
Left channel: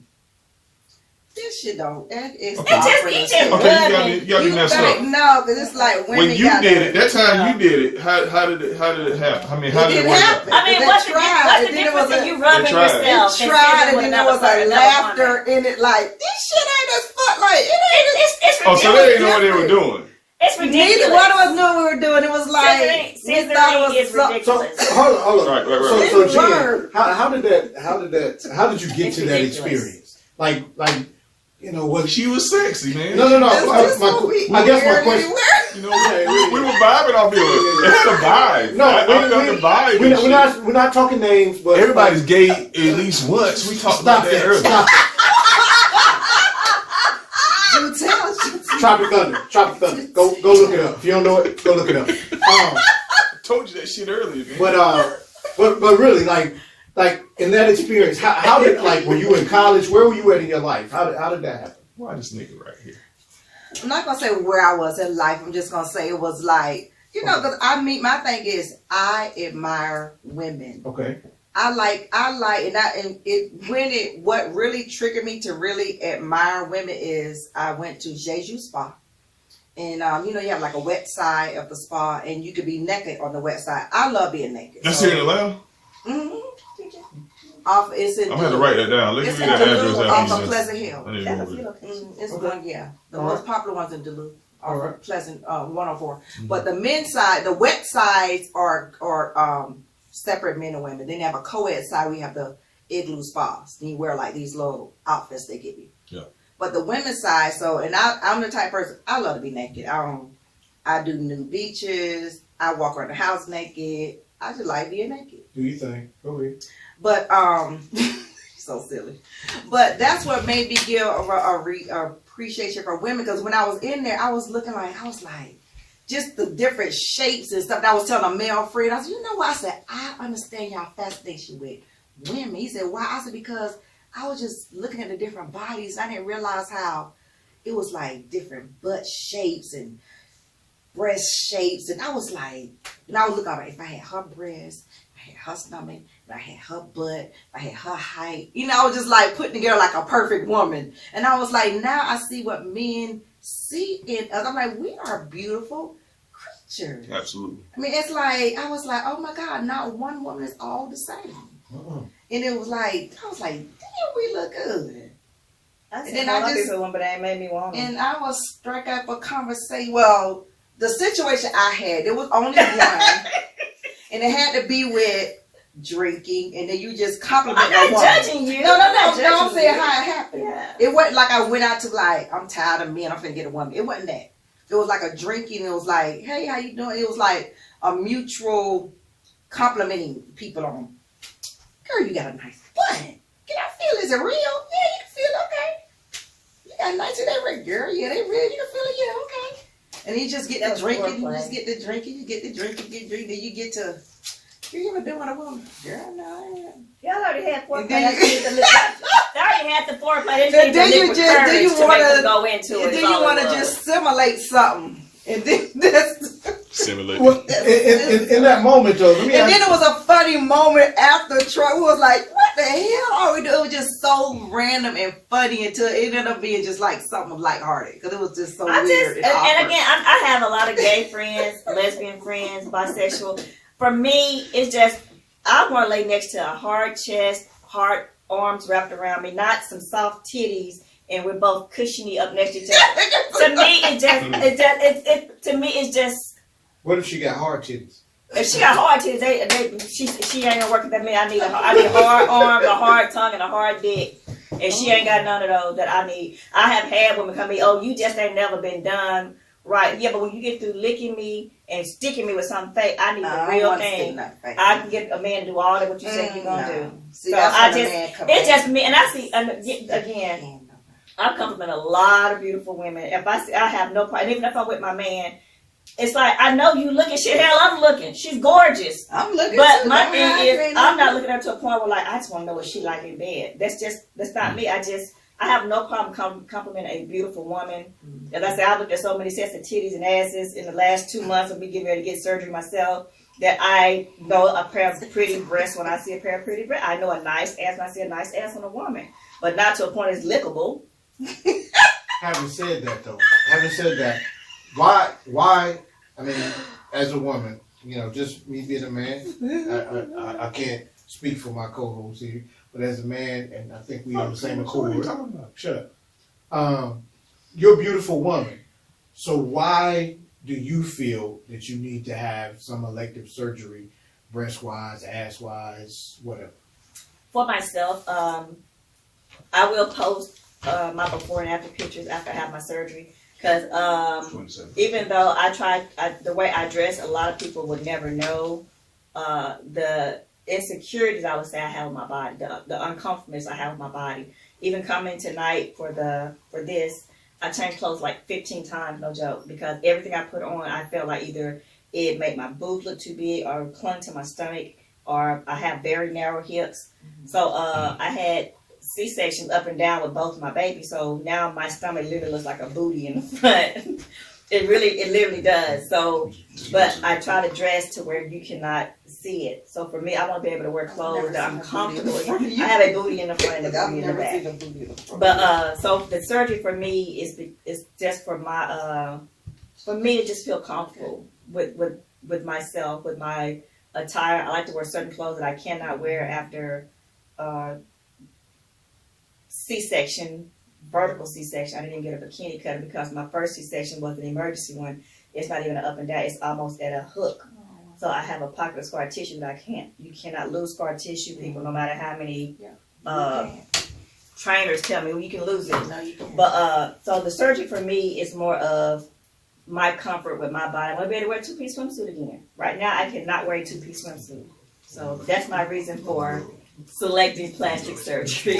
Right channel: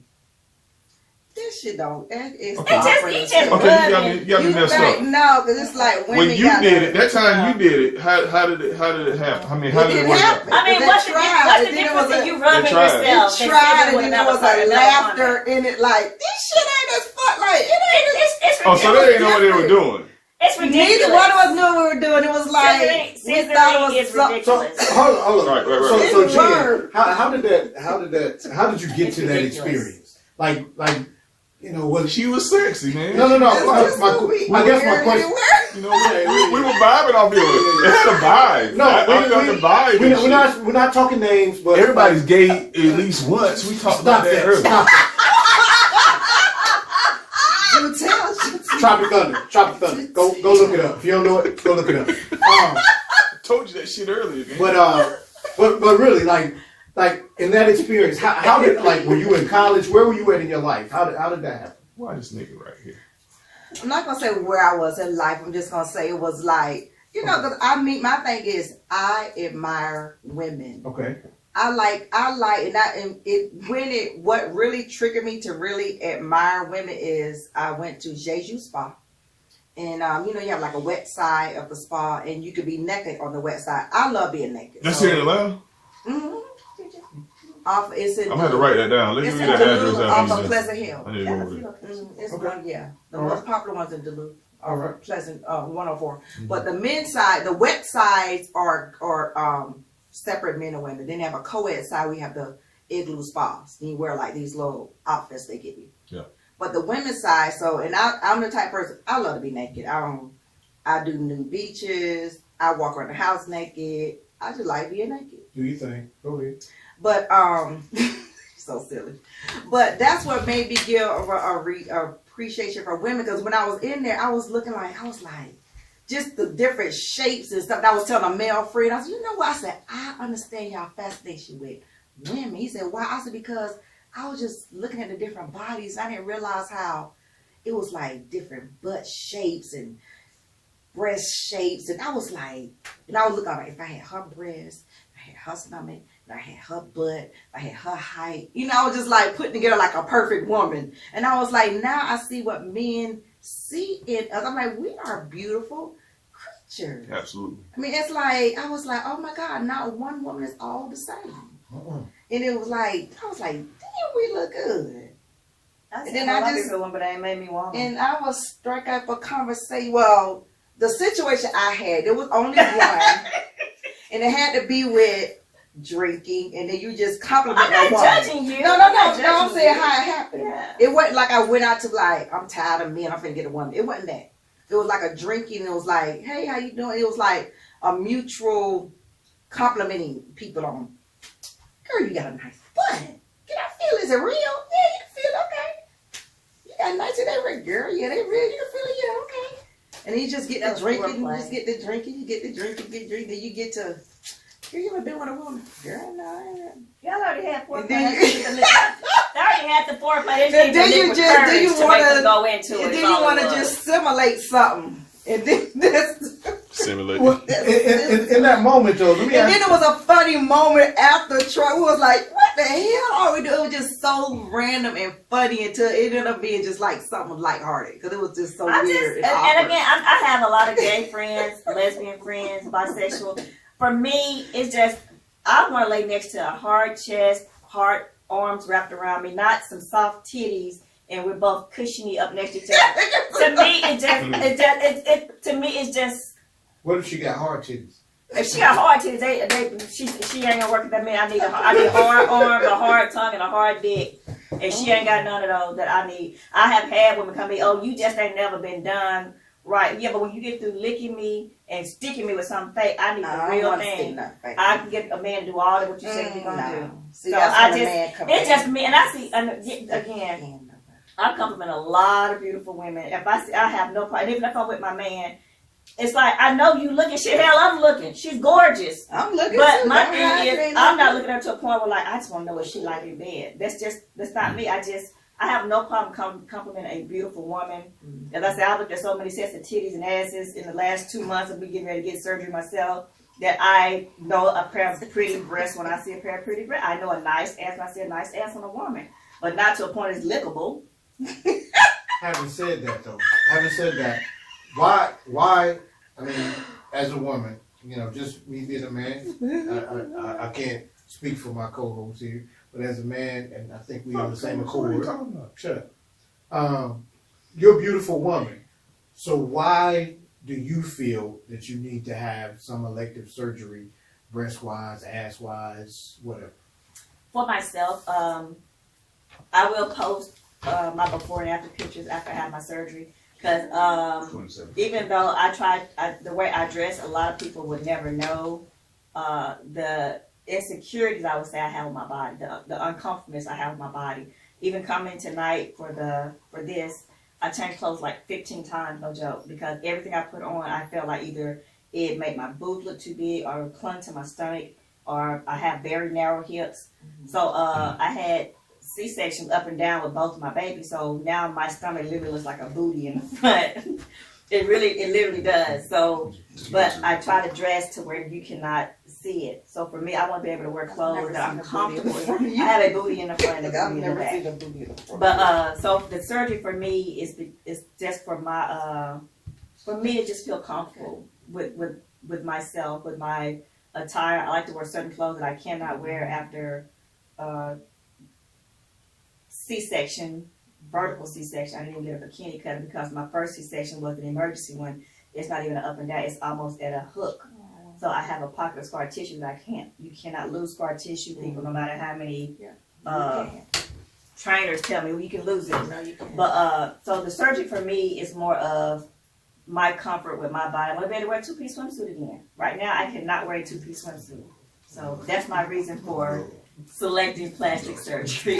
This shit don't. It's Okay. awkward It as just hell. Okay, you got me messed Like, up. no, because it's like women When you got did it, that time you did it, how did it happen? I mean, how It did didn't work out? happen. I mean, They what's the tried, difference and then it was if a- you rubbing They tried. yourself? They and tried, sitting and with then there another was person, a another laughter woman? in it. Like this shit ain't as fun. Like it ain't. It's Oh, so they didn't know what they were doing. It's ridiculous. Neither one of us knew what we were doing. It was like we thought it was is so- ridiculous. Hold on. Right. So It's Jen, word. how did you get It's to that ridiculous. experience? Like, you know, what? She was sexy, man. No. That's just what we I guess my weird question. anywhere. You know, yeah, We were vibing off it. It had a vibe. No, I felt the vibe. we're not talking names, but Everybody's gay at least once. We talked about Stop that that. earlier. Stop it. You tell. Tropic Thunder. Go look it up. If you don't know it, go look it up. I told you that shit earlier, man. But really, like in that experience, how did were you in college? Where were you at in your life? How did that happen? Why this nigga right here? I'm not gonna say where I was in life. I'm just gonna say it was like because my thing is I admire women. Okay. What really triggered me to really admire women is I went to Jeju Spa. And you have like a wet side of the spa and you could be naked on the wet side. I love being naked. That's here in Atlanta? Mm-hmm. It's in I'm gonna have to write that down. Let me It's read in the Duluth address off out. of Pleasant Hill. I need to That's a go over few it. locations. It's Okay. one, yeah. The All most right. popular ones in Duluth All are right. Pleasant 104. But the men's side, the wet sides are separate men and women. Then they have a co-ed side. We have the igloo spas. Then you wear like these little outfits they give you. Yeah. But the women's side, I'm the type of person I love to be naked. I do nude beaches. I walk around the house naked. I just like being naked. Do you think? Go ahead. But so silly. But that's what made me give a appreciation for women because when I was in there, I was like, just the different shapes and stuff. And I was telling a male friend, I said, you know what? I said, I understand y'all fascination with women. He said, why? I said, because I was just looking at the different bodies. I didn't realize how it was like different butt shapes and breast shapes. And I was like, and I was looking at if I had her breasts, I had her stomach, if I had her butt, if I had her height. I was just like putting together like a perfect woman. And I was like, now I see what men see in us. I'm like, we are beautiful creatures. Absolutely. I mean, it's like, I was like, oh my God, not one woman is all the same. And it was like, I was like, damn, we look good. I And said, then I I love just- you, but that made me want them. And I was struck up a conversation. Well, the situation I had, there was only one, and it had to be with drinking, and then you just compliment I'm a not woman. judging you. No, I'm not I'm judging saying you. how it happened. Yeah. It wasn't like I went out to like, I'm tired of men, I'm finna get a woman. It wasn't that. It was like a drinking, it was like, hey, how you doing? It was like a mutual complimenting people on, girl, you got a nice butt. Can I feel, is it real? Yeah, you can feel it, okay. You got a nice, they real, girl, yeah, they real, you can feel it, yeah, okay. And then you just get That the was drinking, you foreplay. just get the drinking, you get the drinking, then you get to, girl, you ever been with a woman? Girl, no, I haven't. Y'all already had foreplay. And then They already had the foreplay. They And just then need you the liquid just- then courage you to make wanna- them go into it. And then is you all want it to was. just simulate something. And then that's, Simulate. Well, in that moment, though, let me and ask then it was a funny moment after Troy was like, what the hell are we doing? It was just so random and funny until it ended up being just like something lighthearted because it was just so I weird. just, and again, I have a lot of gay friends, lesbian friends, bisexual. For me, it's just, I want to lay next to a hard chest, hard arms wrapped around me, not some soft titties, and we're both cushiony up next to each other. To me, to me, it's just, what if she got hard titties? if she got hard titties, she ain't gonna work with that man. I need hard arms, a hard tongue, and a hard dick. And she ain't got none of those that I need. I have had women come to me, oh, you just ain't never been done right. Yeah, but when you get through licking me and sticking me with something fake, I need the real thing. I can get a man to do all that what you said you're gonna do. See, So that's I when a just- man come It's in. just me, and I see, and again, I compliment a lot of beautiful women. If I see, I have no problem. Even if I'm with my man, it's like, I know you looking shit. Hell, I'm looking. She's gorgeous. I'm looking But too. my Don't thing hide, is, you ain't I'm not looking. looking at her to a point where like, I just want to know what she like in bed. That's not me. I have no problem complimenting a beautiful woman. As I said, I looked at so many sets of titties and asses in the last 2 months of me getting ready to get surgery myself that I know a pair of pretty breasts when I see a pair of pretty breasts. I know a nice ass when I see a nice ass on a woman. But not to a point it's lickable. Having said that, though, why, I mean, as a woman, you know, just me being a man, I can't speak for my co-host here, but as a man, and I think we on the same What are you accord, talking about? shut up. You're a beautiful woman, so why do you feel that you need to have some elective surgery, breast-wise, ass-wise, whatever? For myself, I will post my before and after pictures after I have my surgery. Because 27. even though the way I dress, a lot of people would never know the insecurities I would say I have with my body, the uncomfortableness I have with my body. Even coming tonight for this, I changed clothes like 15 times, no joke, because everything I put on, I felt like either it made my boobs look too big or clung to my stomach, or I have very narrow hips. So I had C-sections up and down with both of my babies, so now my stomach literally looks like a booty in the front. It literally does. So, but I try to dress to where you cannot see it. So for me, I want to be able to wear clothes that I'm comfortable in. I have a booty in the front and a I've booty in the never back. seen a booty in the front. But so the surgery for me is just for my for me to just feel comfortable with myself, with my attire. I like to wear certain clothes that I cannot wear after C-section, vertical C-section. I didn't even get a bikini cut because my first C-section was an emergency one. It's not even an up and down. It's almost at a hook. So I have a pocket of scar tissue that you cannot lose scar tissue. People, no matter how many trainers tell me, well, you can lose it. No, you can't. But so the surgery for me is more of my comfort with my body. I want to be able to wear a two-piece swimsuit again. Right now, I cannot wear a two-piece swimsuit. So that's my reason for selecting plastic surgery.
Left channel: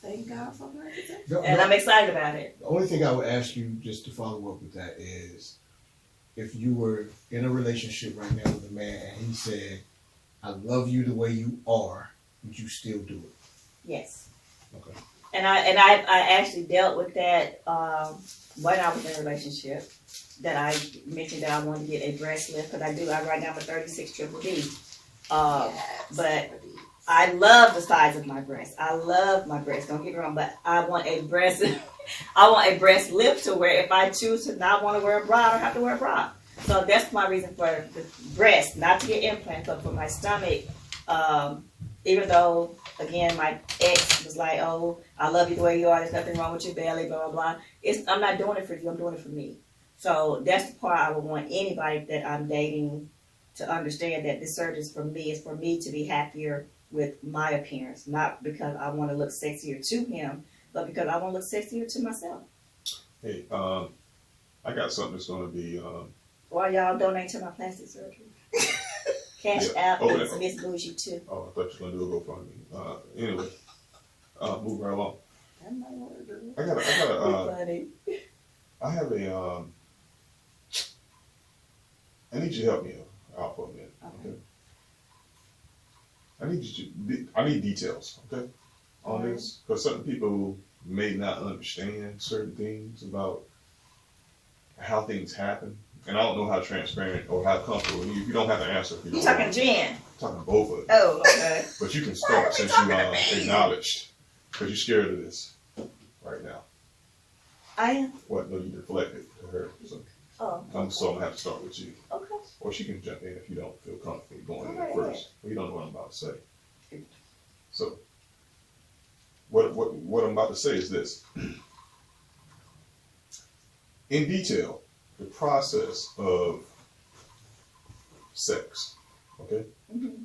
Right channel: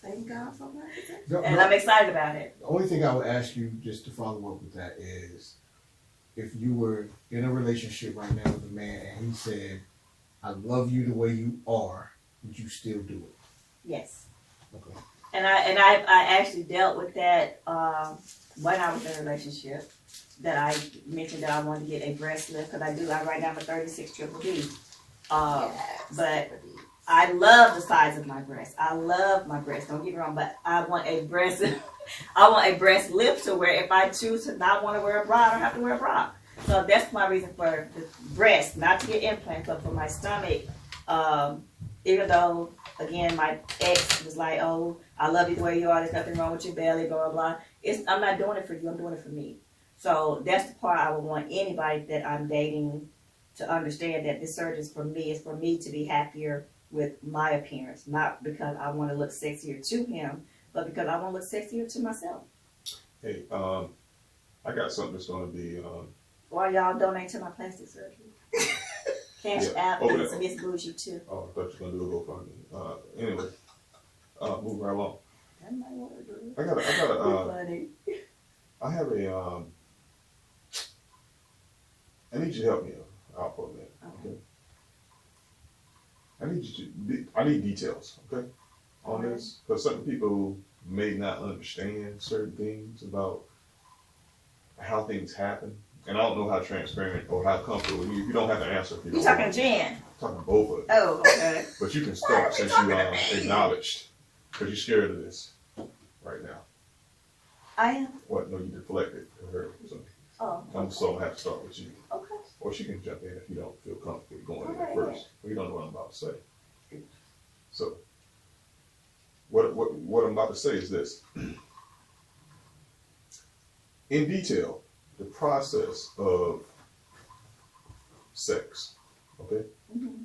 Thank God for that. And I'm excited about it. The only thing I would ask you, just to follow up with that, is if you were in a relationship right now with a man and he said, I love you the way you are, would you still do it? Yes. Okay. And I actually dealt with that when I was in a relationship. That I mentioned that I wanted to get a breast lift because I right now for 36 triple D. But I love the size of my breast. I love my breast. Don't get me wrong, but I want a breast. I want a breast lift to where if I choose to not want to wear a bra, I don't have to wear a bra. So that's my reason for the breast, not to get implants, but for my stomach. even though, again, my ex was like, oh, I love you the way you are, there's nothing wrong with your belly, blah, blah, blah. I'm not doing it for you, I'm doing it for me. So that's the part I would want anybody that I'm dating to understand, that this surgery is for me. It's for me to be happier with my appearance, not because I want to look sexier to him, but because I want to look sexier to myself. Hey, I got something that's gonna be, Why y'all donate to my plastic surgery? Cash App Oh, is Miss Bougie too. oh, I thought you were gonna do a GoFundMe. Anyway, move right along. That might want to do I got funny. I have a, I need you to help me out for a minute, okay? I need details, okay, on Alright. this, because certain people may not understand certain things about how things happen, and I don't know how transparent or how comfortable. You don't have to answer if you You don't talking want. Jen? I'm talking both of them, Oh, okay. but you can start since you acknowledged, because you're scared of this right now. I am. What? No, you deflected to her, so Oh, I'm gonna have to start with you. okay. Or she can jump in if you don't feel comfortable going in Alright. first. We don't know what I'm about to say. So, what I'm about to say is this. In detail, the process of sex, okay? Mhm.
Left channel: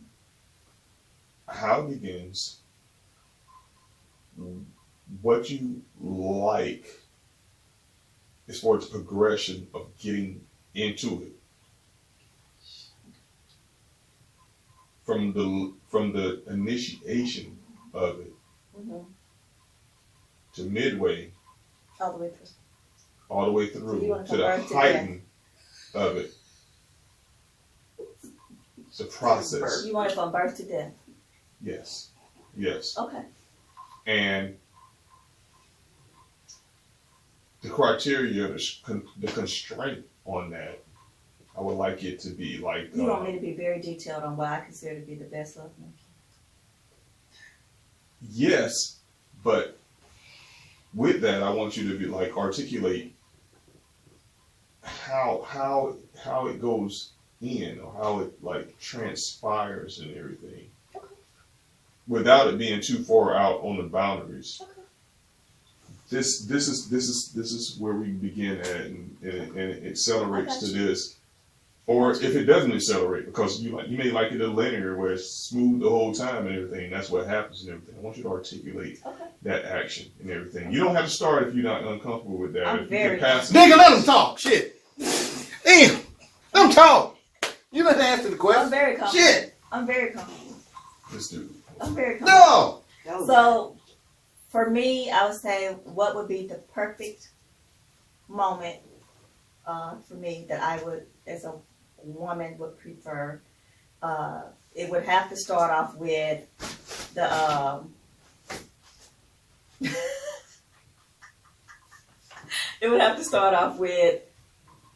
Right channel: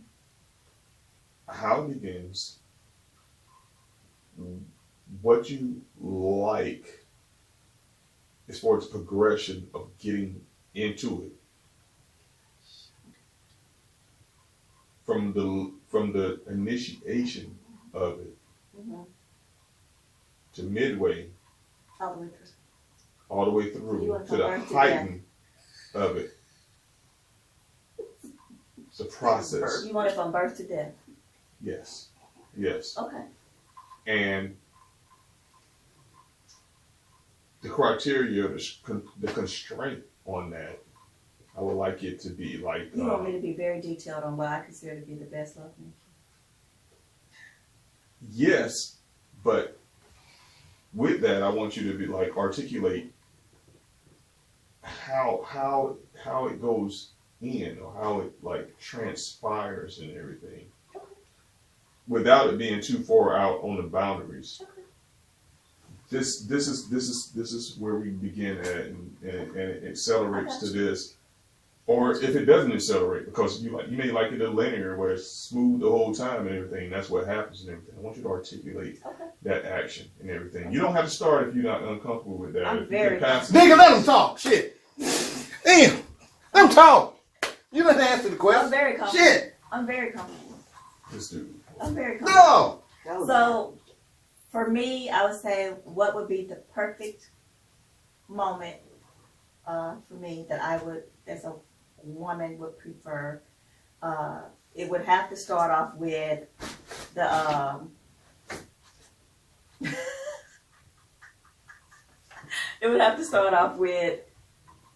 How it begins, what you like as far as progression of getting into it. From the initiation of it Mhm. to midway, All the way through. all the way So you through want to from the birth to heighten of it. It's a process. You want it from birth to death. Yes. Yes. Okay. And the criteria, the constraint on that, I would like it to be like. You want me to be very detailed on what I consider to be the best love making. Yes, but with that, I want you to be like articulate how it goes in, or how it like transpires and everything, without it being too far out on the boundaries. Okay. This is where we begin at, and it accelerates to this. Or if it doesn't accelerate, because you may like it a linear where it's smooth the whole time and everything, that's what happens and everything. I want you to articulate that action and everything. You don't have to start if you're not uncomfortable with that. I'm If you very can pass it- Nigga, let him talk. Shit. Damn. Let him talk. You let him answer the I'm question. very comfortable. Shit. I'm very comfortable. This dude. I'm very comfortable. No. So, for me, I would say what would be the perfect moment for me that I would, as a woman, would prefer. It would have to start off with the it would have to start off with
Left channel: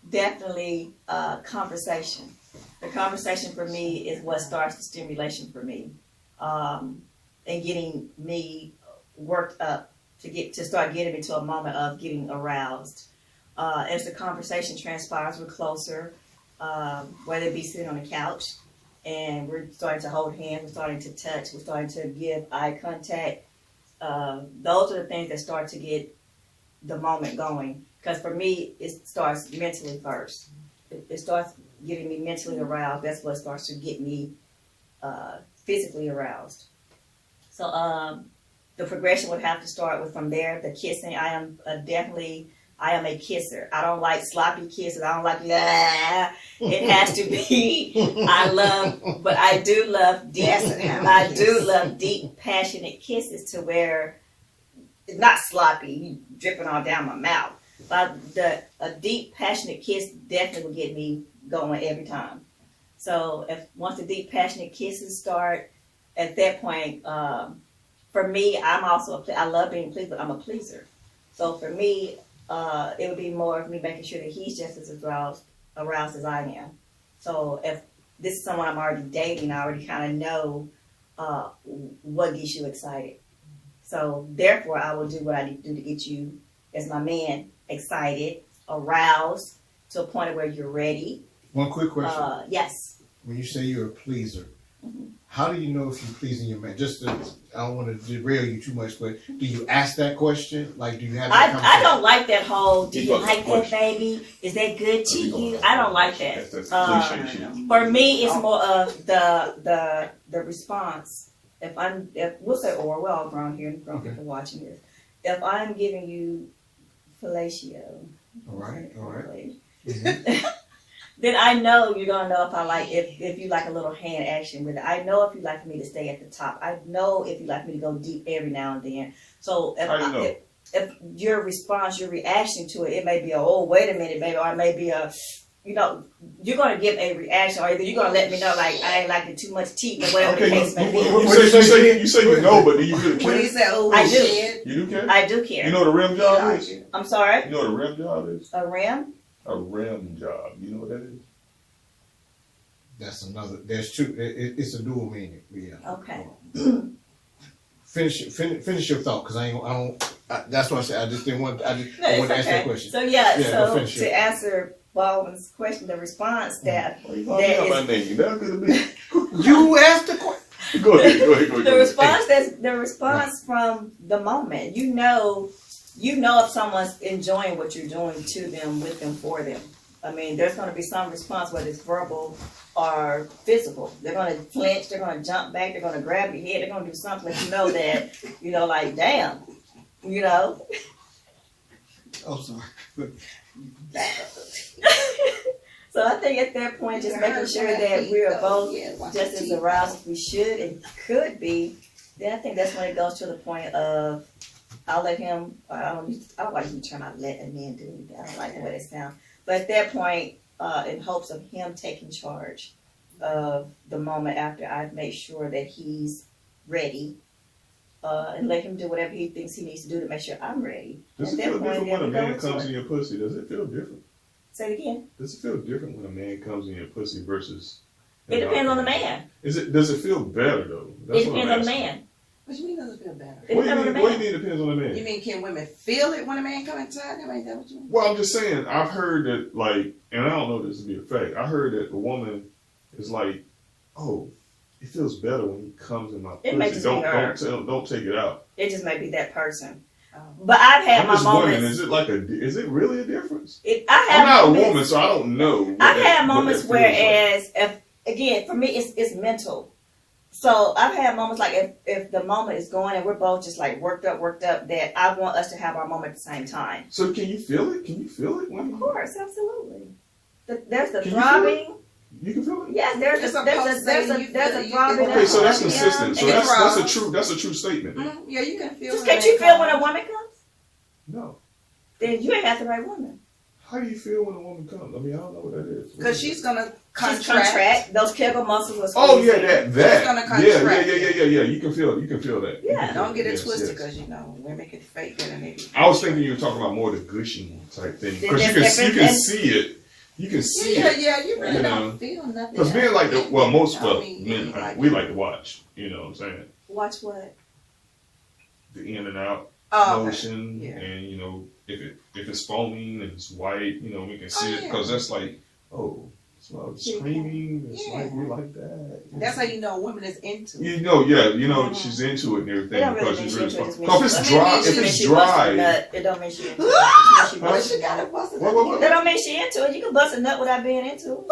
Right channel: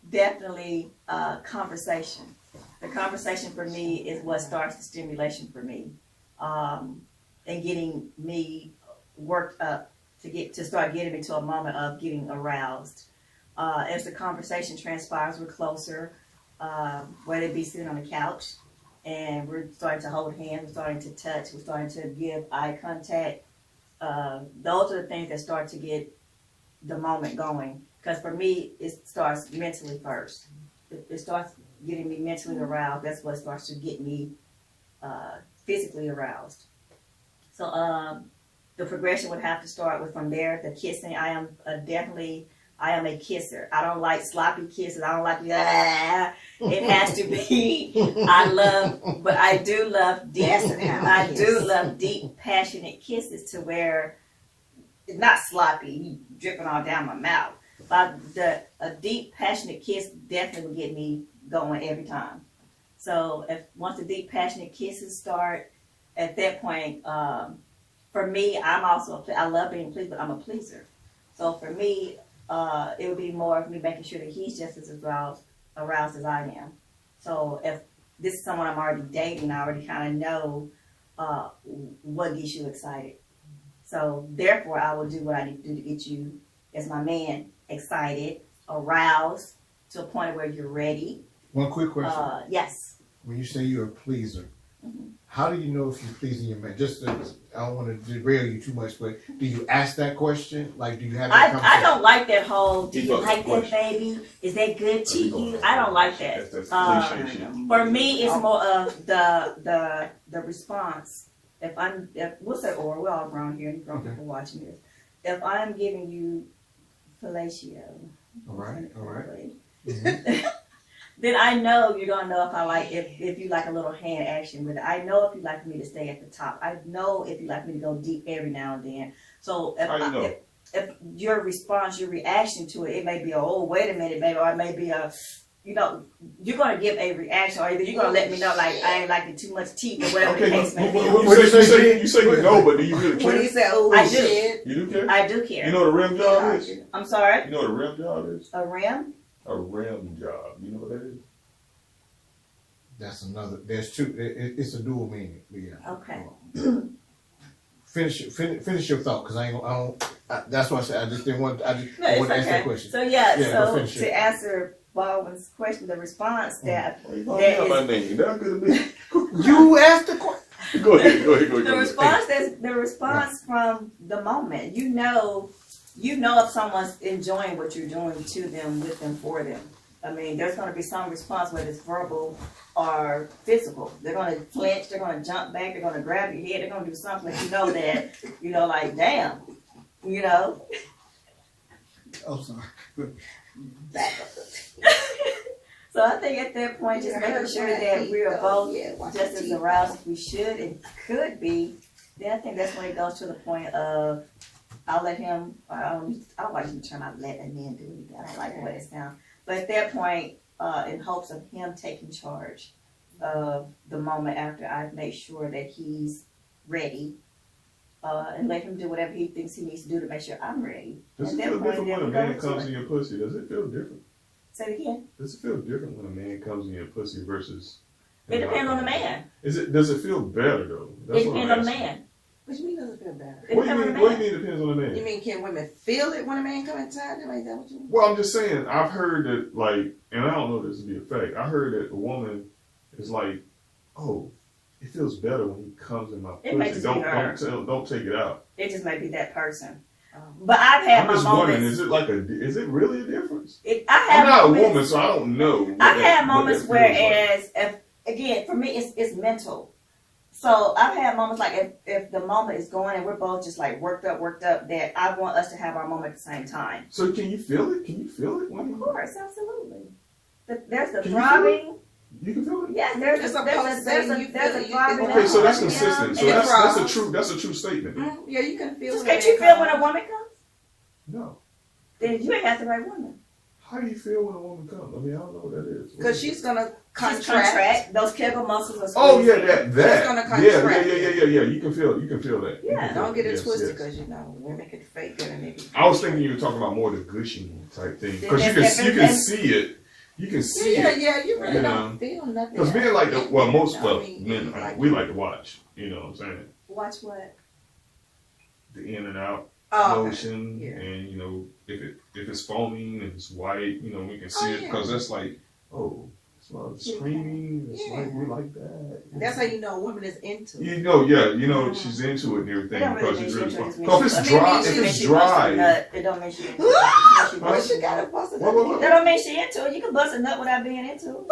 definitely conversation. The conversation for me is what starts the stimulation for me, and getting me worked up to start getting me to a moment of getting aroused. As the conversation transpires, we're closer, whether it be sitting on the couch and we're starting to hold hands, we're starting to touch, we're starting to give eye contact. Those are the things that start to get the moment going. Because for me, it starts mentally first. It starts getting me mentally aroused. That's what starts to get me physically aroused. So the progression would have to start with from there. The kissing, I am a kisser. I don't like sloppy kisses. I don't like It has to be. But I do love deep. I do love deep, passionate kisses to where it's not sloppy, dripping all down my mouth. But a deep, passionate kiss definitely will get me going every time. So once the deep, passionate kisses start, at that point, for me, I love being pleased, but I'm a pleaser. So for me, it would be more of me making sure that he's just as aroused as I am. So if this is someone I'm already dating, I already kind of know what gets you excited. So therefore, I will do what I need to do to get you, as my man, excited, aroused, to a point where you're ready. One quick question. Yes. When you say you're a pleaser, how do you know if you're pleasing your man? Just to, I don't want to derail you too much, but do you ask that question? Like, do you have that I conversation? don't like that whole, do you Keep up like the that question. baby? Is that good to you? I don't like that. That's cliche shit. For me, it's more of the response. If we'll say, or we're all grown here, grown people watching this. If I'm giving you fellatio, All right. then I know you're gonna know if you like a little hand action with it. I know if you like me to stay at the top. I know if you like me to go deep every now and then. So How you know? if your response, your reaction to it may be a, oh, wait a minute, baby, or it may be a, you're gonna give a reaction, or either you're gonna let me know like I ain't liking too much teeth or whatever the Okay, case may be. you say you know, but do you really When he care? said, "Oh I do. shit," You do care? I do care. You know what a rim job is? I'm sorry. You know what a rim job is? A rim? A rim job. You know what that is? That's another. There's two. It's a dual meaning. Yeah. Okay. Finish your thought, because I don't. That's what I said. I just didn't want. I No, want to it's ask that okay. question. So go so finish to it. answer Baldwin's question, the response that Why you calling me out my name? That's good to me. You asked the question. Go ahead. the response from the moment. You know if someone's enjoying what you're doing to them, with them, for them. I mean, there's going to be some response, whether it's verbal or physical. They're going to flinch, they're going to jump back, they're going to grab your head, they're going to do something that like, damn, Oh, sorry. back up. So I think at that point, just making sure that we're both just as aroused as we should and could be, then I think that's when it goes to the point of, I'll let him, I don't like him trying to let a man do anything. I don't like the way it sounds. But at that point, in hopes of him taking charge of the moment after I've made sure that he's ready, and let him do whatever he thinks he needs to do to make sure I'm ready. Does At it that feel point, different then when we a go man into comes it. in your pussy? Does it feel different? Say it again. Does it feel different when a man comes in your pussy versus? It depends on the man. Does it feel better though? It depends on the man. What you mean does it feel better? It What do you depends on the mean? What do man. you mean it depends on the man? You mean can women feel it when a man comes inside? I mean, is that what you mean? Well, I'm just saying, I've heard that, like, and I don't know this to be a fact, I heard that the woman is like, oh, it feels better when he comes in my It may pussy. just be her. Don't take it out. It just may be that person. Oh. But I've had I'm my just wondering, moments. is it really a difference? I I'm have not moments. a woman, so I don't know. I've had what moments that feels like. whereas, if again, for me, it's mental. So I've had moments like if the moment is going and we're both just like worked up, that I want us to have our moment at the same time. So can you feel it? Can you feel it? Of course, absolutely. There's the Can you feel throbbing. You can feel it? Yes, there's It's a supposed to you throbbing. Okay, so that's Yeah, consistent. So and that's a true statement. Yeah, you can feel. Just when can't a you man feel when comes. a woman comes? No. Then you ain't got the right woman. How do you feel when a woman comes? I mean, I don't know what that is. Because she's gonna She's contract. Those Kegel muscles are Oh squeezing. yeah, that. She's gonna Yeah. contract. Yeah. You can feel that. You Yeah. can feel Don't get it Yes, twisted, yes. because women can fake it and maybe. I was thinking you were talking about more the gushing type thing because you That's can different. see it. You can see it. Yeah, you really You don't feel nothing. Because men like to, well, most I mean, men like- we like to watch. You know what I'm saying? Watch what? The in and out Oh, okay. motion, Yeah. and if it's foaming and it's white, we can see Oh, it yeah. because that's like, oh, it's like screaming. It's Yeah. like we like that. That's how you know a woman is into it. She's into it and everything It don't really because mean she's she really into it. fun. Just No, if mean it's she- dry, I mean, if she- it's she bust a dry, nut, it don't mean she into it. Just mean she Well, bust she a got nut. it busted. What? That don't mean she into it. You can bust a nut without being into it.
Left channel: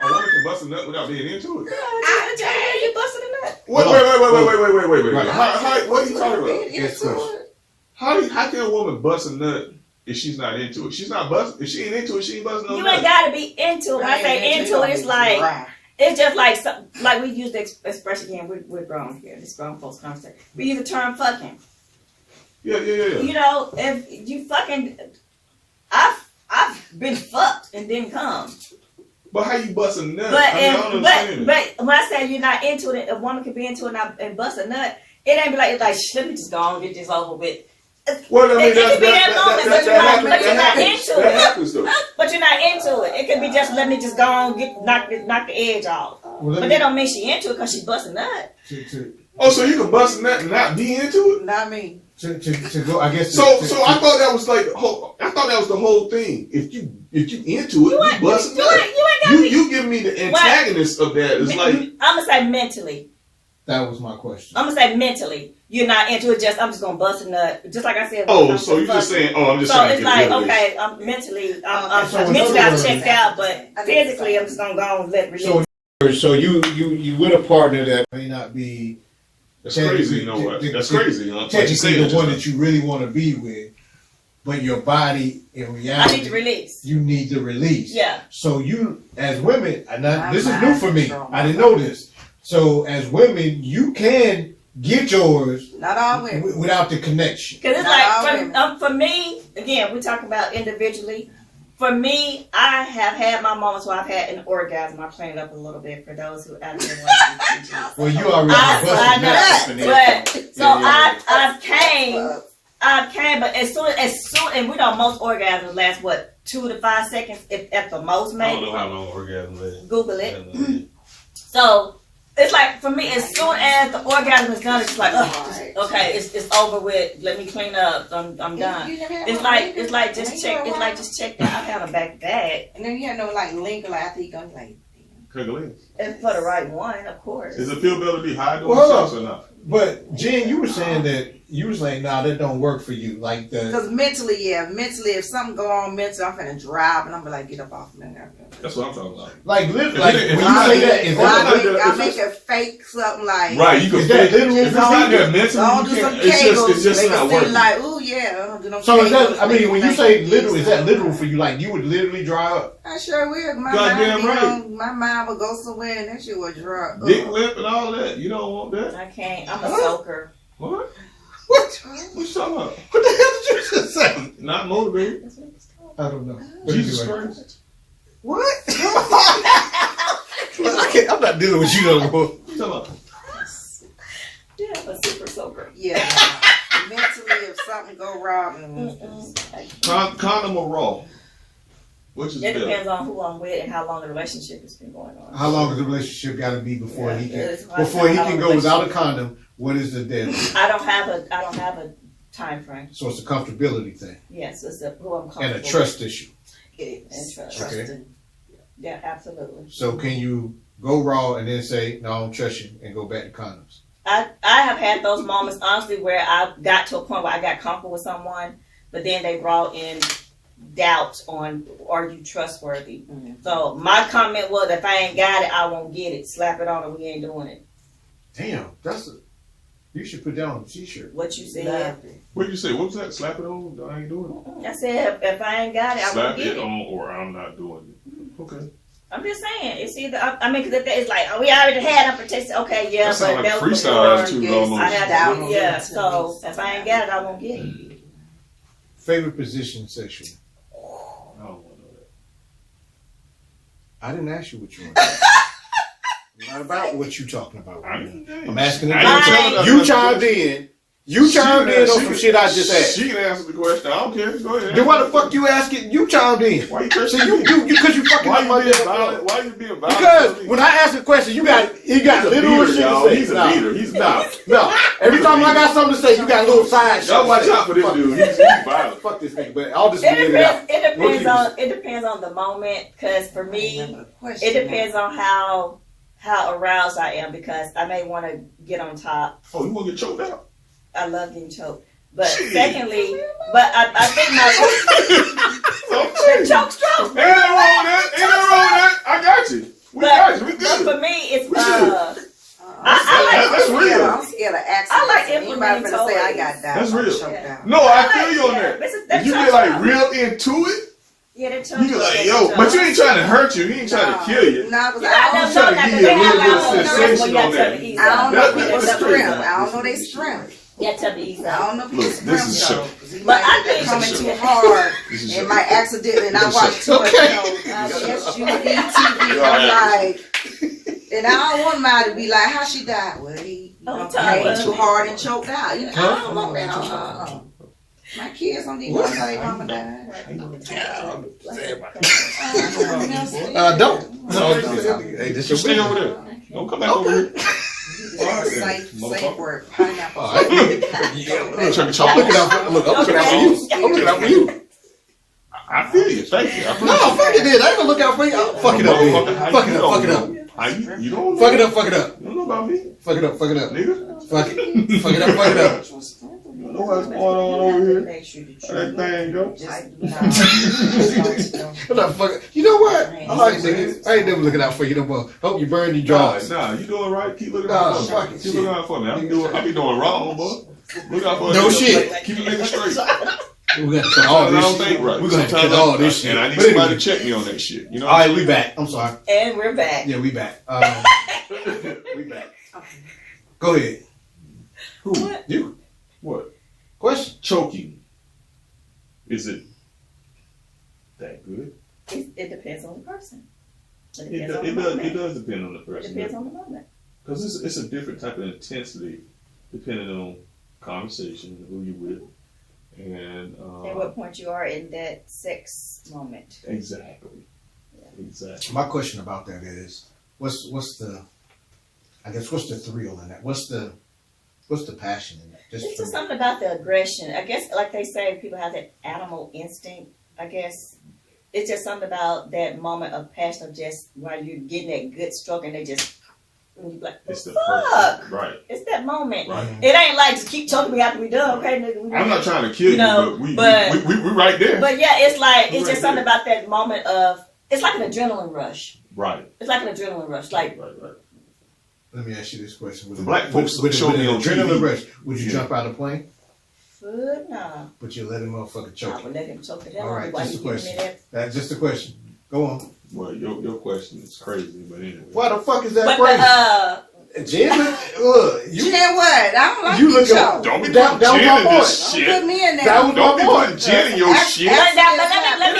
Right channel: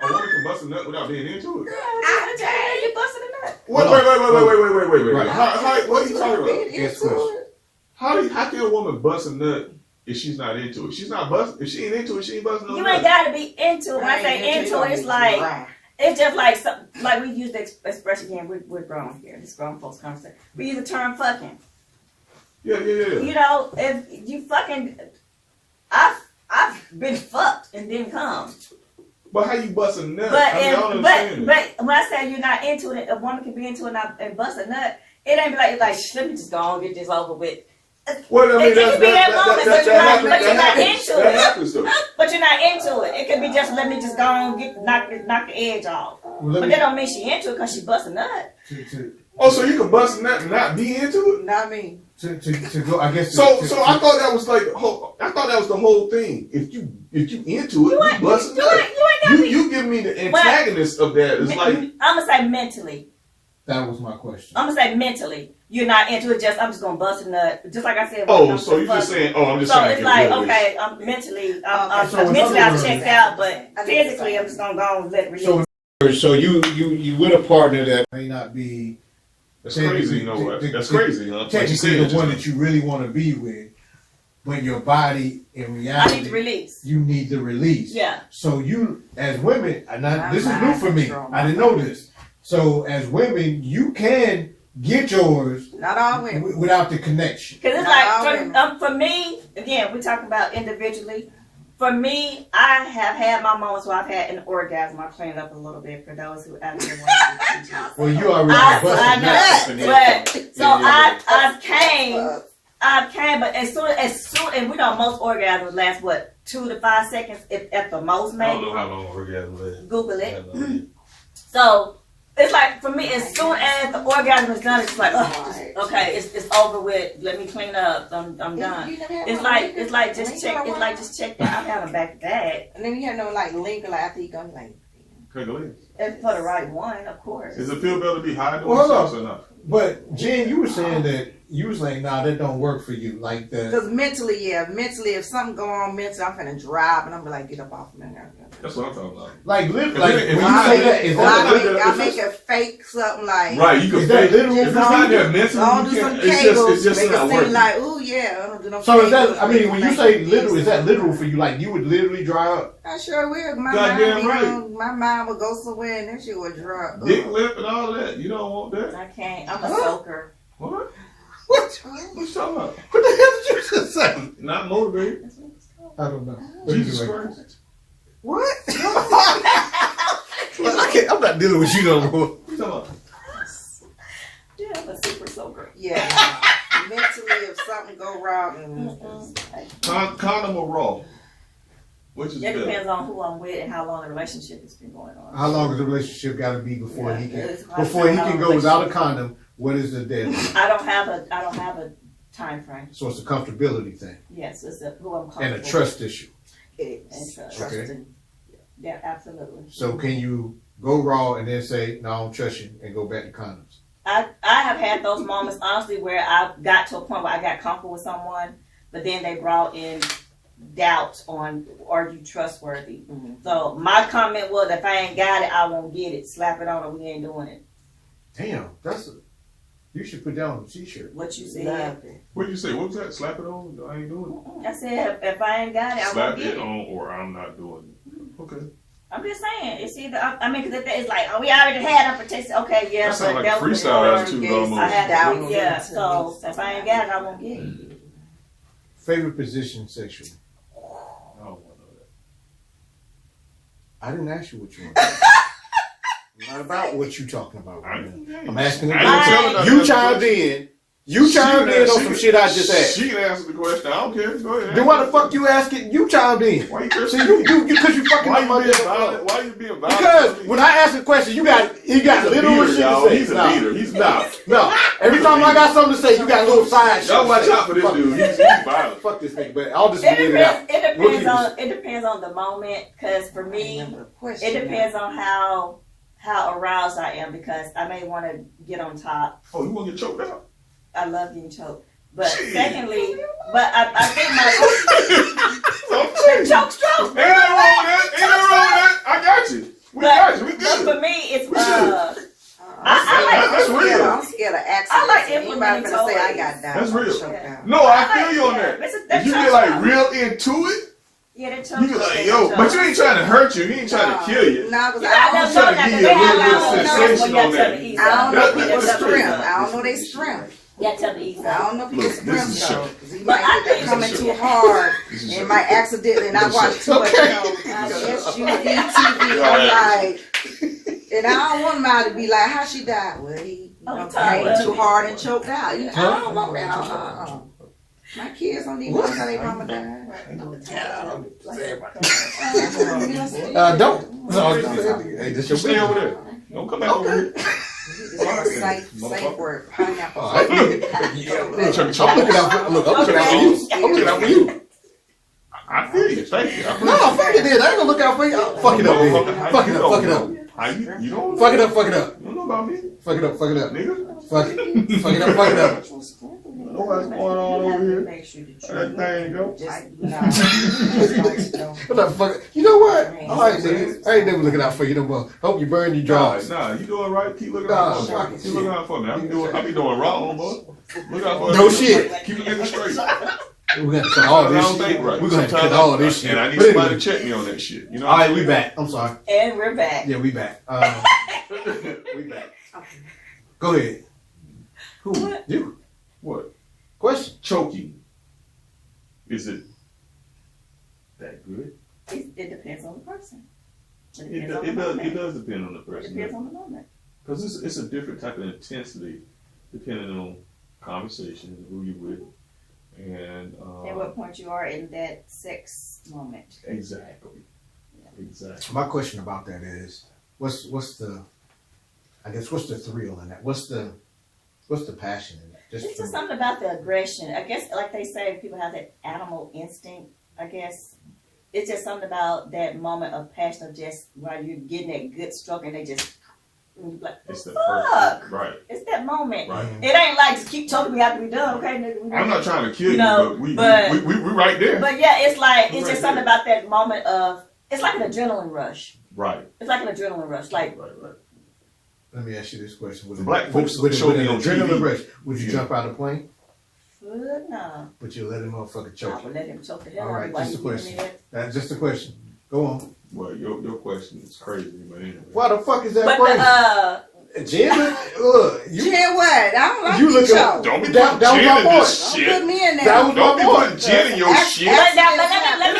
a woman can bust a nut without being into it. Yeah, you busted a nut. Wait. Right. What are you talking about? Being Yes, into question. it. How can a woman bust a nut if she's not into it? She's not busting. If she ain't into it, she ain't busting no You nut. ain't gotta be into it. When I say into it, it's like just like we use the expression again. We're grown here. This grown folks conversation. We use the term fucking. Yeah. You know, if you fucking, I've been fucked and didn't come. But how you bust a nut? But I don't understand it. but when I say you're not into it, a woman can be into it and bust a nut. It ain't be like let me just go on and get this over with. Well, I mean, It can be that moment, but you're not into That it. happens though. But you're not into it. It could be just let me just go on and knock the edge off. Well, But that don't mean she into it because she bust a nut. to Oh, so you can bust a nut and not be into it? Not me. to go. I guess. So I thought that was like I thought that was the whole thing. If you into it, you busting up. You give me the antagonist of that. It's like I'm gonna say mentally. That was my question. I'm gonna say mentally. You're not into it. I'm just gonna bust a nut. Just like I said. Oh, so you're just saying? Oh, I'm just. So trying it's to like get rid of okay, this. I'm mentally. So Mentally, I'm words- checked out, but physically, I'm just gonna go and let release. So you with a partner that may not be That's crazy. You know what? That's crazy. You know, like you technically said, the one that you really want to be with, but your body in reality, I need to release. you need the release. Yeah. So you, as women, My this is new mind for me. control. I didn't know this. So as women, you can get yours Not all women. without the connection. Because it's Not all like, women. for me, again, we talk about individually. For me, I have had my moments where I've had an orgasm. I'll clean it up a little bit for those who out there want to. Well, you already I busted that. know, but so I came, but as soon, and we know most orgasms last what 2 to 5 seconds, if at the most, I maybe. don't know how long orgasm lasts. Google it. So it's like for me, as soon as the orgasm is done, it's like, okay, it's over with. Let me clean up. I'm done. It's like just check. It's like just check that. I've had them back to back. And then you have no like linger like after you go like. And for the right one, of course. Does it feel better to be high doing Well, hold sex or not? But Jen, you were saying that nah, that don't work for you. Like Because mentally, if something go on mentally, I'm finna drive and I'm gonna like get up off me. That's what I'm talking about. like when you If say that, is Or that I make a fake something like. Right, you can Is that fake literal? if it's not there mentally, Don't you do some can't. It's just make not it seem working. like, ooh yeah. I'm do no so is that? kegels, I mean, when you make say it literal, is that something. literal for you? Like you would literally dry up? I sure will. My Goddamn mind, right. my mind would go somewhere and that shit would drop. Dick lip and all that. You don't want that. I can't. I'm a soaker. What? What? What you talking about? What the hell did you just say? Not motivated. That's what it's called. I don't know. But Jesus anyway. Christ. What? I'm not dealing with you no more. What you talking about? Yeah, I'm a super soaker. Yeah. Mentally, if something go wrong, Condom or raw? Which is It better? depends on who I'm with and how long the relationship has been going on. How long does the relationship got to be before he can It's hard before to he tell how can long go without a relationship- condom? What is the deadline? I don't have a time frame. So it's a comfortability thing Yes, it's who I'm comfortable and a with. trust issue. And trust. Okay. Yeah, absolutely. So can you go raw and then say no, I don't trust you and go back to condoms? I have had those moments honestly where I got to a point where I got comfortable with someone, but then they brought in doubts on are you trustworthy. So my comment was if I ain't got it, I won't get it. Slap it on or we ain't doing it. Damn, you should put that on a t-shirt. What you said. love it. What did you say? What was that? Slap it on? I ain't doing I said if I ain't got it, it. I Slap won't get it it. on or I'm not doing it. Okay. I'm just saying, it's either, I mean, because if it's like, oh, we already had them protected, okay, yeah, That sound but like that a was freestyle before attitude yes, almost. I had That to, was yeah, it. so if I ain't got it, I won't get it. Favorite position sexually? I don't want to know I didn't ask you what you want. Not about what you talking about. that. I'm asking I ain't telling her you nothing. chimed in. You chimed in on some shit I just asked. She can answer the question. I don't care. Go ahead. Then why the fuck you asking? You chimed in. Why you See, cursing you me? because you fucking Why with my you being damn violent? phone. Why you being violent? Because when I ask a question, you got He's a literal beater, shit y'all. to say. He's a No, beater. He's no. Every time I got something to say, you got a little side shit. Y'all watch out for this Fuck dude. this. He's violent. Fuck this nigga, but I'll just It leave it out. it depends on the moment, because for me, it depends on how aroused I am, because I may want to get on top. Oh, you want to get choked out? I love getting choked. But Jeez. secondly, I think Okay. the choke stroke. Ain't nothing wrong with that. Ain't nothing wrong with that. I got you. We got you. We But good. for me, it's We good. That's real. I'm scared of accidents. I like Anybody implementing finna say I toys. got that. That's real. Choked Yeah. out. No, I feel you on that. That If you choke get like stroke. real into it, Yeah, that choke you be stroke, like, that yo, choke but you stroke. ain't trying to hurt you. He ain't trying to kill you. No, because You I got don't I'm them trying know to that give they you a have little like bit of little sensation nerves on where that. you I don't know That- people's that's strength. crazy. I don't know their strength. Yeah, tell me easy. I don't know people's Look, this strength is though. show. 'Cause he But might I get think- coming too hard This is and show. might accidentally, and I This is watch too much Okay. SUV TV. I'm like, and I don't want mine to be like, how she died? Well, he came too hard and choked out. You know, I don't want that. My kids don't even know how their mama died. Don't. No, hey, this Just your stay over business. there. Don't come back over here. Safe motherfucker. word, pineapple. All right. I'm trying to I'm looking out for, look, I'm looking out for you. I'm looking out for you. I feel you. Thank you. I No, fuck it then. I ain't gonna look out for you. Fuck it up, man. Fuck it up, fuck it up. How you don't know? Fuck it up, fuck it up. You don't know about me, Fuck it up, fuck it up. nigga. Fuck it. Fuck it up, fuck it up. You know what's going on over here? Make sure that How that thing go? What the fuck? You know what? All right, nigga. I ain't never looking out for you no more. Hope you burn your drawers. Nah, you doing right. Keep looking out for Fuck me. it, Keep looking out for me. I be doing wrong, boy. Look out for No me. shit. Keep the nigga straight. We're gonna cut all I this don't think shit. right. We're gonna cut Sometimes all this shit. And I need But somebody anyway. to check me on that shit. You know? All right, we back. I'm sorry. And we're back. Yeah, we back. We back. Go ahead. Who? You. What? Question. Choking. Is it that good? It depends on the person. It It depends on the moment. does depend on the It person. depends on the moment. Because it's a different type of intensity depending on conversation and who you with. And At what point you are in that sex moment. exactly. Exactly. My question about that is, what's the thrill in that? What's the passion in that? It's for just me. something about the aggression. I guess, like they say, people have that animal instinct. I guess it's just something about that moment of passion of just while you're getting that good stroke and they just, and you're like, It's the fuck. first. Right. It's that moment. Right. It ain't like just keep choking me after we done, okay, nigga? I'm not trying to kill you, No, but we but- right there. But yeah, it's like We're it's right just something there. about that moment of it's like an adrenaline rush. Right. It's like an adrenaline rush. Like Right. Let me ask you this question: The black folks with show me an on adrenaline TV. rush, would you Yeah. jump out of the plane? fuck no. But you let him motherfucker I choke you? would let him choke the hell All out of right, me while just you a giving me question. that. That's just a question. Go on. Well, your question is crazy, but anyway. Why the fuck is that But crazy? Jen, look, You you know what? I don't like you look the up. show. Don't be That putting was Jen my in point. this Don't shit. put me in there. That was Don't be my putting point. Jen in your Ask- shit. ask- But let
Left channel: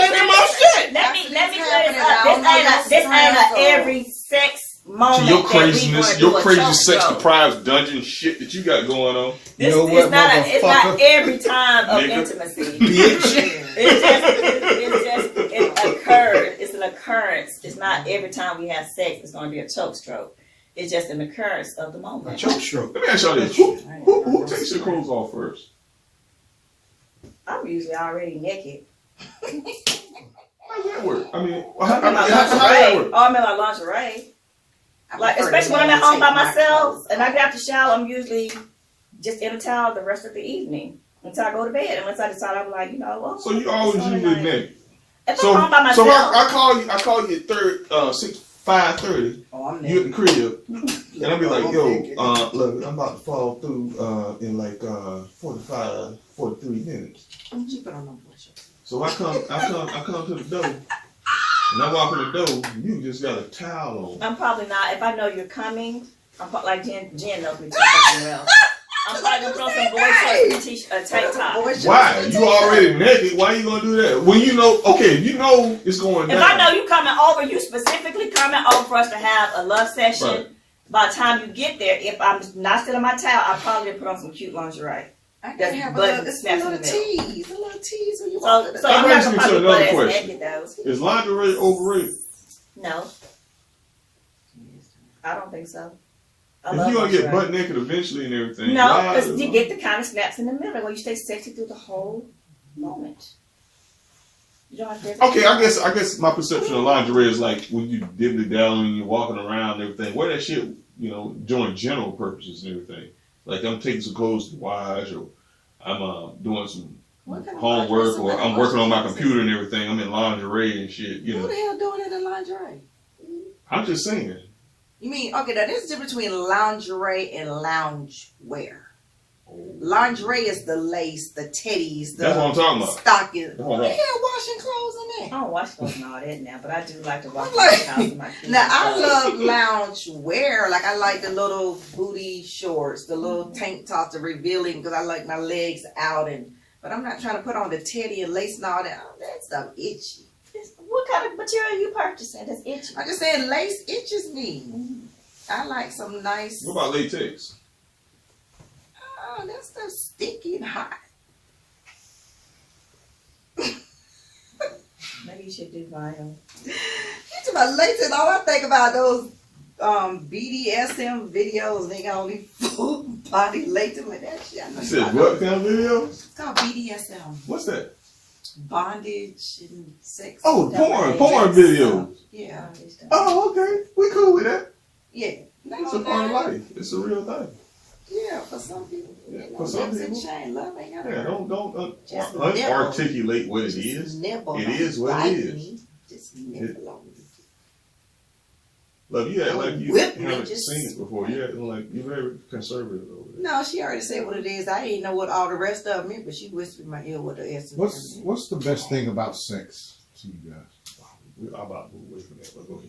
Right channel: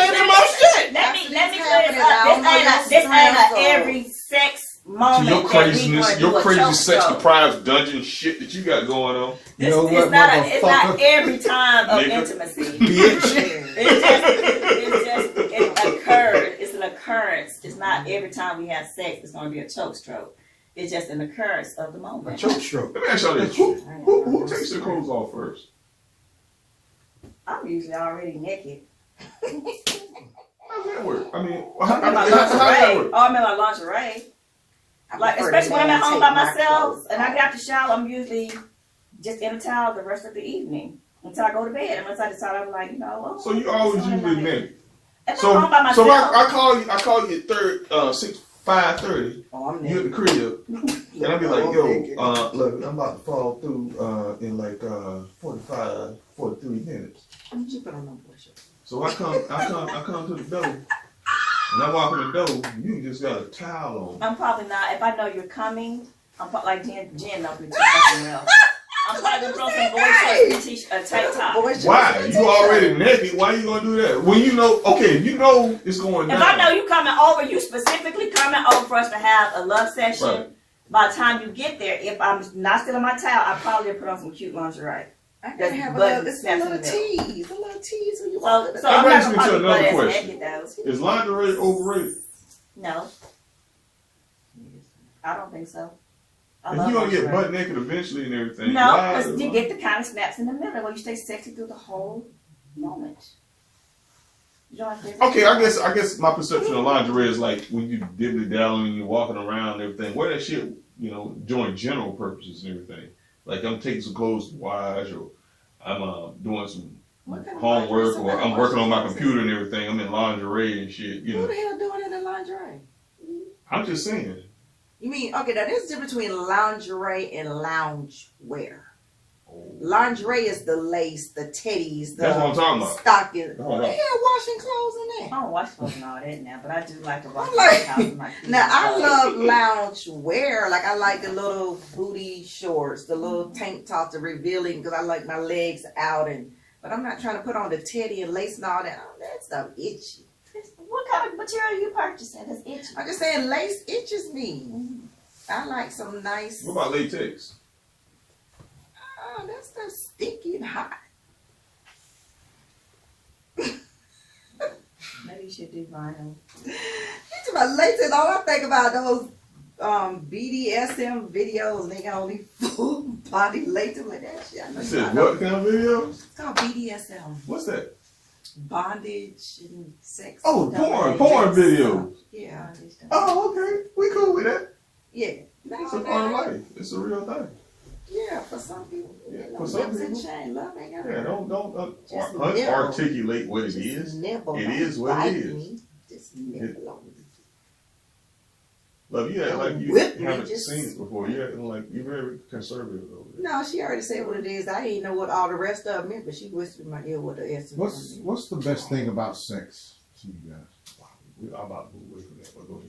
me Let clear this up. This ain't a every sex To moment your that we gonna craziness, do your a crazy choke sex stroke. deprived dungeon shit that you got going on. This You know what, it's not motherfucker? every time of Nigga. intimacy. Bitch. It occurs. It's an occurrence. It's not every time we have sex. It's going to be a choke stroke. It's just an occurrence of the A moment. choke stroke. Let me ask y'all this. Who takes their clothes off first? I'm usually already naked. How does that work? I mean, I'm in my how does that lingerie. work? Oh, I'm in my lingerie. Like, especially when I'm at home by myself and I get out the shower, I'm usually just in a towel the rest of the evening until I go to bed. Unless I decide I'm like, So you always it's on usually tonight. naked. If So I'm home by so myself, I call you at 5:30. Oh, I'm You at the crib, and I'll be like, yo, I'm look, I'm about to fall through in like 45, 43 minutes. Don't you put on no bullshit. So I come to the door, and I walk in the door, and you just got a towel on. I'm probably not. If I know you're coming, like Jen knows me too fucking well. I'm probably gonna throw some boy shorts and a tank top. Why? You already naked. Why you gonna do that? When you know, okay, you know it's going If down. I know you coming over, you specifically coming over for us to have a love session. Right. By the time you get there, if I'm not still in my towel, I probably put on some cute lingerie. I That's gotta have button it's a snaps in little the middle. tease. A little tease when you So walk in the I'm not brings gonna me to probably another butt ass question. naked though. Is lingerie overrated? No, I don't think so. I If love you're gonna get lingerie. butt naked eventually and everything. No, why- because you get the kind of snaps in the middle where you stay sexy through the whole moment. You don't have to. Okay, I guess my perception of lingerie is like when you diddly dallying, you're walking around and everything. Wear that shit, during general purposes and everything. Like I'm taking some clothes to wash, or I'm doing some What kind of homework, lingerie? or I'm working on my computer and everything. I'm in lingerie and shit. Who the hell doing it in lingerie? I'm just saying. You mean, okay, now there's a difference between lingerie and lounge wear. Lingerie is the lace, the teddies, the That's what I'm talking about. stockings. That's what Who the I'm hell washing clothes in I there? don't watch clothes and all that now, but I do like to watch I'm like- the house with my kids. Now, I love lounge wear. Like, I like the little booty shorts, the little tank tops, the revealing, because I like my legs out. But I'm not trying to put on the teddy and lace and all that. Oh, that stuff itchy. What kind of material are you purchasing? That's itchy. I'm just saying lace itches me. I like some nice. What about latex? Oh, that stuff's sticky and hot. Maybe you should do vinyl. You talk about latex, all I think about those BDSM videos, and they got only full body latex and that shit. I know You you said know. what kind of videos? It's called BDSM. What's that? Bondage and sex. Oh, domination porn and videos. stuff. Yeah. Oh, okay. We cool with that. Yeah. It's a part of life. It's a real thing. Yeah, for some people. Yeah, You know, for some lips and people. chain, love ain't got Yeah, don't Just unarticulate what it Just is. nibble It on is what it bite is. me. Just nibble on me. Love, you act like you Whip me, haven't just- seen it before. You acting like you're very conservative over there. No, she already said what it is. I didn't know what all the rest of it meant, but she whispered in my ear what the essence meant. What's the best thing about sex to you guys? I'm about to move away from that, but go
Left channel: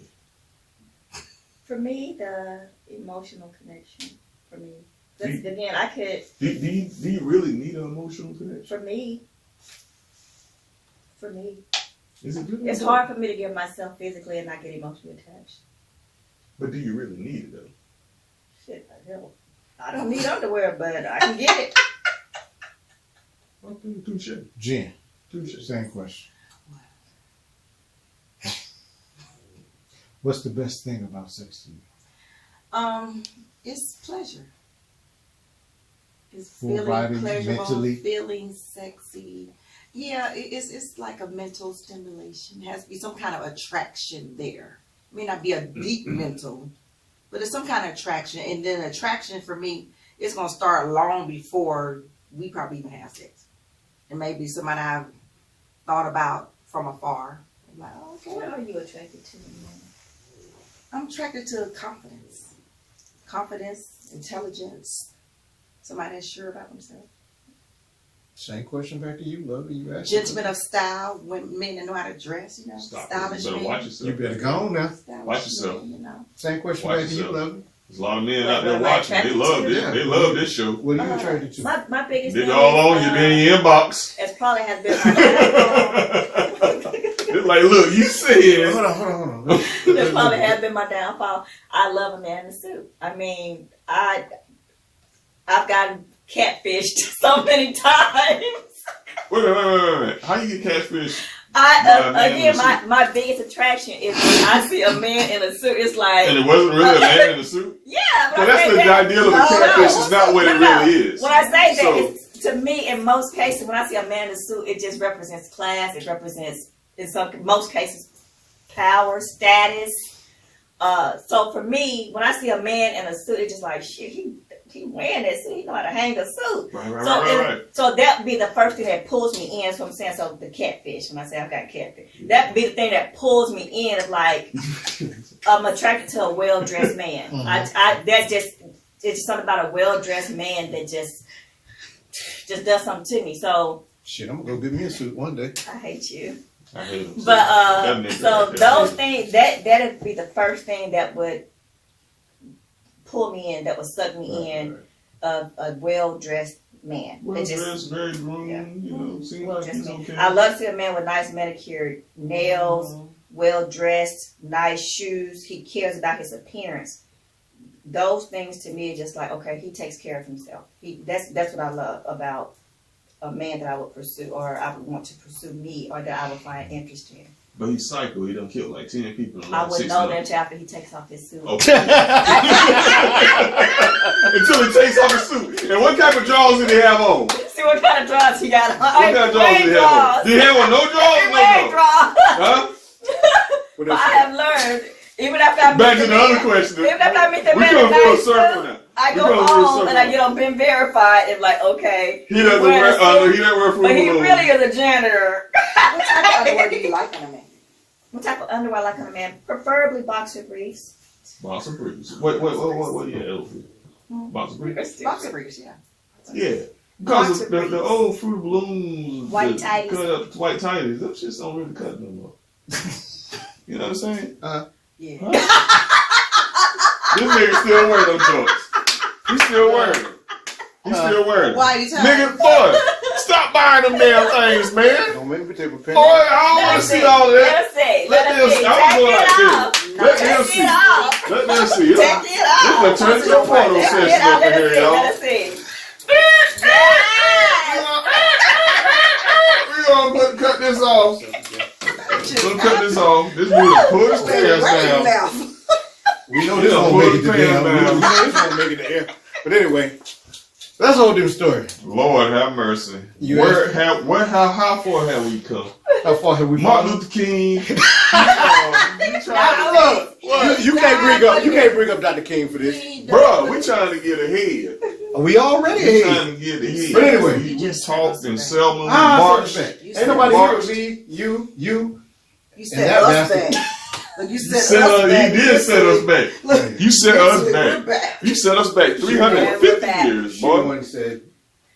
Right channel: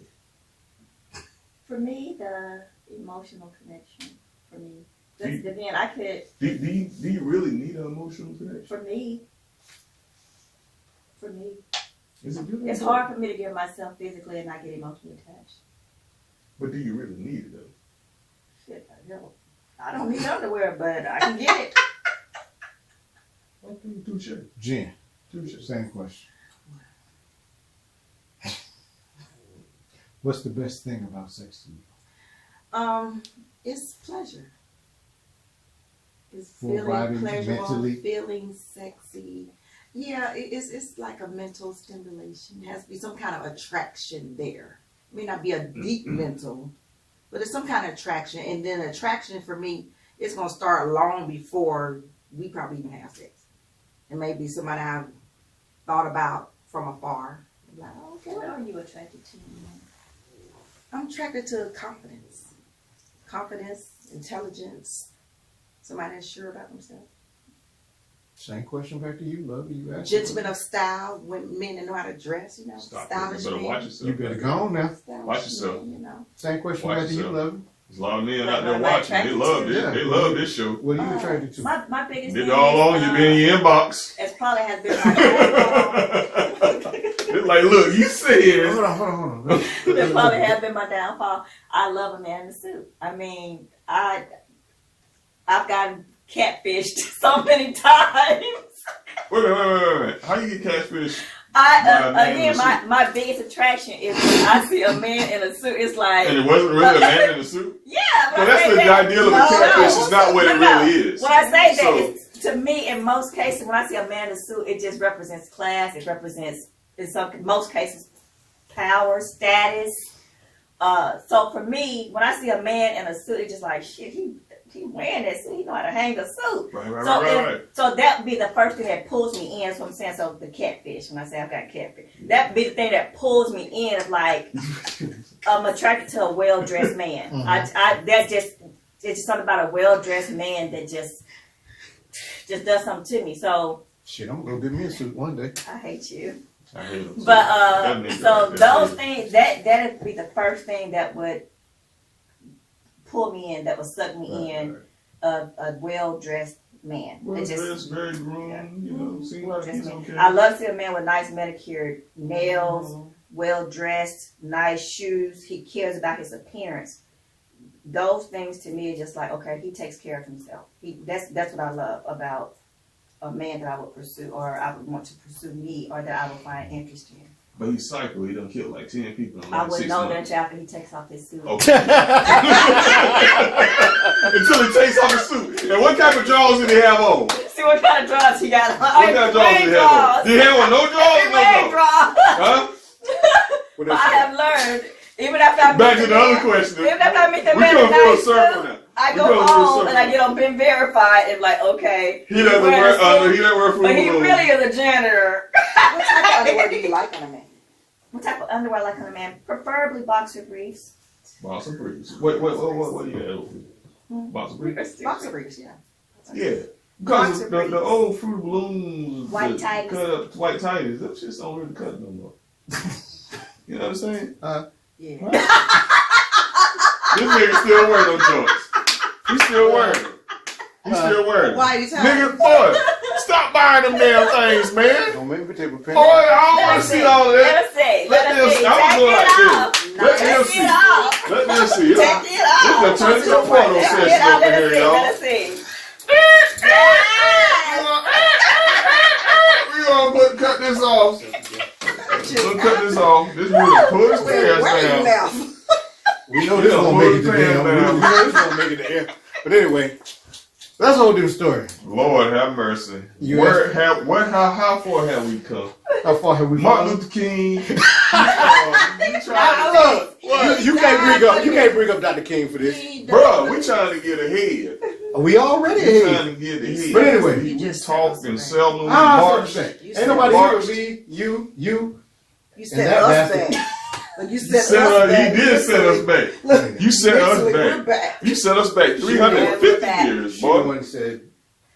ahead. For me, the emotional connection. For me, that's, again, I could. Do you really need an emotional connection? For me, Is it really? it's hard for me to give myself physically and not get emotionally attached. But do you really need it though? Shit, I don't need underwear, but I can get it. Okay, touche. Jen, Touche. same question. What's the best thing about sex to you? It's pleasure. It's Full feeling body, pleasurable, mentally? feeling sexy. Yeah, it's like a mental stimulation. It has to be some kind of attraction there. It may not be a deep mental, but it's some kind of attraction. And then attraction for me, it's gonna start long before we probably even have sex. And maybe somebody I've thought about from afar. I'm like, oh, okay. What are you attracted to? I'm attracted to confidence. Confidence, intelligence, somebody that's sure about themselves. Same question back to you, Lovey. You asked. Gentlemen of style, men that know how to dress, you know, Stop. stylish You better watch men. yourself. You better go on now. Stylish Watch yourself. men, you know. Same question Watch back to you, yourself. Lovey. There's a lot of men Like, out there what am I watching. They attracted love to? this. Yeah. They love this show. What are you attracted to? My biggest They thing all on is, you, be in your inbox. as probably has been my downfall. It's like, look, you said. Hold on. That probably has been my downfall. I love a man in a suit. I mean, I've gotten catfished so many times. Wait. How you get catfish? My biggest attraction is when I see a man in a suit. It's like, And it wasn't really a man in a suit? yeah. So that's the ideal of a catfish. It's not what it really is. When I say that, So- it's, to me, in most cases, when I see a man in a suit, it just represents class. It represents, in most cases, power, status. So for me, when I see a man in a suit, it's just like, shit, he wearing that suit. He know how to hang a suit. Right. So that would be the first thing that pulls me in. That's what I'm saying. So the catfish, when I say I've got catfish, that would be the thing that pulls me in. Is like, I'm attracted to a well-dressed man. Mhm. It's just something about a well-dressed man that just does something to me. So Shit, I'm gonna go get me a suit one day. I hate you. I hate him. But That nigga so right there. those things that'd be the first thing that would pull me in, that would suck me in, a well-dressed man. Well It just- dressed, very groomed, you know, seems like well-dressed he's man. okay. I love to see a man with nice manicured nails, well-dressed, nice shoes. He cares about his appearance. Those things to me are just like, okay, he takes care of himself. That's what I love about a man that I would pursue, or I would want to pursue me, or that I would find interest in. But he's psycho. He done killed like 10 people in I like wouldn't 6 know that months. until after he takes off his suit. Okay. Until he takes off his suit. And what type of drawers did he have on? What See what kind of drawers he got on. kind of drawers did he have on? Did he have on no drawers? He wearing drawers. Huh? But I have learned, even after I Back meet to the the other man, question. even after I meet the We man come in full nice circle suit, now. I We go come full home and I circle. get on Ben Verified and like, okay. He doesn't wearing a wear, suit, he doesn't wear fruit but he balloons. really is a janitor. What type of underwear do you like on a man? What type of underwear I like on a man? Preferably boxer briefs. Boxer briefs. What you have? Boxer briefs? Boxer briefs, yeah. Yeah. Because Boxer the briefs. old Fruit Balloons, White the tighties. cut up white tighties, them shits don't really cut no more. You know what I'm saying? Yeah. This nigga still wearing them joints. He's still wearing them. He's still wearing them. Why are you telling Nigga, boy, stop buying them damn things, man. Don't make me take a pen. Boy, I don't want to see all Let that. us see. Let Let us them- see. I'm Take going it like off. this. Let them Take see. it off. Let them see. Take it off. This is a Church of Porno Take session it off. over Let us here, see. y'all. Let us see. We gonna cut this off. We'll cut this off. This dude push the ass Where's your down. mouth? We know this won't make it to damn. We know this won't make it to air. But anyway, that's a whole different story. Lord have mercy. How far have we come? How far have we Martin come? Luther King. You can't bring up Dr. King for this. Bro, we trying to get ahead. We already We ahead. trying to get ahead. But anyway. we talked and Selma, we Ah, marched. ain't nobody here with me, you. You And said that us bastard. back. You You said set us back. He did set us back. Look, You set us literally, we're back. back. You set us back Yeah, 350 we're back. years, She the boy. one said.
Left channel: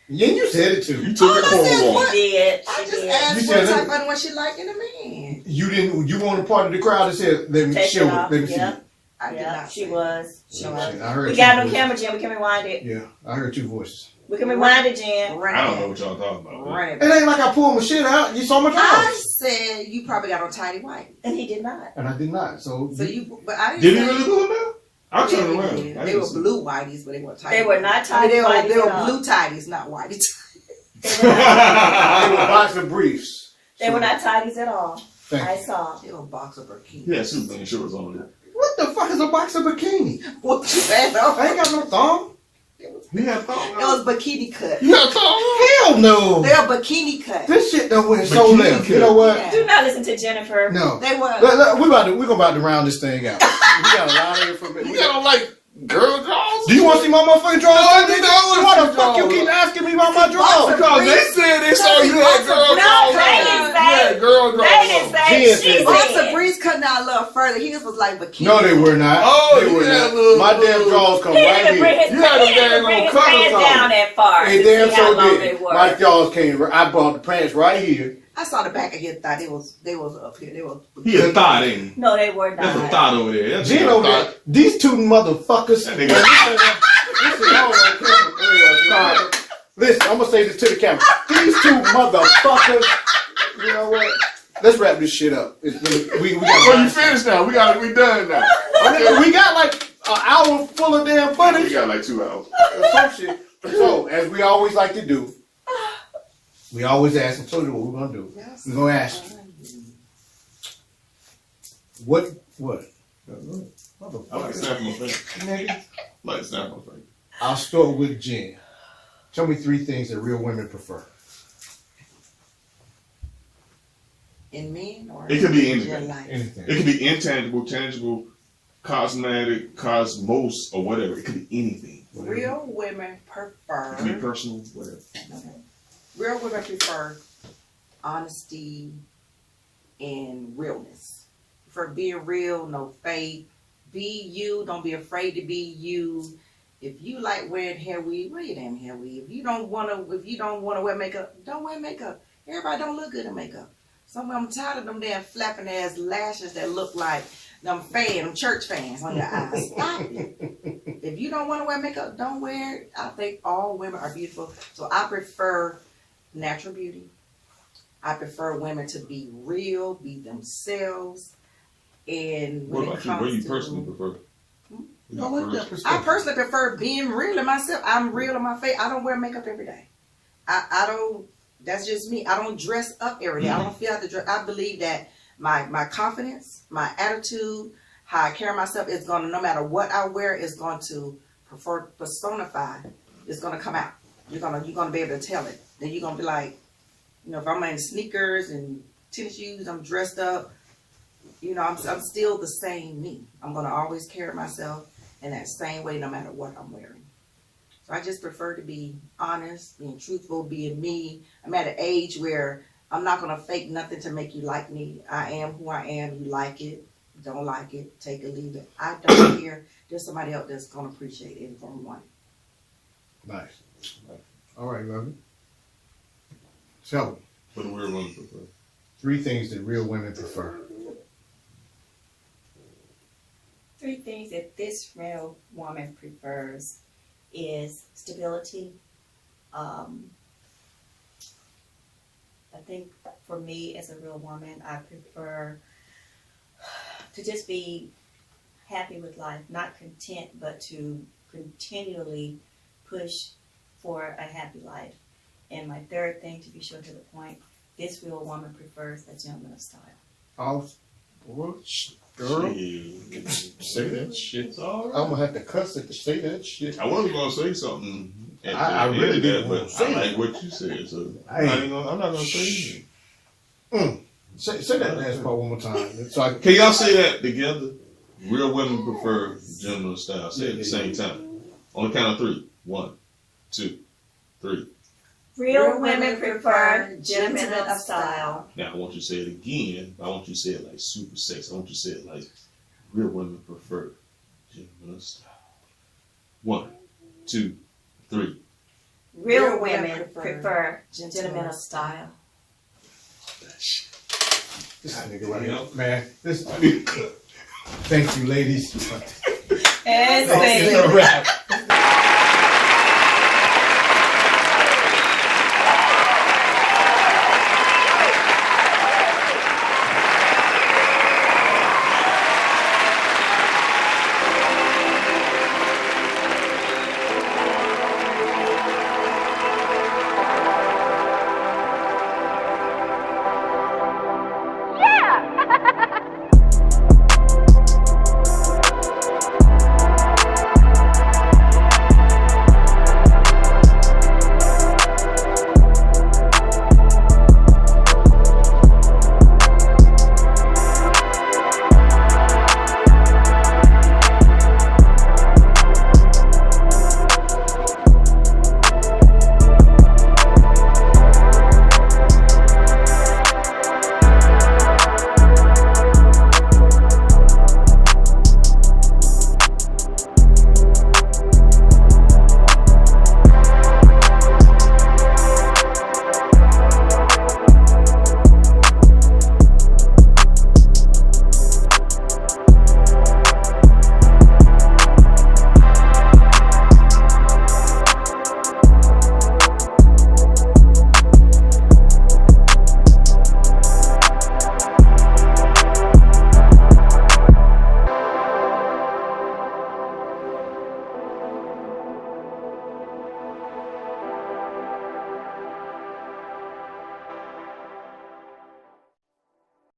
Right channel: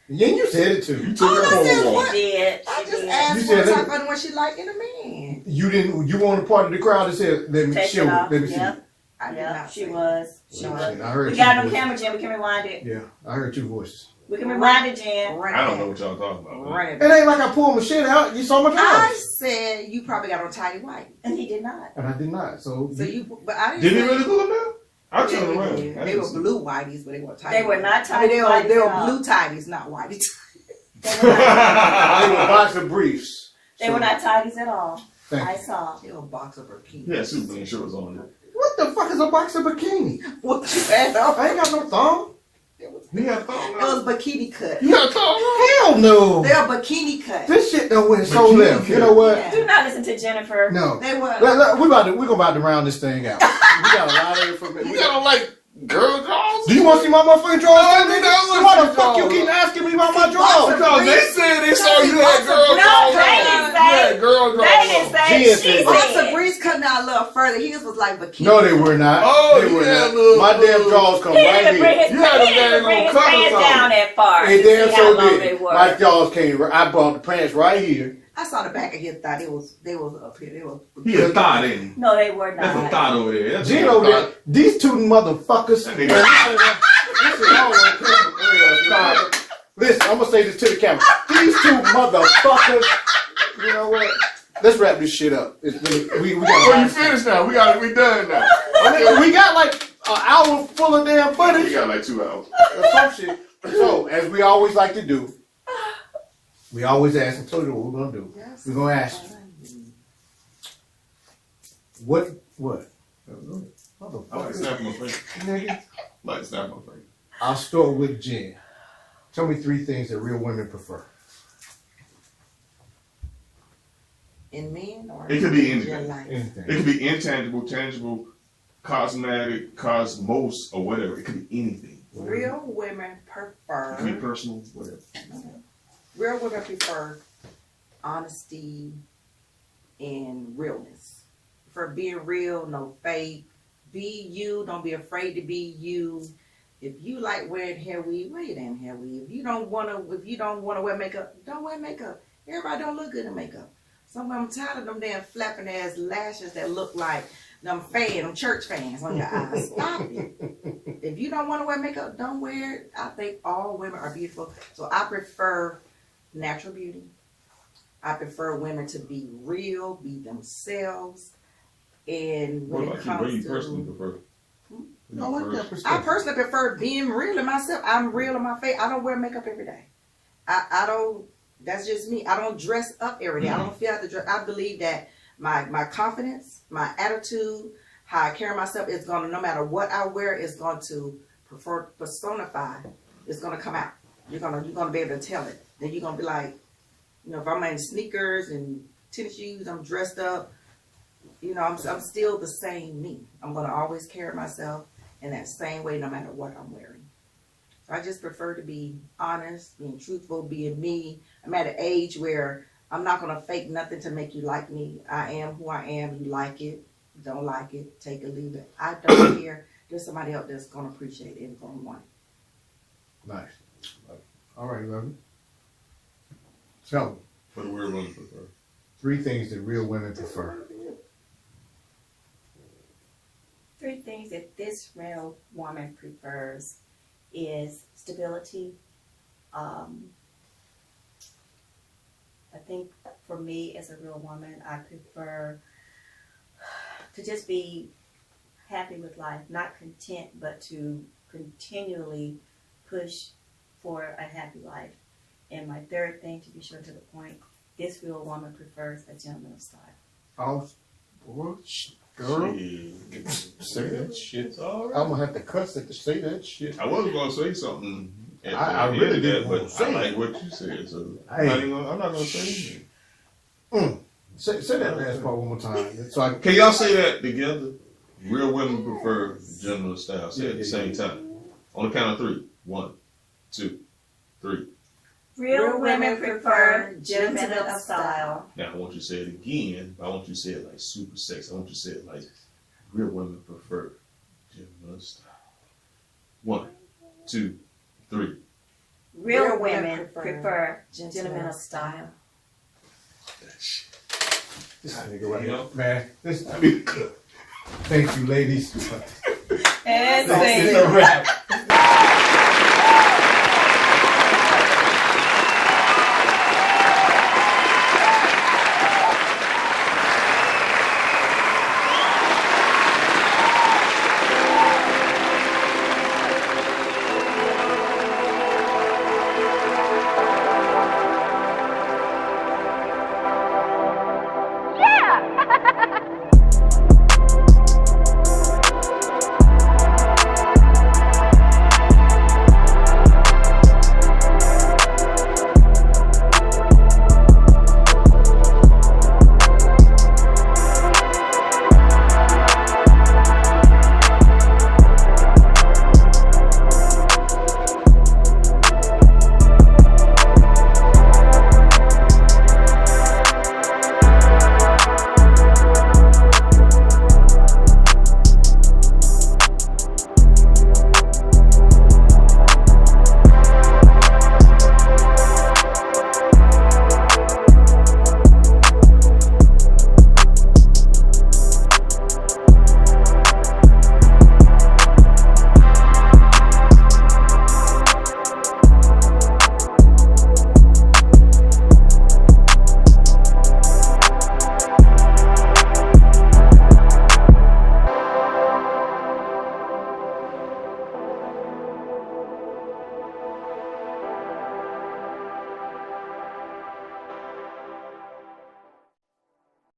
Yeah, you said it too. You took it All I for said a was- while. She did. I She just did. asked You what said type that- of what she like in a man. You didn't. You weren't a part of the crowd that said, "Let me Take show it it. off. Let me see." Yep. it." I did Yeah, not. she say was. She Oh, was. shit, I heard We two got it on voices. camera, Jen. We can rewind it. Yeah, I heard two voices. We can rewind it, Jen. Run I don't it know back. what y'all talking about. Run It it back. ain't like I pulled my shit out. You saw my I drawers, said you probably got on tidy white. And he did not. and I did not. So But I didn't. Did he say- really pull it out? I Yeah, turned they around. did. I They didn't were see. blue whiteys, but they weren't tidy. They were not I mean, tidy they whities were at all. blue tidies, not whiteys. They were not, they were boxer briefs. they were not tidies at all. Thank I you. saw. They were boxer bikinis. Yeah, Superman shorts on. What the fuck is a boxer bikini? What you had on? I ain't got no thong. He had thong It was bikini cut. You got thong on? Hell no. They were bikini cut. This shit done went so Bikini left. You cut. know what? Yeah. Do not listen to Jennifer. No. They were. We're about to round this thing out. We got a lot of information. You got on like girl drawers? Do you want to see my motherfucking drawers? No, nigga, I wanna Why see the the fuck you drawers. keep asking me about my drawers? Because they said they saw you had girl No, drawers. they didn't say. You had girl drawers. They didn't say. Jen She said- Boxer said. briefs cutting out a little further. His was like bikini. No, they were not. Oh, they you were had not. little- My damn drawers come He right didn't bring here. his, You had he them didn't dang bring on his covers pants on. down that far They to damn see how so long they did. were. My jaws came. I bought the pants right here. I saw the back of his thigh. They was up here. They were. He a thought, ain't he? No, they were That's a not. thought over there. That's Jen a over thought. there. These two motherfuckers. That nigga- Listen, I'm gonna say this to the camera. These two motherfuckers. You know what? Let's wrap this shit up. We Well, you got. finished now. We done now. We got like an hour full of damn We footage. got like 2 hours. Or some shit. So, as we always like to do, we always ask. I told you what we're gonna do. Yes. We're gonna ask you. What? I like Motherfucker. snapping my face. Nigga. Like snapping my face. I'll start with Jen. Tell me 3 things that real women prefer. In men or It could be in anything. your life? Anything. It could be intangible, tangible, cosmetic, cosmos, or whatever. It could be anything. Real women It could be prefer. personal, whatever. Real women prefer honesty and realness. For being real, no fake. Be you. Don't be afraid to be you. If you like wearing hair weave, wear your damn hair weave. If you don't wanna wear makeup, don't wear makeup. Everybody don't look good in makeup. I'm tired of them damn flapping ass lashes that look like them church fans on your eyes. Stop it. If you don't want to wear makeup, don't wear it. I think all women are beautiful. So I prefer natural beauty. I prefer women to be real, be themselves. And when What it about you? What comes do you to, personally prefer? I like that I perspective. personally prefer being real in myself. I'm real in my face. I don't wear makeup every day. I don't. That's just me. I don't dress up every day. I don't feel like to dress. I believe that my confidence, my attitude, how I carry myself is gonna, no matter what I wear, is going to personify. It's gonna come out. You're gonna be able to tell it. Then you're gonna be like, if I'm in sneakers and tennis shoes, I'm dressed up. I'm still the same me. I'm gonna always carry myself in that same way, no matter what I'm wearing. So I just prefer to be honest, being truthful, being me. I'm at an age where I'm not gonna fake nothing to make you like me. I am who I am. You like it, don't like it, take it, leave it. I don't care. There's somebody else that's gonna appreciate it and gonna want it. Nice. All right, Lovey. So, What do real women prefer? 3 things that real women prefer. 3 things that this real woman prefers is stability. I think for me as a real woman, I prefer to just be happy with life, not content, but to continually push for a happy life. And my 3rd thing, to be short to the point, this real woman prefers a gentleman of style. Pause. Girl, Shit. say that Shit's alright. I'm gonna have to cuss it to say that shit. I wasn't gonna say something at I the really end of didn't that, wanna but say I like it. what you said, so Hey. I'm not gonna say anything. Say that last part one more time. So I Can y'all say that together? Real women prefer gentleman style. Say it at the Yeah, same yeah. time. On the count of 3. 1, 2, 3. Real women prefer gentlemen of style. Now I want you to say it again, but I want you to say it like super sexy. I want you to say it like real women prefer gentleman style. 1, 2, 3. Real women prefer gentlemen of style. this nigga right Yeah. here, man. This thank you, ladies. And That's a wrap.